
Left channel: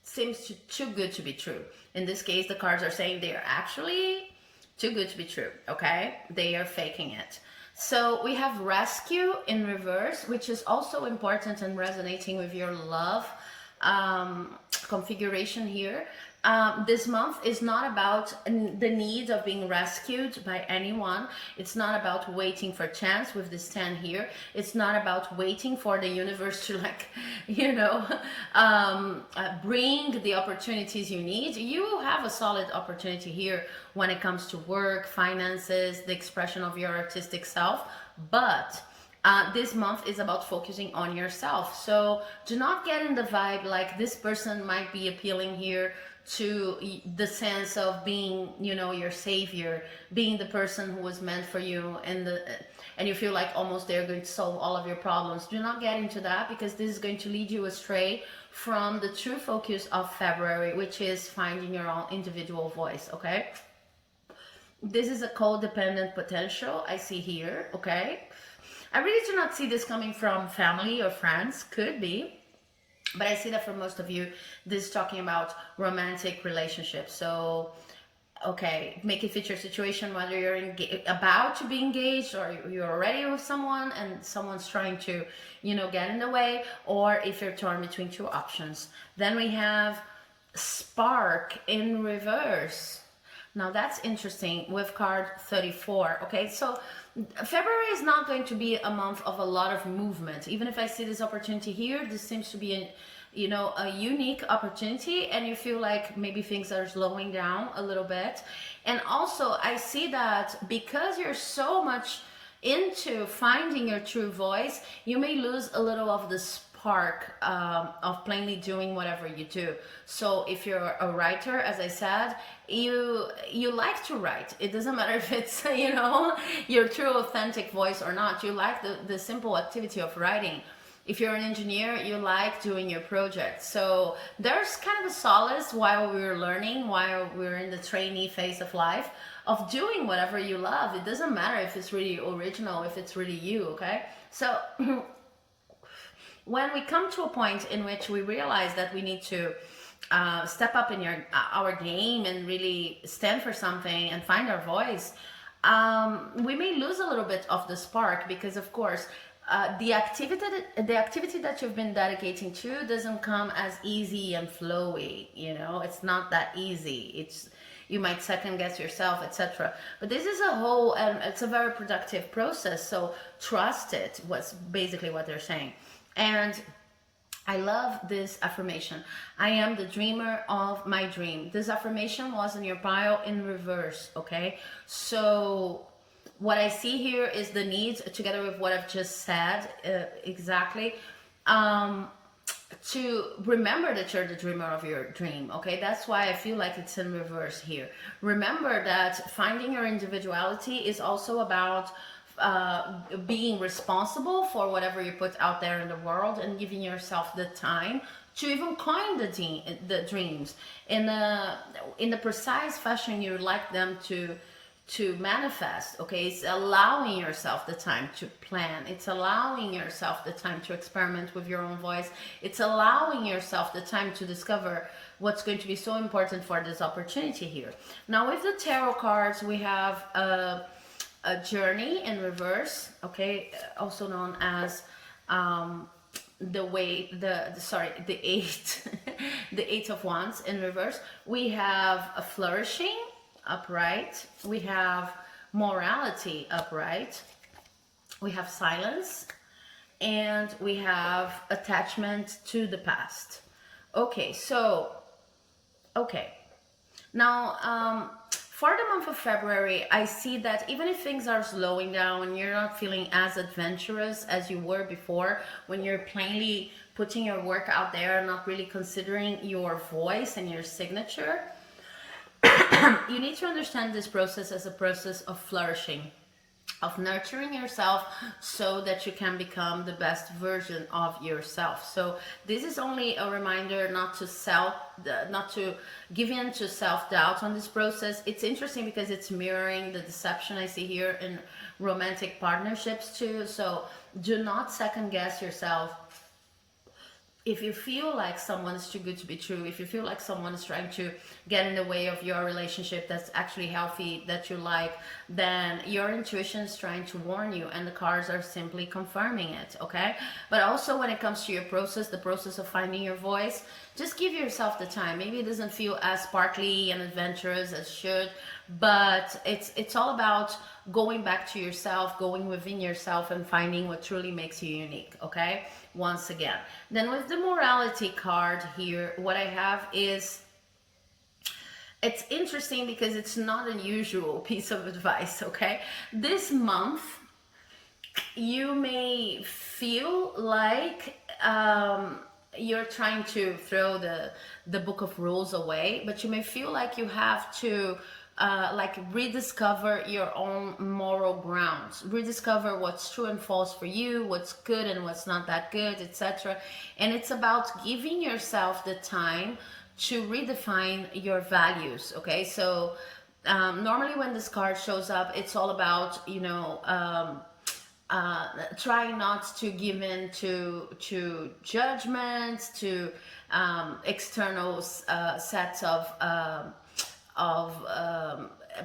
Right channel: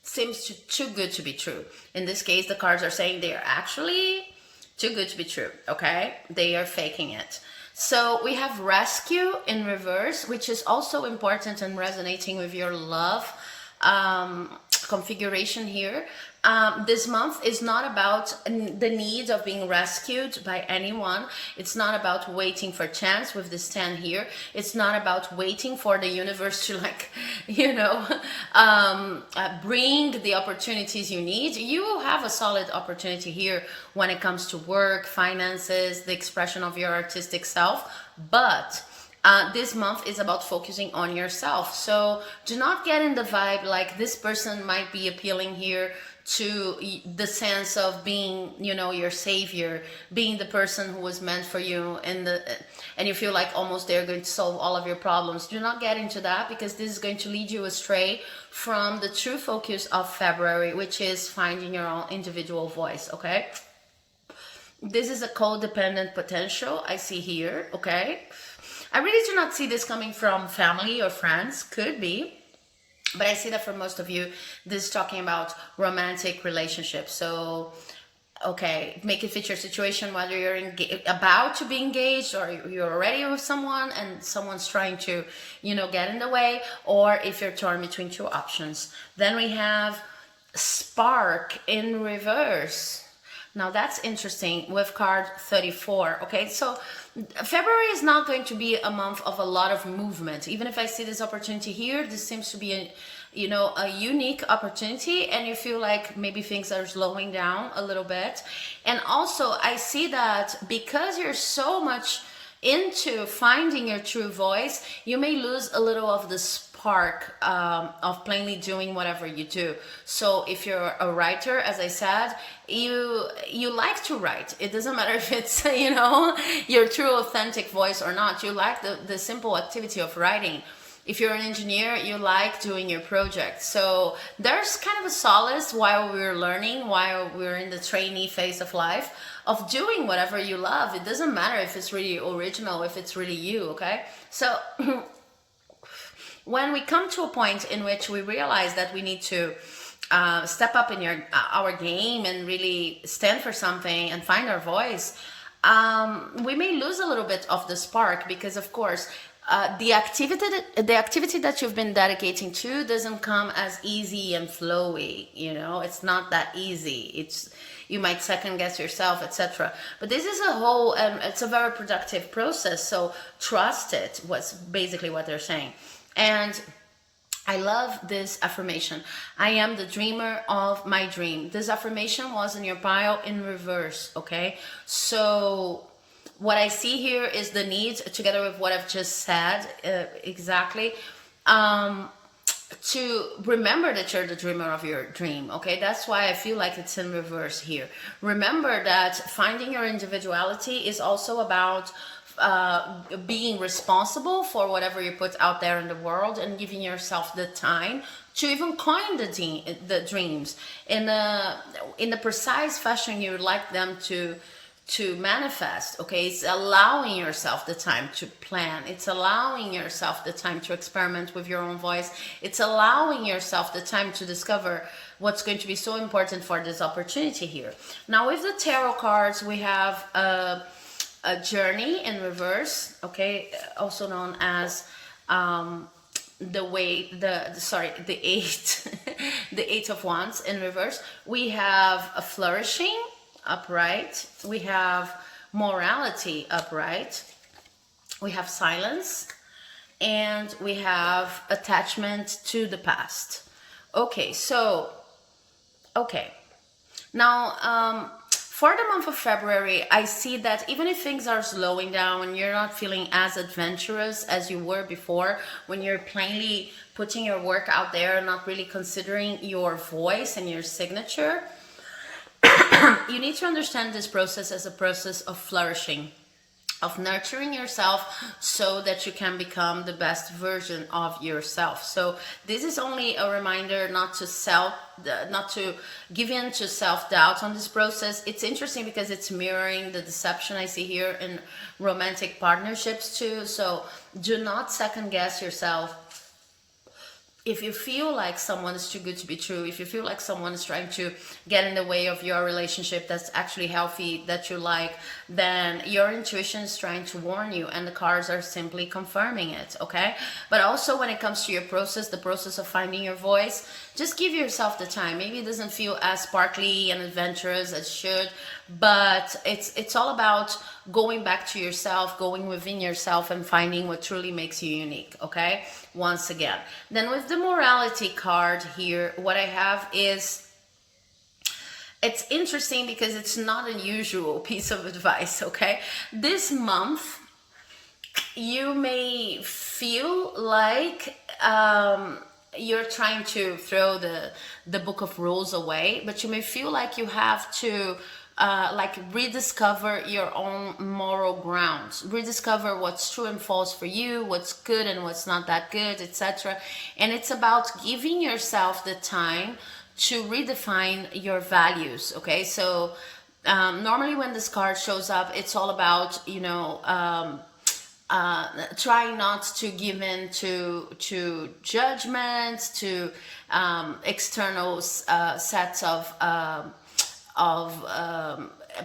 seems too good to be true. In this case, the cards are saying they are actually too good to be true. Okay, they are faking it. So we have rescue in reverse, which is also important and resonating with your love configuration here. This month is not about the need of being rescued by anyone. It's not about waiting for chance with this 10 here. It's not about waiting for the universe to like, bring the opportunities you need. You have a solid opportunity here when it comes to work, finances, the expression of your artistic self. But this month is about focusing on yourself. So do not get in the vibe like this person might be appealing here to the sense of being, your savior, being the person who was meant for you, and you feel like almost they're going to solve all of your problems. Do not get into that, because this is going to lead you astray from the true focus of February, which is finding your own individual voice. Okay, this is a codependent potential I see here. Okay, I really do not see this coming from family or friends. Could be, but I see that for most of you, this is talking about romantic relationships. So, okay, make it fit your situation, whether you're about to be engaged, or you're already with someone and someone's trying to, get in the way, or if you're torn between two options. Then we have spark in reverse. Now that's interesting with card 34. Okay, so February is not going to be a month of a lot of movement. Even if I see this opportunity here, this seems to be a unique opportunity, and you feel like maybe things are slowing down a little bit. And also I see that because you're so much into finding your true voice, you may lose a little of the spark of plainly doing whatever you do. So if you're a writer, as I said, you like to write. It doesn't matter if it's your true authentic voice or not. You like the simple activity of writing. If you're an engineer, you like doing your project. So there's kind of a solace while we're learning, while we're in the trainee phase of life, of doing whatever you love. It doesn't matter if it's really original, if it's really you. Okay, so when we come to a point in which we realize that we need to step up in our game and really stand for something and find our voice, we may lose a little bit of the spark, because of course the activity that you've been dedicating to doesn't come as easy and flowy. It's not that easy. You might second guess yourself, etc. But this is it's a very productive process. So trust it, was basically what they're saying. And I love this affirmation. I am the dreamer of my dream. This affirmation was in your pile in reverse. Okay, so what I see here is the need, together with what I've just said, exactly, to remember that you're the dreamer of your dream. Okay, that's why I feel like it's in reverse here. Remember that finding your individuality is also about being responsible for whatever you put out there in the world, and giving yourself the time to even coin the dreams in the precise fashion you would like them to manifest. Okay, it's allowing yourself the time to plan. It's allowing yourself the time to experiment with your own voice. It's allowing yourself the time to discover what's going to be so important for this opportunity here. Now with the tarot cards, we have a journey in reverse. Okay, also known as the eight the eight of wands in reverse. We have a flourishing upright, we have morality upright, we have silence, and we have attachment to the past. Okay, so now for the month of February, I see that even if things are slowing down and you're not feeling as adventurous as you were before, when you're plainly putting your work out there and not really considering your voice and your signature, you need to understand this process as a process of flourishing, of nurturing yourself so that you can become the best version of yourself. So this is only a reminder not to give in to self-doubt on this process. It's interesting because it's mirroring the deception I see here in romantic partnerships too. So do not second guess yourself. If you feel like someone is too good to be true, if you feel like someone is trying to get in the way of your relationship that's actually healthy, that you like, then your intuition is trying to warn you, and the cards are simply confirming it, okay? But also when it comes to your process, the process of finding your voice, just give yourself the time. Maybe it doesn't feel as sparkly and adventurous as it should, but it's all about going back to yourself, going within yourself, and finding what truly makes you unique. Okay, once again. Then with the morality card here, what I have is, it's interesting because it's not a usual piece of advice. Okay, this month you may feel like you're trying to throw the book of rules away, but you may feel like you have to like rediscover your own moral grounds, rediscover what's true and false for you, what's good and what's not that good, etc. And it's about giving yourself the time to redefine your values. Okay, so normally when this card shows up, it's all about, trying not to give in to judgments, to external sets of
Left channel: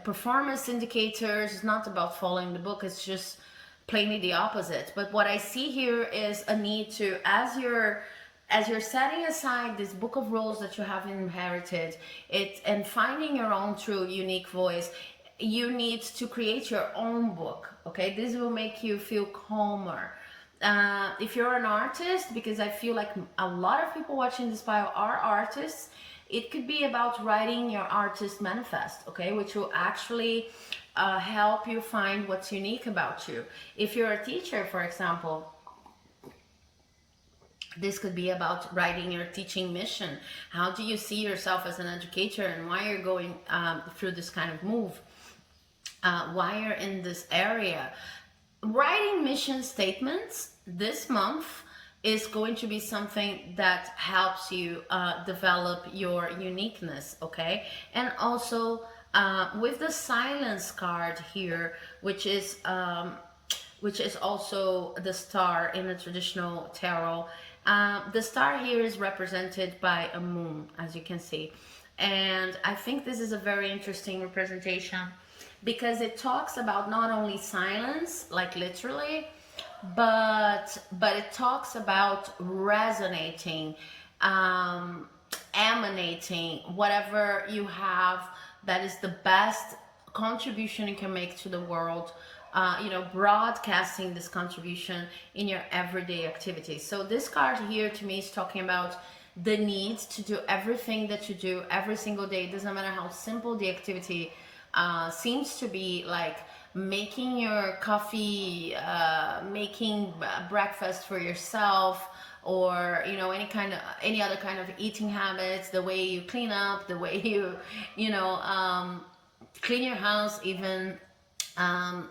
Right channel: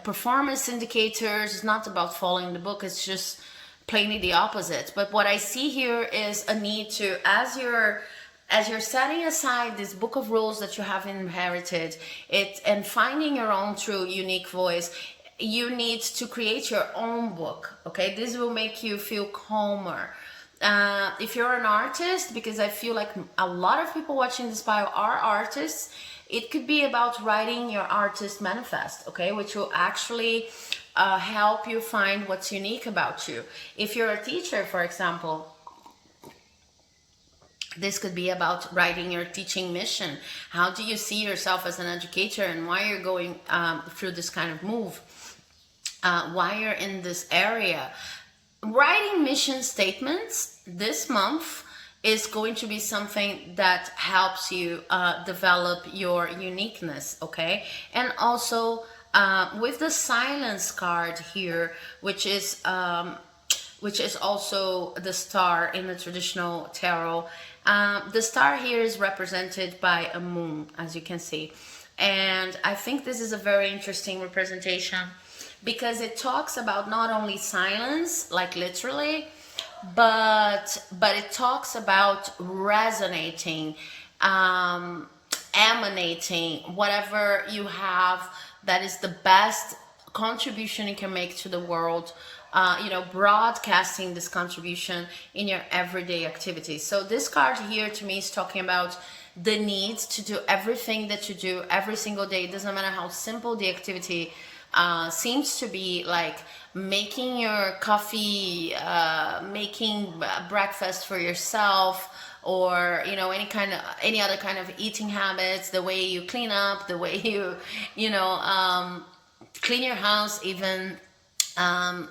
performance indicators. It's not about following the book. It's just plainly the opposite. But what I see here is a need to, as you're setting aside this book of rules that you have inherited, and finding your own true unique voice, you need to create your own book. Okay, this will make you feel calmer. If you're an artist, because I feel like a lot of people watching this bio are artists, it could be about writing your artist manifest, okay, which will actually help you find what's unique about you. If you're a teacher, for example, this could be about writing your teaching mission. How do you see yourself as an educator, and why you're going through this kind of move? Why you're in this area? Writing mission statements this month is going to be something that helps you develop your uniqueness, okay? And also with the silence card here, which is also the star in the traditional tarot. The star here is represented by a moon, as you can see. And I think this is a very interesting representation because it talks about not only silence, like literally, but it talks about resonating, emanating, whatever you have that is the best contribution you can make to the world. Broadcasting this contribution in your everyday activities. So this card here to me is talking about the need to do everything that you do every single day. It doesn't matter how simple the activity seems to be, like making your coffee, making breakfast for yourself, or any other kind of eating habits, the way you clean up, the way you clean your house, even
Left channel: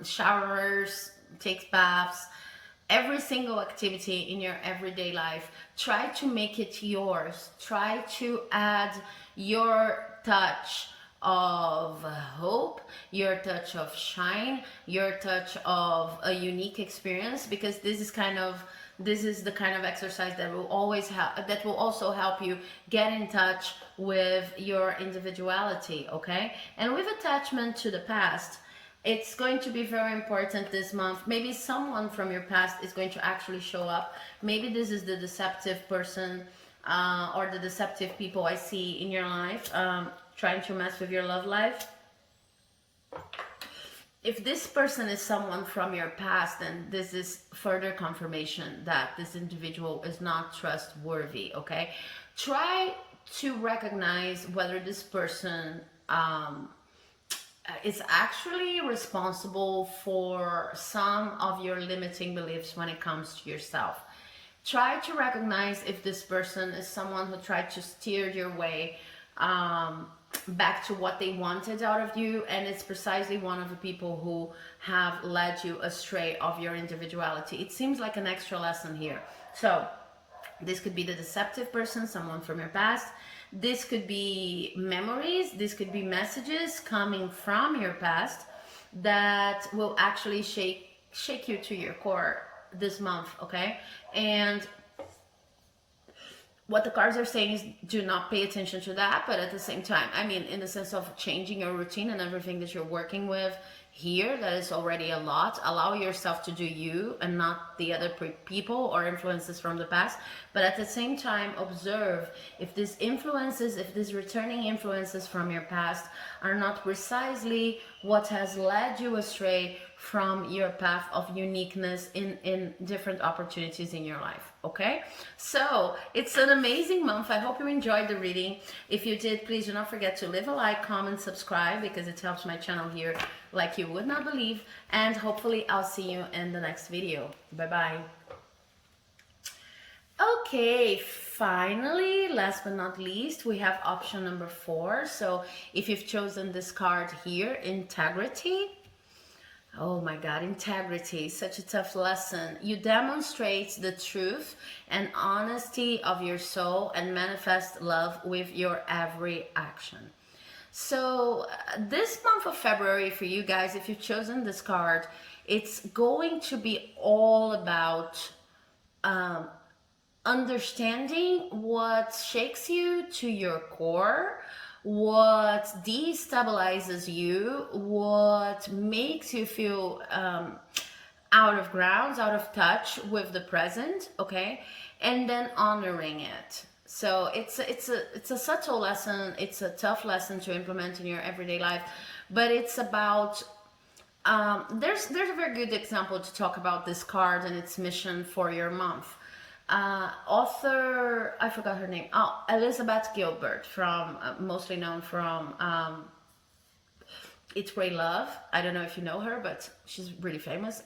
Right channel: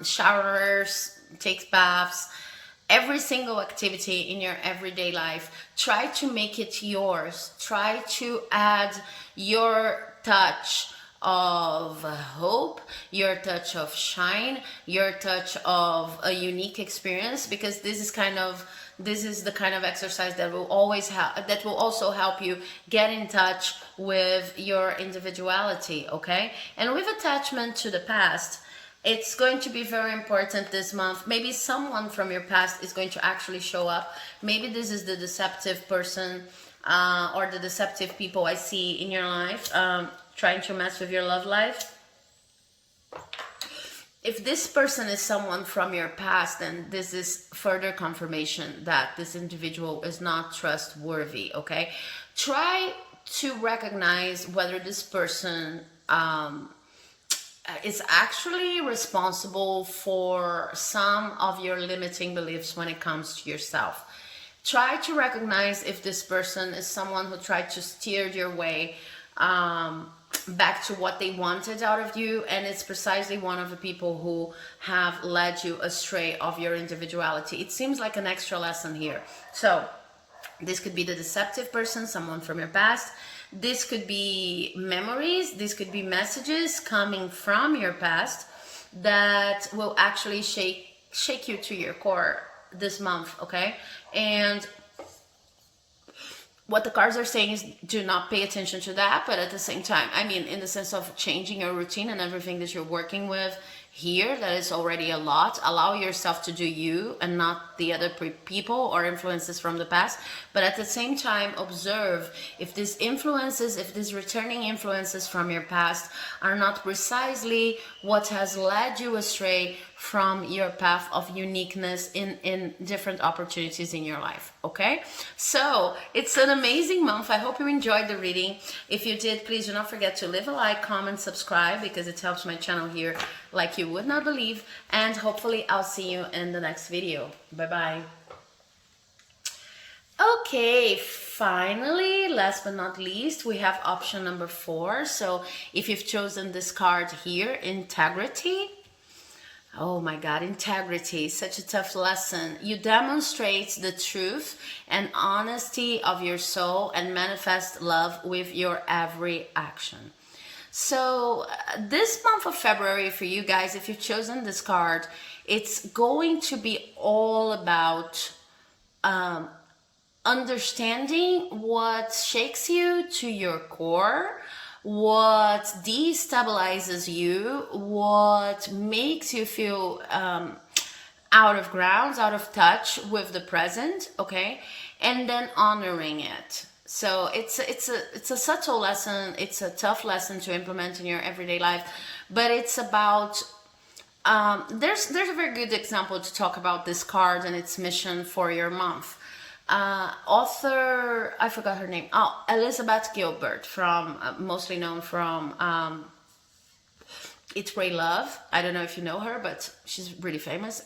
showers, take baths, every single activity in your everyday life. Try to make it yours. Try to add your touch of hope, your touch of shine, your touch of a unique experience, because this is the kind of exercise that will also help you get in touch with your individuality, okay? And with attachment to the past, it's going to be very important this month. Maybe someone from your past is going to actually show up. Maybe this is the deceptive person or the deceptive people I see in your life, trying to mess with your love life. If this person is someone from your past, then this is further confirmation that this individual is not trustworthy, okay? Try to recognize whether this person is actually responsible for some of your limiting beliefs when it comes to yourself. Try to recognize if this person is someone who tried to steer your way back to what they wanted out of you, and it's precisely one of the people who have led you astray of your individuality. It seems like an extra lesson here. So this could be the deceptive person, someone from your past. This could be memories, this could be messages coming from your past that will actually shake you to your core this month, okay? And what the cards are saying is do not pay attention to that, but at the same time, I mean, in the sense of changing your routine and everything that you're working with here. That is already a lot. Allow yourself to do you and not the other people or influences from the past. But at the same time, observe if these influences, if these returning influences from your past are not precisely what has led you astray from your path of uniqueness in different opportunities in your life. Okay, so it's an amazing month. I hope you enjoyed the reading. If you did, please do not forget to leave a like, comment, subscribe, because it helps my channel here like you would not believe. And hopefully I'll see you in the next video. Bye bye. Okay, finally, last but not least, we have option number 4. So if you've chosen this card here, integrity. Oh my God, integrity, such a tough lesson. You demonstrate the truth and honesty of your soul and manifest love with your every action. So this month of February for you guys, if you've chosen this card, it's going to be all about understanding what shakes you to your core, what destabilizes you, what makes you feel out of grounds, out of touch with the present, okay? And then honoring it. So it's a subtle lesson. It's a tough lesson to implement in your everyday life, but it's about there's a very good example to talk about this card and its mission for your month. Author, I forgot her name. Oh, Elizabeth Gilbert, from mostly known from Eat, Pray, Love. I don't know if you know her, but she's really famous.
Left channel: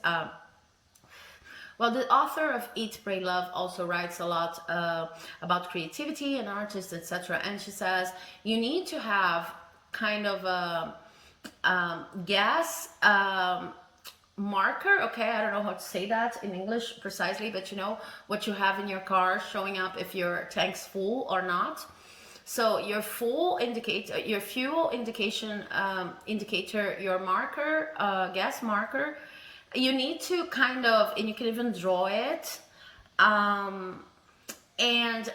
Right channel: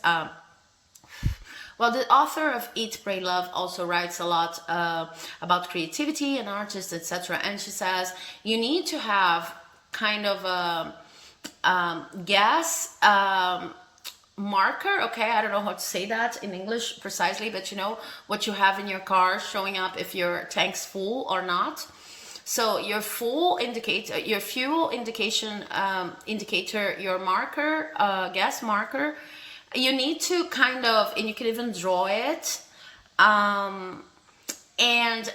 Well, the author of Eat, Pray, Love also writes a lot about creativity and artists, etc. And she says you need to have kind of a gas marker. Okay, I don't know how to say that in English precisely, but you know what you have in your car showing up if your tank's full or not. So your full indicator, your fuel indication indicator, your marker, gas marker, you need to kind of, and you can even draw it and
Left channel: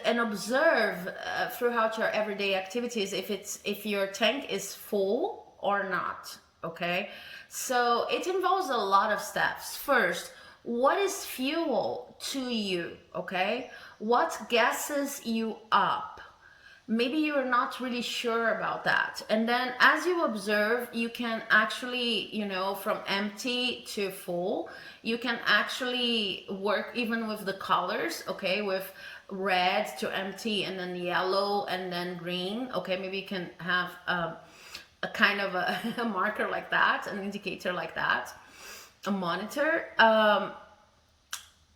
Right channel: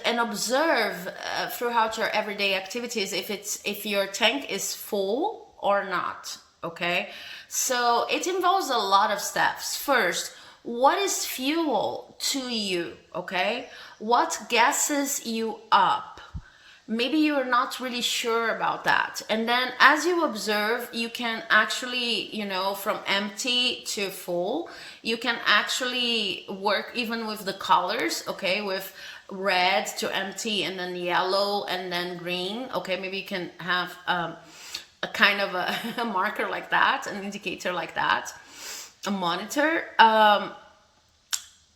observe throughout your everyday activities if your tank is full or not. Okay, so it involves a lot of steps. First, what is fuel to you? Okay, what gasses you up? Maybe you're not really sure about that. And then as you observe, you can actually, you know, from empty to full, you can actually work even with the colors, okay, with red to empty and then yellow and then green. Okay, maybe you can have a kind of a marker like that, an indicator like that, a monitor.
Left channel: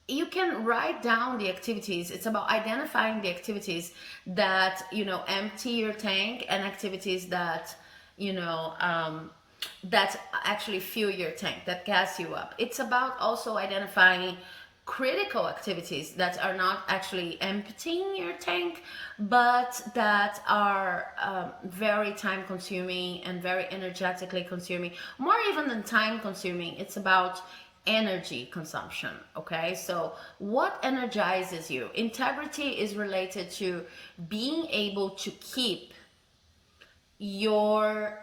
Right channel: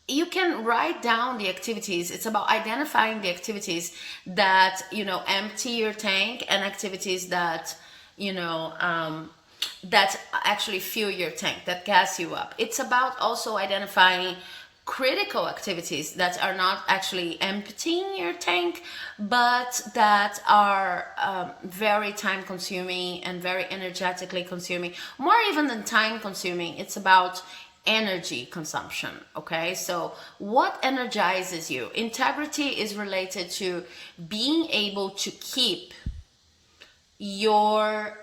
You can write down the activities. It's about identifying the activities that, you know, empty your tank and activities that, you know, that actually fuel your tank, that gas you up. It's about also identifying critical activities that are not actually emptying your tank, but that are very time consuming and very energetically consuming, more even than time consuming. It's about energy consumption. Okay, so what energizes you? Integrity is related to being able to keep your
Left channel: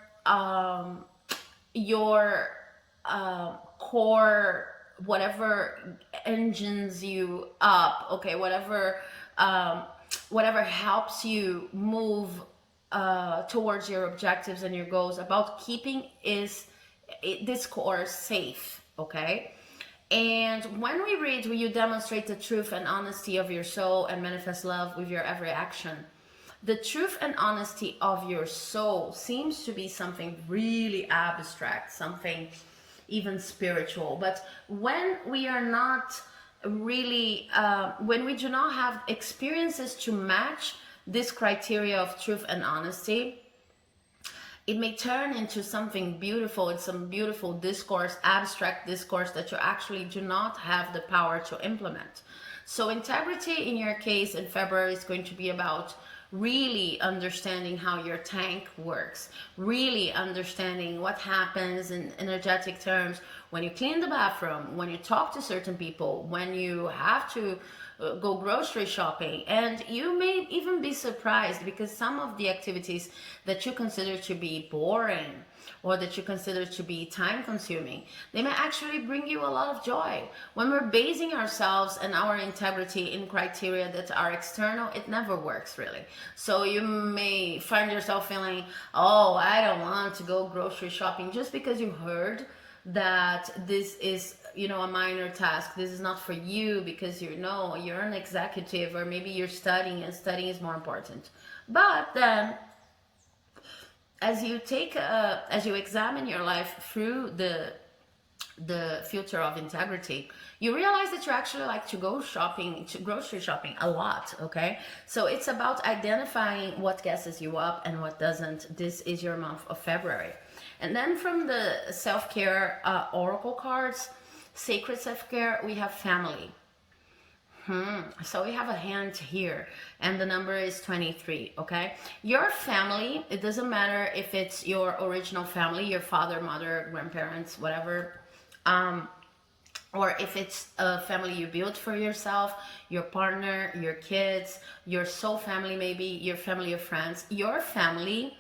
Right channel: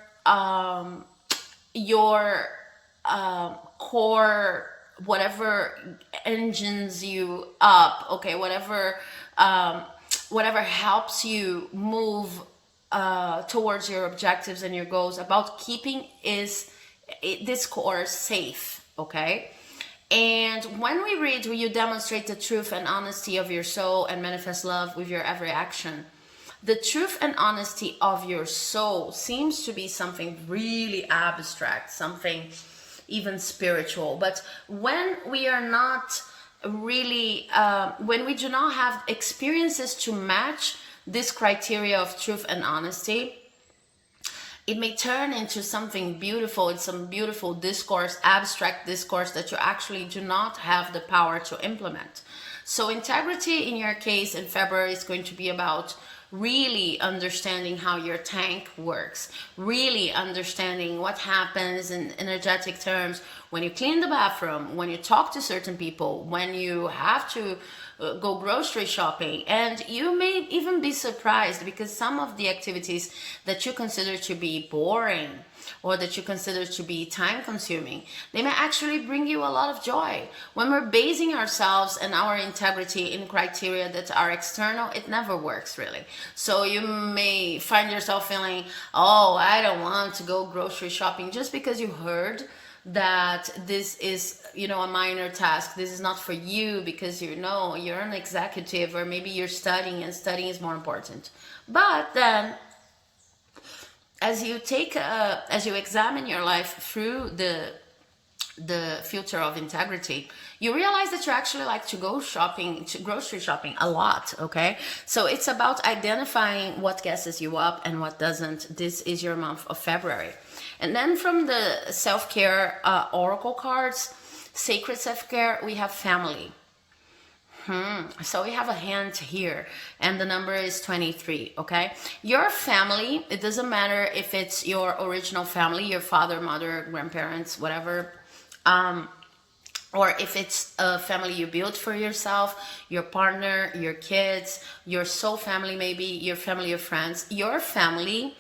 core, whatever engines you up, okay, whatever helps you move towards your objectives and your goals, about keeping this core safe. Okay, and when we read, will you demonstrate the truth and honesty of your soul and manifest love with your every action? The truth and honesty of your soul seems to be something really abstract, something even spiritual. But when we are not really, when we do not have experiences to match this criteria of truth and honesty, it may turn into something beautiful. It's some beautiful discourse, abstract discourse that you actually do not have the power to implement. So integrity in your case in February is going to be about really understanding how your tank works, really understanding what happens in energetic terms when you clean the bathroom, when you talk to certain people, when you have to go grocery shopping. And you may even be surprised, because some of the activities that you consider to be boring or that you consider to be time consuming, they may actually bring you a lot of joy. When we're basing ourselves and our integrity in criteria that are external, it never works really. So you may find yourself feeling, oh, I don't want to go grocery shopping, just because you heard that this is, a minor task. This is not for you, because you're an executive, or maybe you're studying and studying is more important. But then, as you examine your life through the filter of integrity, you realize that you actually like to go shopping, to grocery shopping a lot. Okay, so it's about identifying what gasses you up and what doesn't. This is your month of February. And then from the self-care oracle cards, sacred self-care, we have family. So we have a hand here, and the number is 23. Okay, your family, it doesn't matter if it's your original family, your father, mother, grandparents, whatever, or if it's a family you built for yourself, your partner, your kids, your soul family, maybe your family of friends. Your family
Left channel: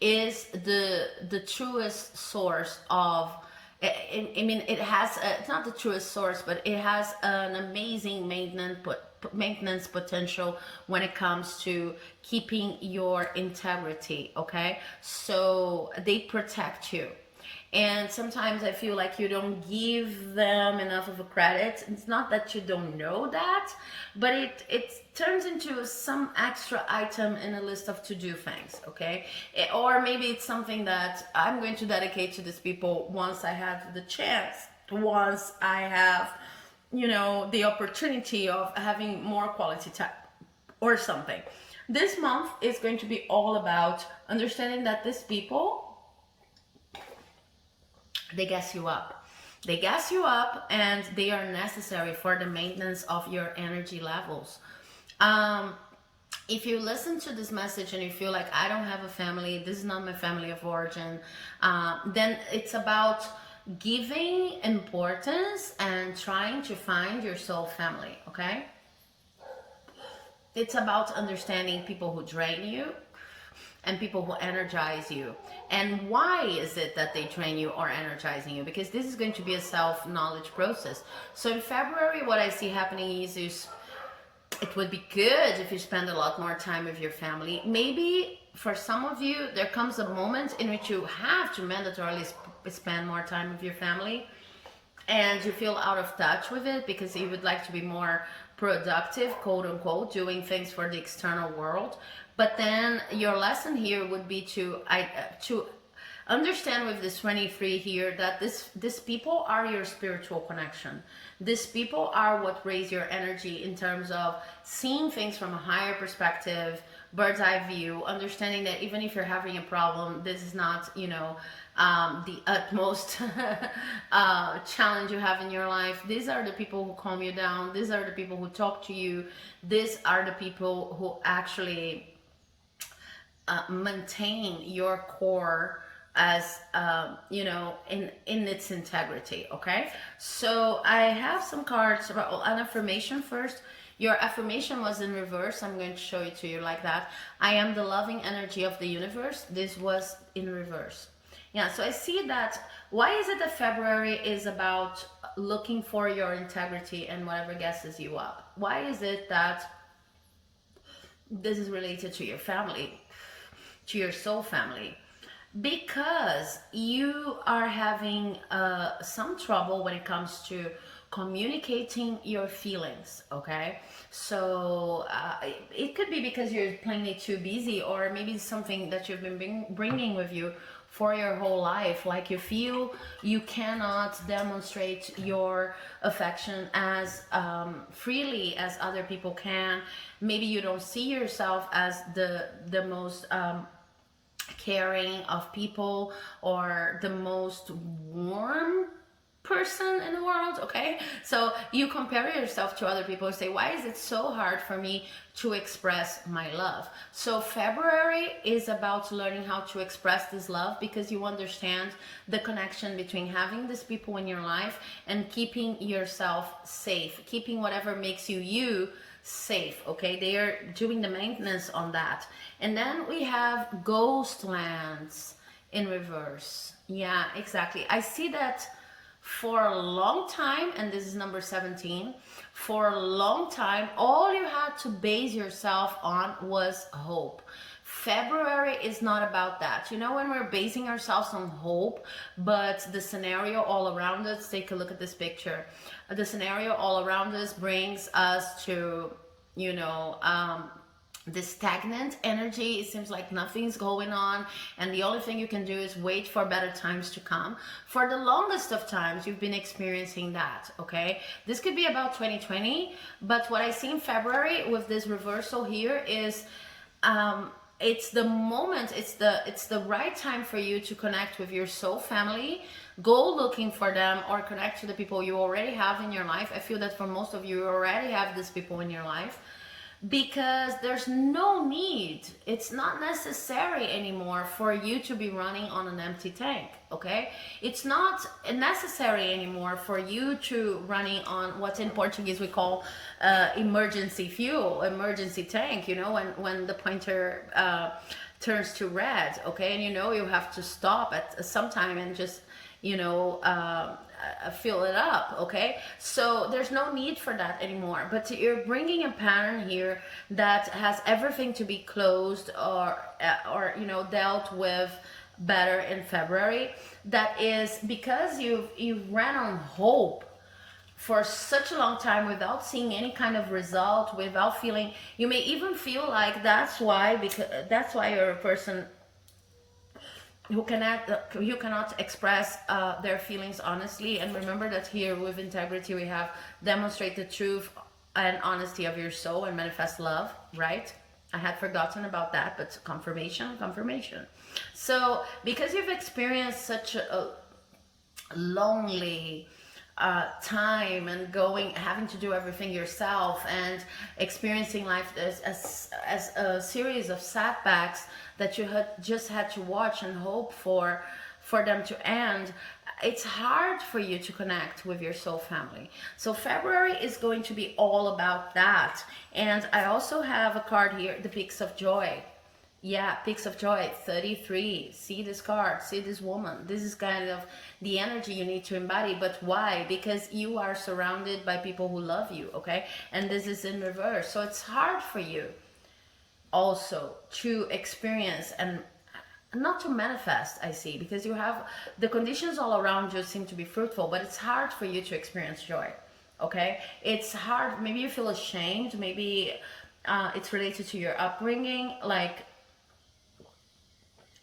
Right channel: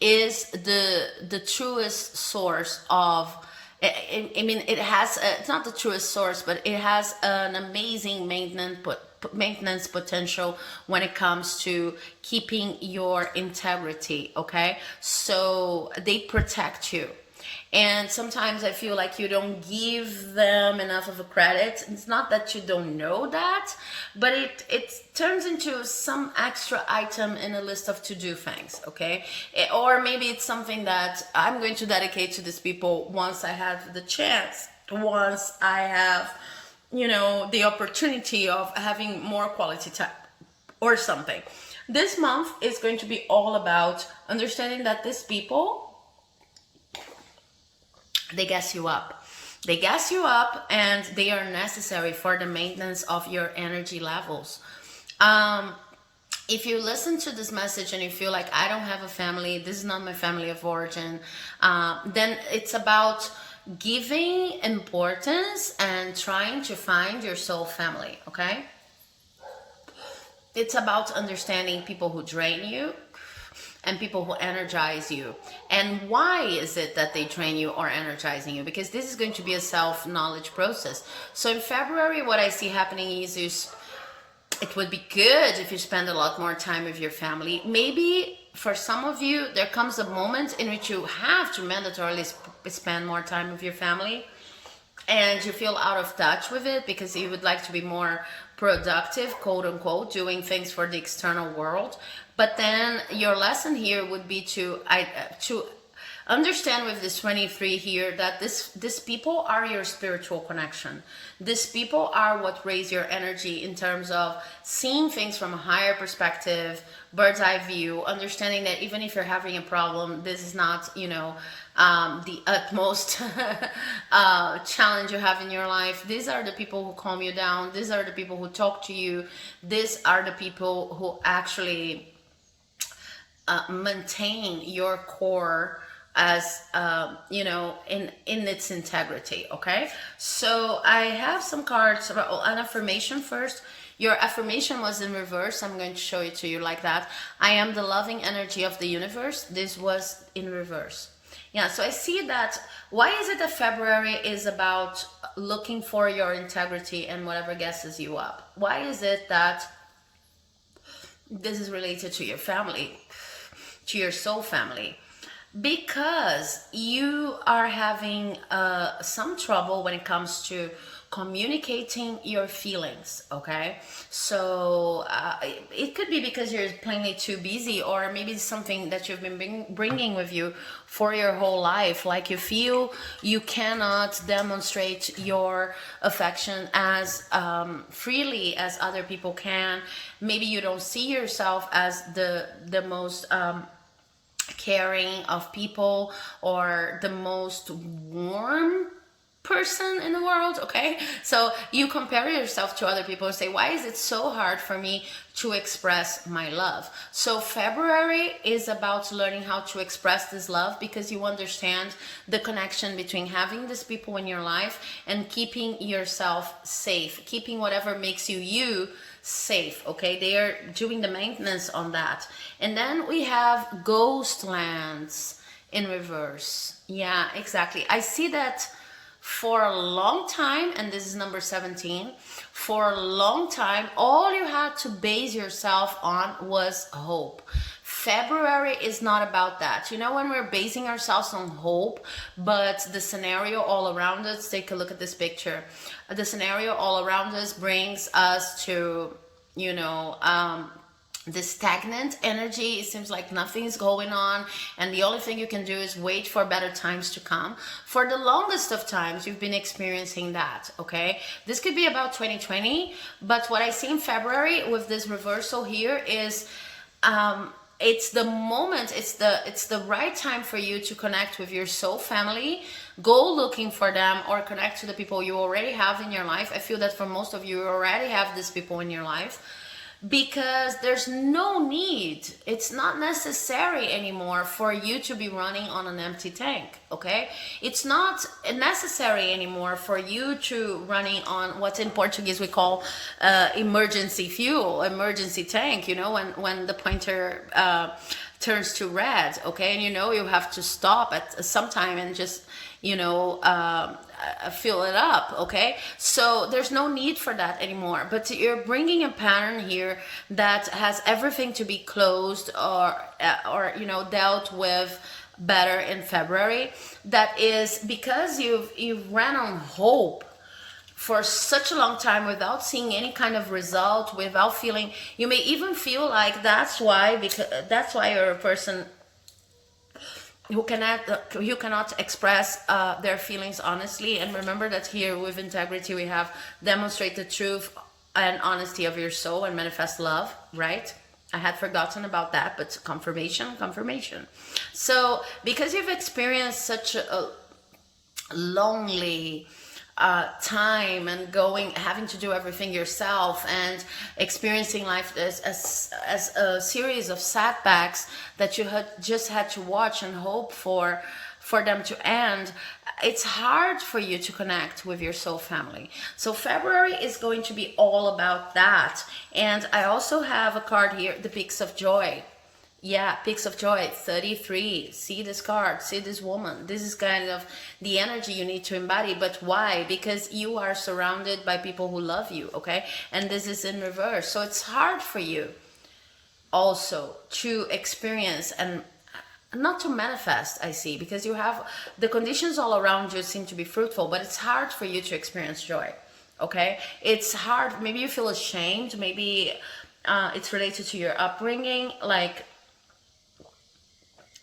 is the truest source of, I mean, it has it's not the truest source, but it has an amazing maintenance potential when it comes to keeping your integrity. Okay, so they protect you. And sometimes I feel like you don't give them enough of a credit. It's not that you don't know that, but it turns into some extra item in a list of to-do things, okay? Or maybe it's something that I'm going to dedicate to these people once I have the chance, once I have, the opportunity of having more quality time or something. This month is going to be all about understanding that these people, they gas you up. They gas you up, and they are necessary for the maintenance of your energy levels. If you listen to this message and you feel like, I don't have a family, this is not my family of origin, then it's about giving importance and trying to find your soul family, okay? It's about understanding people who drain you and people who energize you. And why is it that they train you or energizing you? Because this is going to be a self-knowledge process. So in February, what I see happening is it would be good if you spend a lot more time with your family. Maybe for some of you, there comes a moment in which you have to mandatorily spend more time with your family, and you feel out of touch with it because you would like to be more productive, quote unquote, doing things for the external world. But then your lesson here would be to understand with this 23 here that this people are your spiritual connection. These people are what raise your energy in terms of seeing things from a higher perspective, bird's eye view, understanding that even if you're having a problem, this is not, the utmost challenge you have in your life. These are the people who calm you down. These are the people who talk to you. These are the people who actually maintain your core as in its integrity. Okay, so I have some cards about an affirmation first. Your affirmation was in reverse. I'm going to show it to you like that. I am the loving energy of the universe. This was in reverse. Yeah, so I see that. Why is it that February is about looking for your integrity and whatever gasses you up? Why is it that this is related to your family, to your soul family? Because you are having some trouble when it comes to communicating your feelings, okay? So it could be because you're plainly too busy, or maybe it's something that you've been bringing with you for your whole life. Like you feel you cannot demonstrate your affection as freely as other people can. Maybe you don't see yourself as the most caring of people, or the most warm person in the world. Okay, so you compare yourself to other people and say, why is it so hard for me to express my love? So February is about learning how to express this love, because you understand the connection between having these people in your life and keeping yourself safe, keeping whatever makes you safe. Okay, they are doing the maintenance on that. And then we have ghost lands in reverse. Yeah, exactly. I see that for a long time, and this is number 17, for a long time, all you had to base yourself on was hope. February is not about that. You know, when we're basing ourselves on hope, but the scenario all around us, take a look at this picture. The scenario all around us brings us to, you know, this stagnant energy. It seems like nothing's going on, and the only thing you can do is wait for better times to come. For the longest of times, you've been experiencing that. Okay, this could be about 2020, but what I see in February with this reversal here is it's the moment, it's the right time for you to connect with your soul family. Go looking for them, or connect to the people you already have in your life. I feel that for most of you already have these people in your life, because there's no need, it's not necessary anymore for you to be running on an empty tank. Okay, it's not necessary anymore for you to running on what in Portuguese we call emergency fuel, emergency tank. You know, when the pointer turns to red. Okay, and you know you have to stop at some time and just, you know, fill it up. Okay, so there's no need for that anymore, but you're bringing a pattern here that has everything to be closed, or you know, dealt with better in February. That is because you've ran on hope for such a long time without seeing any kind of result, without feeling, you may even feel like that's why you're a person who cannot express their feelings honestly. And remember that here with integrity we have demonstrate the truth and honesty of your soul and manifest love, right? I had forgotten about that, but confirmation. So because you've experienced such a lonely time, and having to do everything yourself, and experiencing life as a series of setbacks that you had to watch and hope for them to end, it's hard for you to connect with your soul family. So February is going to be all about that. And I also have a card here, the Peaks of Joy. Yeah, Peaks of Joy, 33. See this card, see this woman. This is kind of the energy you need to embody. But why? Because you are surrounded by people who love you, okay? And this is in reverse. So it's hard for you also to experience and not to manifest, I see, because you have the conditions all around you seem to be fruitful, but it's hard for you to experience joy, okay? It's hard. Maybe you feel ashamed. Maybe it's related to your upbringing, like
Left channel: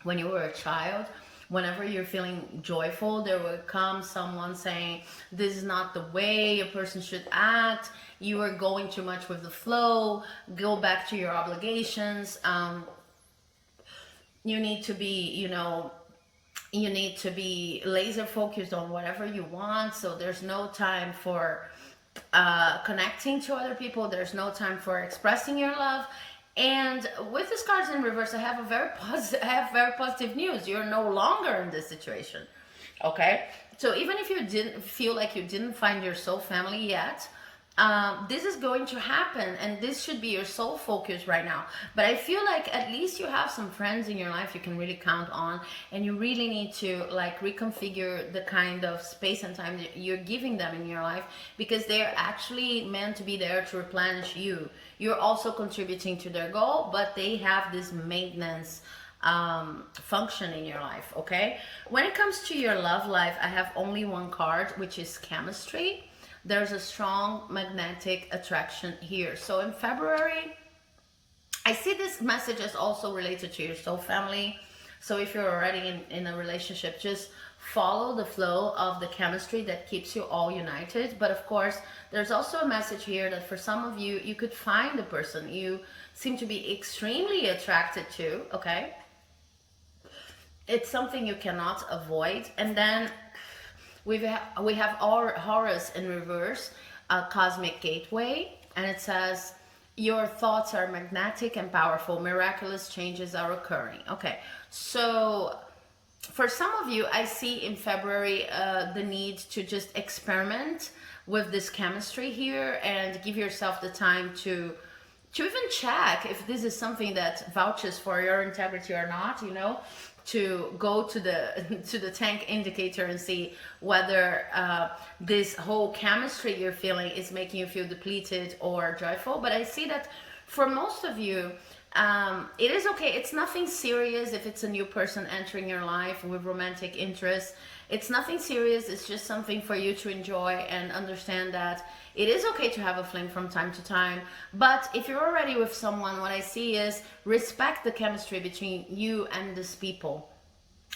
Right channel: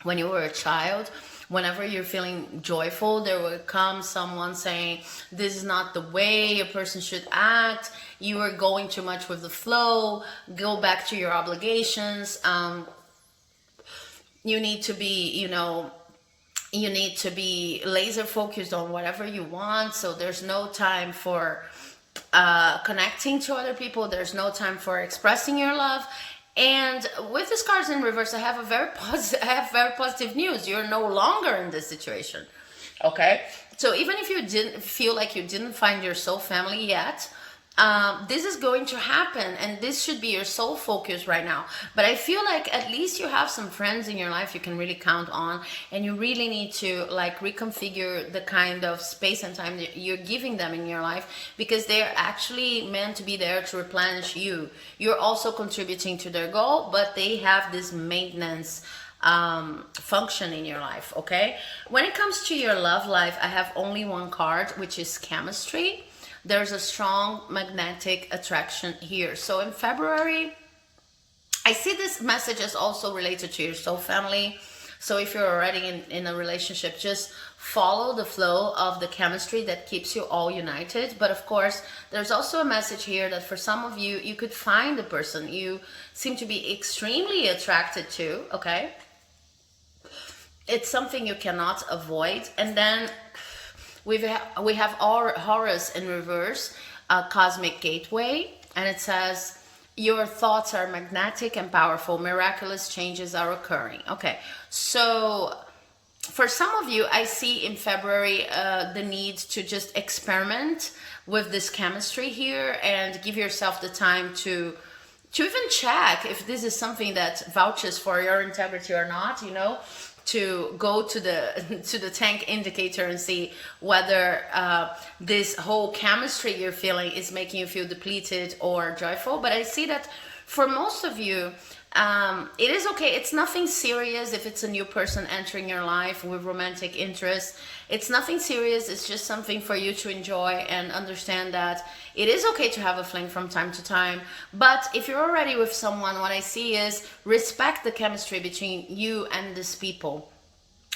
when you were a child. Whenever you're feeling joyful, there will come someone saying, this is not the way a person should act. You are going too much with the flow. Go back to your obligations. You need to be, you need to be laser focused on whatever you want. So there's no time for connecting to other people. There's no time for expressing your love. And with these cards in reverse, I have very positive news. You're no longer in this situation. Okay? So even if you didn't feel like you didn't find your soul family yet, this is going to happen, and this should be your sole focus right now. But I feel like at least you have some friends in your life you can really count on, and you really need to like reconfigure the kind of space and time that you're giving them in your life, because they're actually meant to be there to replenish you. You're also contributing to their goal, but they have this maintenance function in your life. Okay, when it comes to your love life, I have only one card, which is chemistry. There's a strong magnetic attraction here. So in February, I see this message is also related to your soul family. So if you're already in a relationship, just follow the flow of the chemistry that keeps you all united. But of course, there's also a message here that for some of you, you could find the person you seem to be extremely attracted to, okay? It's something you cannot avoid. And then We have Horus in reverse, cosmic gateway, and it says your thoughts are magnetic and powerful. Miraculous changes are occurring. Okay, so for some of you, I see in February the need to just experiment with this chemistry here and give yourself the time to even check if this is something that vouches for your integrity or not, you know, to go to the to the tank indicator and see whether this whole chemistry you're feeling is making you feel depleted or joyful. But I see that for most of you, it is okay. It's nothing serious if it's a new person entering your life with romantic interest. It's nothing serious. It's just something for you to enjoy and understand that it is okay to have a fling from time to time. But if you're already with someone, what I see is respect the chemistry between you and these people.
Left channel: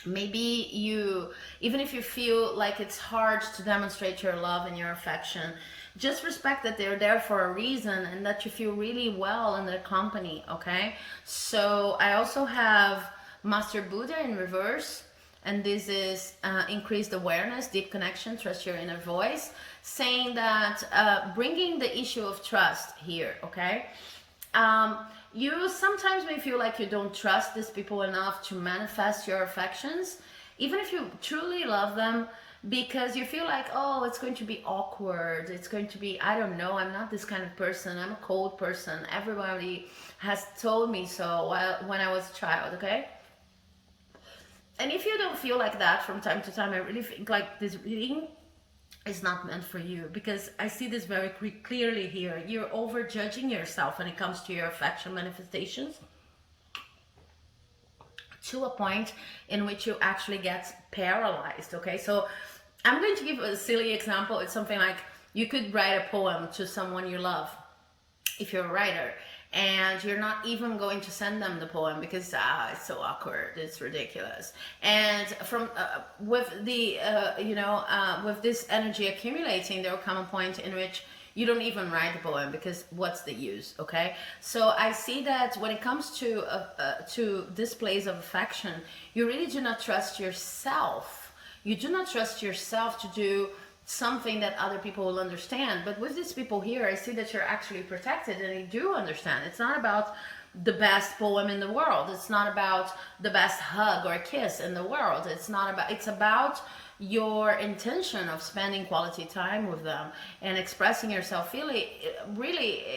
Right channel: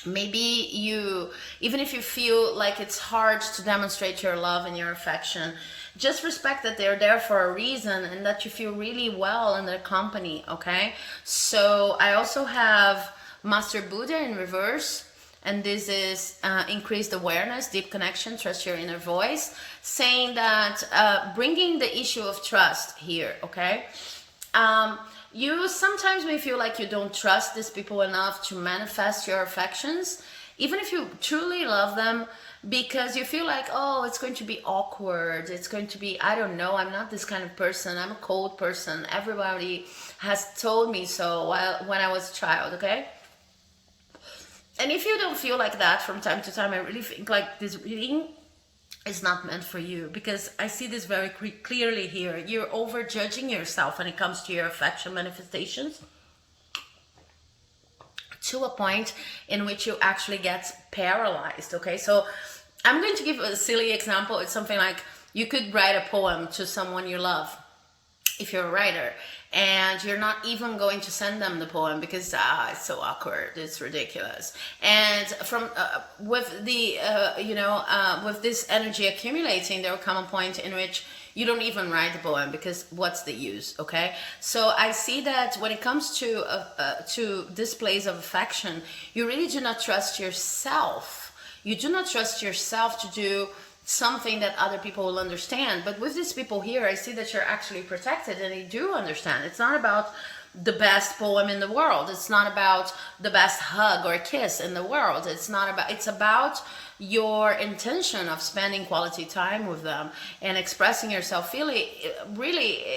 Maybe you, even if you feel like it's hard to demonstrate your love and your affection, just respect that they're there for a reason and that you feel really well in their company. Okay, so I also have Master Buddha in reverse, and this is increased awareness, deep connection, trust your inner voice, saying that bringing the issue of trust here. Okay, you sometimes may feel like you don't trust these people enough to manifest your affections, even if you truly love them, because you feel like, oh, it's going to be awkward. It's going to be, I don't know, I'm not this kind of person. I'm a cold person. Everybody has told me so when I was a child, okay? And if you don't feel like that from time to time, I really think like this reading is not meant for you, because I see this very clearly here. You're over judging yourself when it comes to your affection manifestations, to a point in which you actually get paralyzed. Okay, so I'm going to give a silly example. It's something like you could write a poem to someone you love, if you're a writer, and you're not even going to send them the poem because it's so awkward, it's ridiculous. And from with the with this energy accumulating, there will come a point in which you don't even write the poem, because what's the use? Okay, so I see that when it comes to displays of affection, you really do not trust yourself. You do not trust yourself to do something that other people will understand. But with these people here, I see that you're actually protected and they do understand. It's not about the best poem in the world. It's not about the best hug or kiss in the world. It's about your intention of spending quality time with them and expressing yourself really,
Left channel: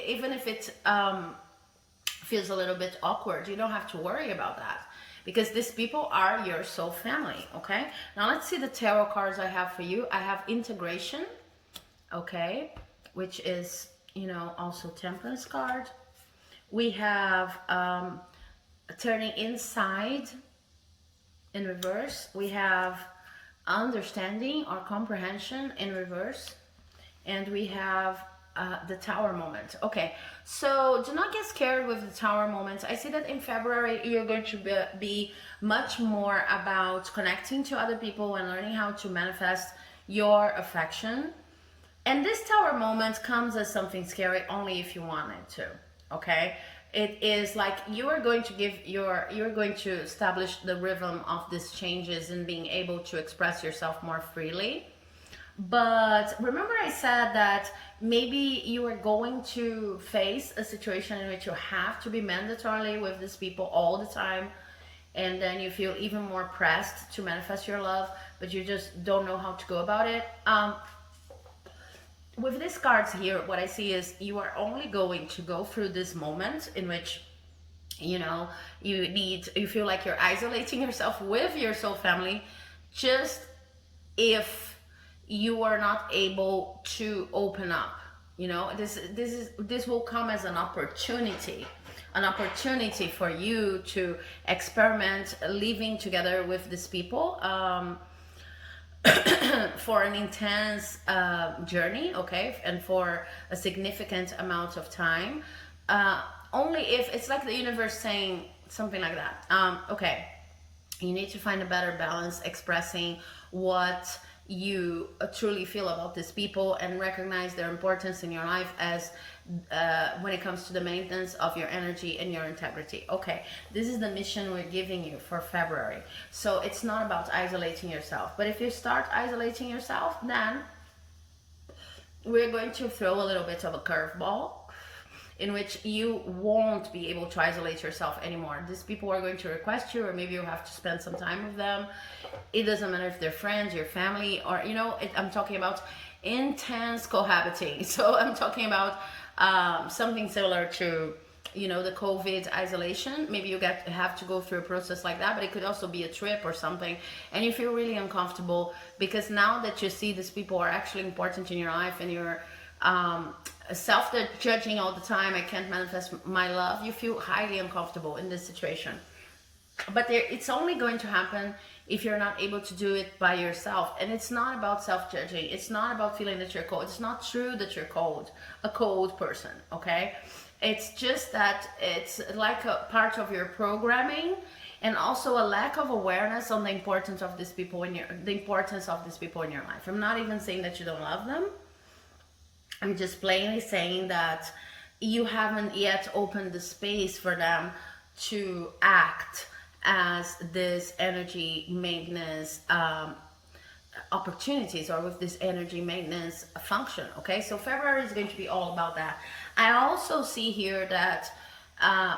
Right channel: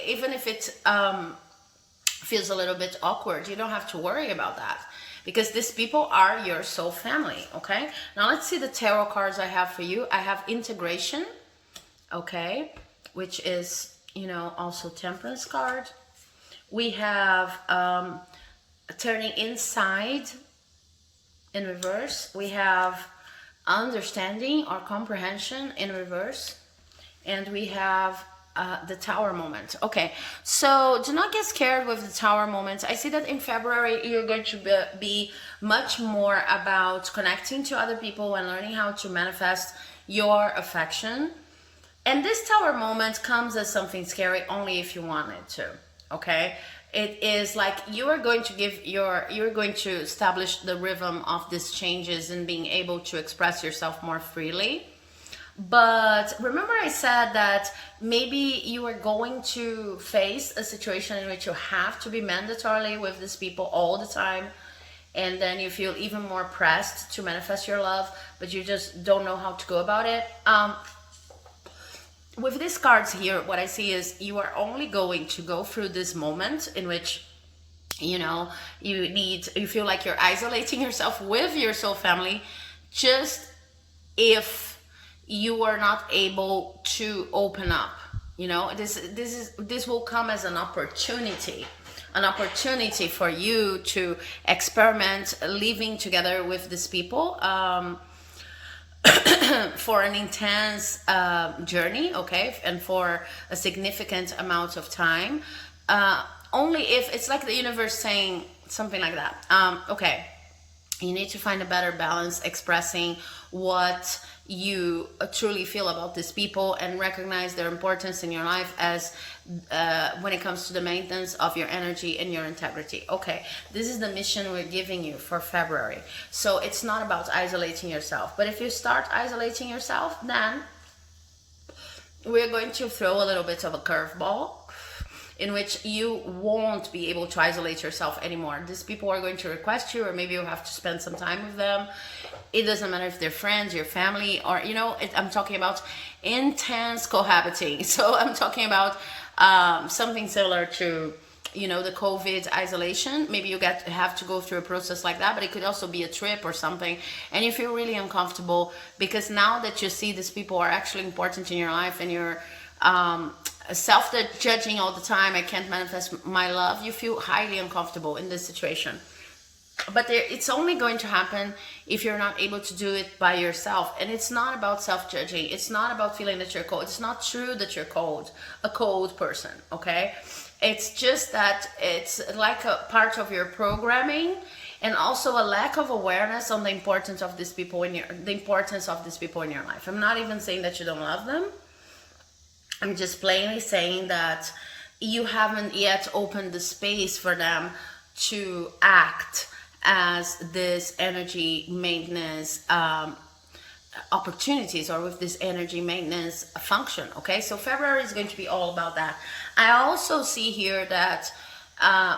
even if it feels a little bit awkward, you don't have to worry about that, because these people are your soul family. Okay, now let's see the tarot cards I have for you. I have integration, okay, which is, also Temperance card. We have turning inside in reverse. We have understanding or comprehension in reverse, and we have the Tower moment. Okay, so do not get scared with the Tower moment. I see that in February you're going to be much more about connecting to other people and learning how to manifest your affection. And this Tower moment comes as something scary only if you want it to. Okay, it is like you're going to establish the rhythm of these changes and being able to express yourself more freely. But remember, I said that maybe you are going to face a situation in which you have to be mandatorily with these people all the time, and then you feel even more pressed to manifest your love, but you just don't know how to go about it. With these cards here, what I see is you are only going to go through this moment in which you feel like you're isolating yourself with your soul family, just if you are not able to open up. This will come as an opportunity for you to experiment living together with these people for an intense journey, okay, and for a significant amount of time. Only if it's like the universe saying something like that. Okay, You need to find a better balance expressing what you truly feel about these people and recognize their importance in your life as when it comes to the maintenance of your energy and your integrity. Okay, this is the mission we're giving you for February. So it's not about isolating yourself, but if you start isolating yourself, then we're going to throw a little bit of a curveball in which you won't be able to isolate yourself anymore. These people are going to request you, or maybe you have to spend some time with them. It doesn't matter if they're friends, your family, or, you know, I'm talking about intense cohabiting. So I'm talking about something similar to, you know, the COVID isolation. Maybe you have to go through a process like that, but it could also be a trip or something, and you feel really uncomfortable because now that you see these people are actually important in your life, and you're self-judging all the time, I can't manifest my love, you feel highly uncomfortable in this situation. But it's only going to happen if you're not able to do it by yourself. And it's not about self-judging. It's not about feeling that you're cold. It's not true that you're cold, a cold person, okay? It's just that it's like a part of your programming, and also a lack of awareness on the importance of these people in your life. I'm not even saying that you don't love them. I'm just plainly saying that you haven't yet opened the space for them to act as this energy maintenance opportunities, or with this energy maintenance function. Okay, so February is going to be all about that. I also see here that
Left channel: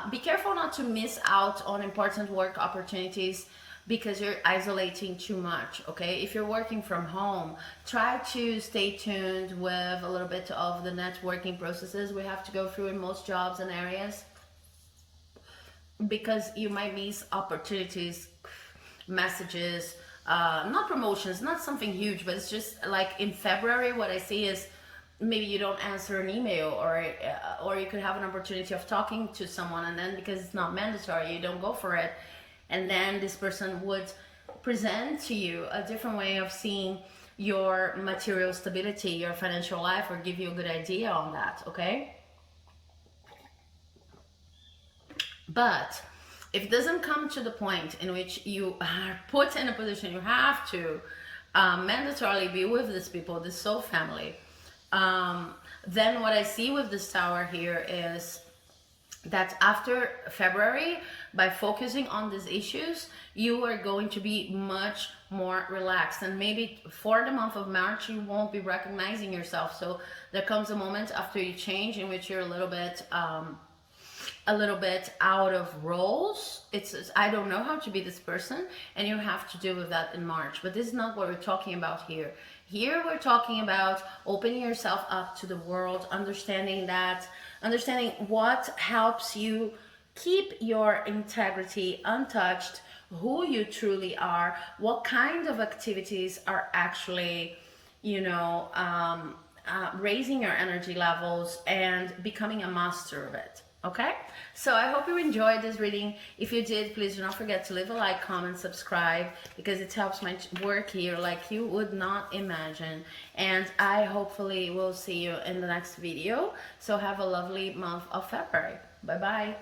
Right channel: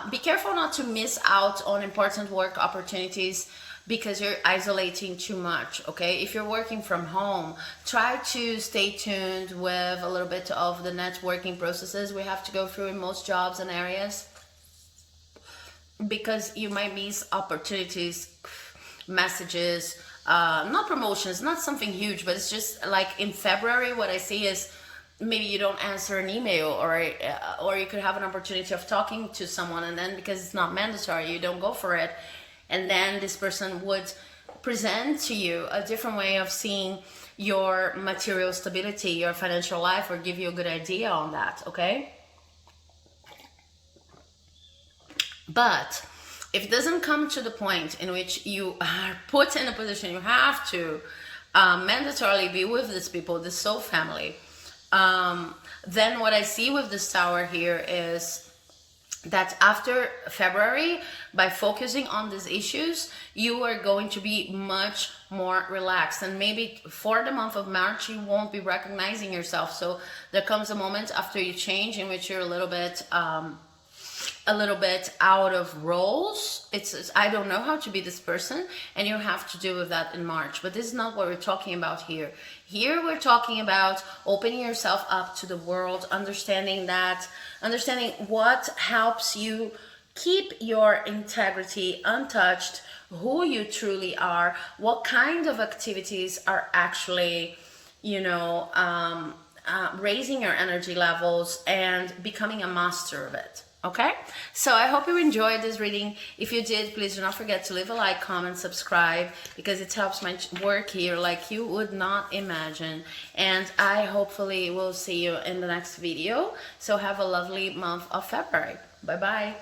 be careful not to miss out on important work opportunities because you're isolating too much. Okay, if you're working from home, try to stay tuned with a little bit of the networking processes we have to go through in most jobs and areas, because you might miss opportunities, messages, not promotions, not something huge, but it's just like in February, what I see is maybe you don't answer an email, or you could have an opportunity of talking to someone, and then because it's not mandatory, you don't go for it. And then this person would present to you a different way of seeing your material stability, your financial life, or give you a good idea on that, okay? But if it doesn't come to the point in which you are put in a position you have to mandatorily be with these people, this soul family, then what I see with this tower here is that after February, by focusing on these issues, you are going to be much more relaxed. And maybe for the month of March, you won't be recognizing yourself. So there comes a moment after you change in which you're a little bit out of roles. It's I don't know how to be this person, and you have to deal with that in March. But this is not what we're talking about here. Here we're talking about opening yourself up to the world, understanding what helps you keep your integrity untouched, who you truly are, what kind of activities are actually, raising your energy levels and becoming a master of it. Okay, so I hope you enjoyed this reading. If you did, please do not forget to leave a like, comment, subscribe, because it helps my work here like you would not imagine. And I hopefully will see you in the next video. So have a lovely month of February. Bye bye.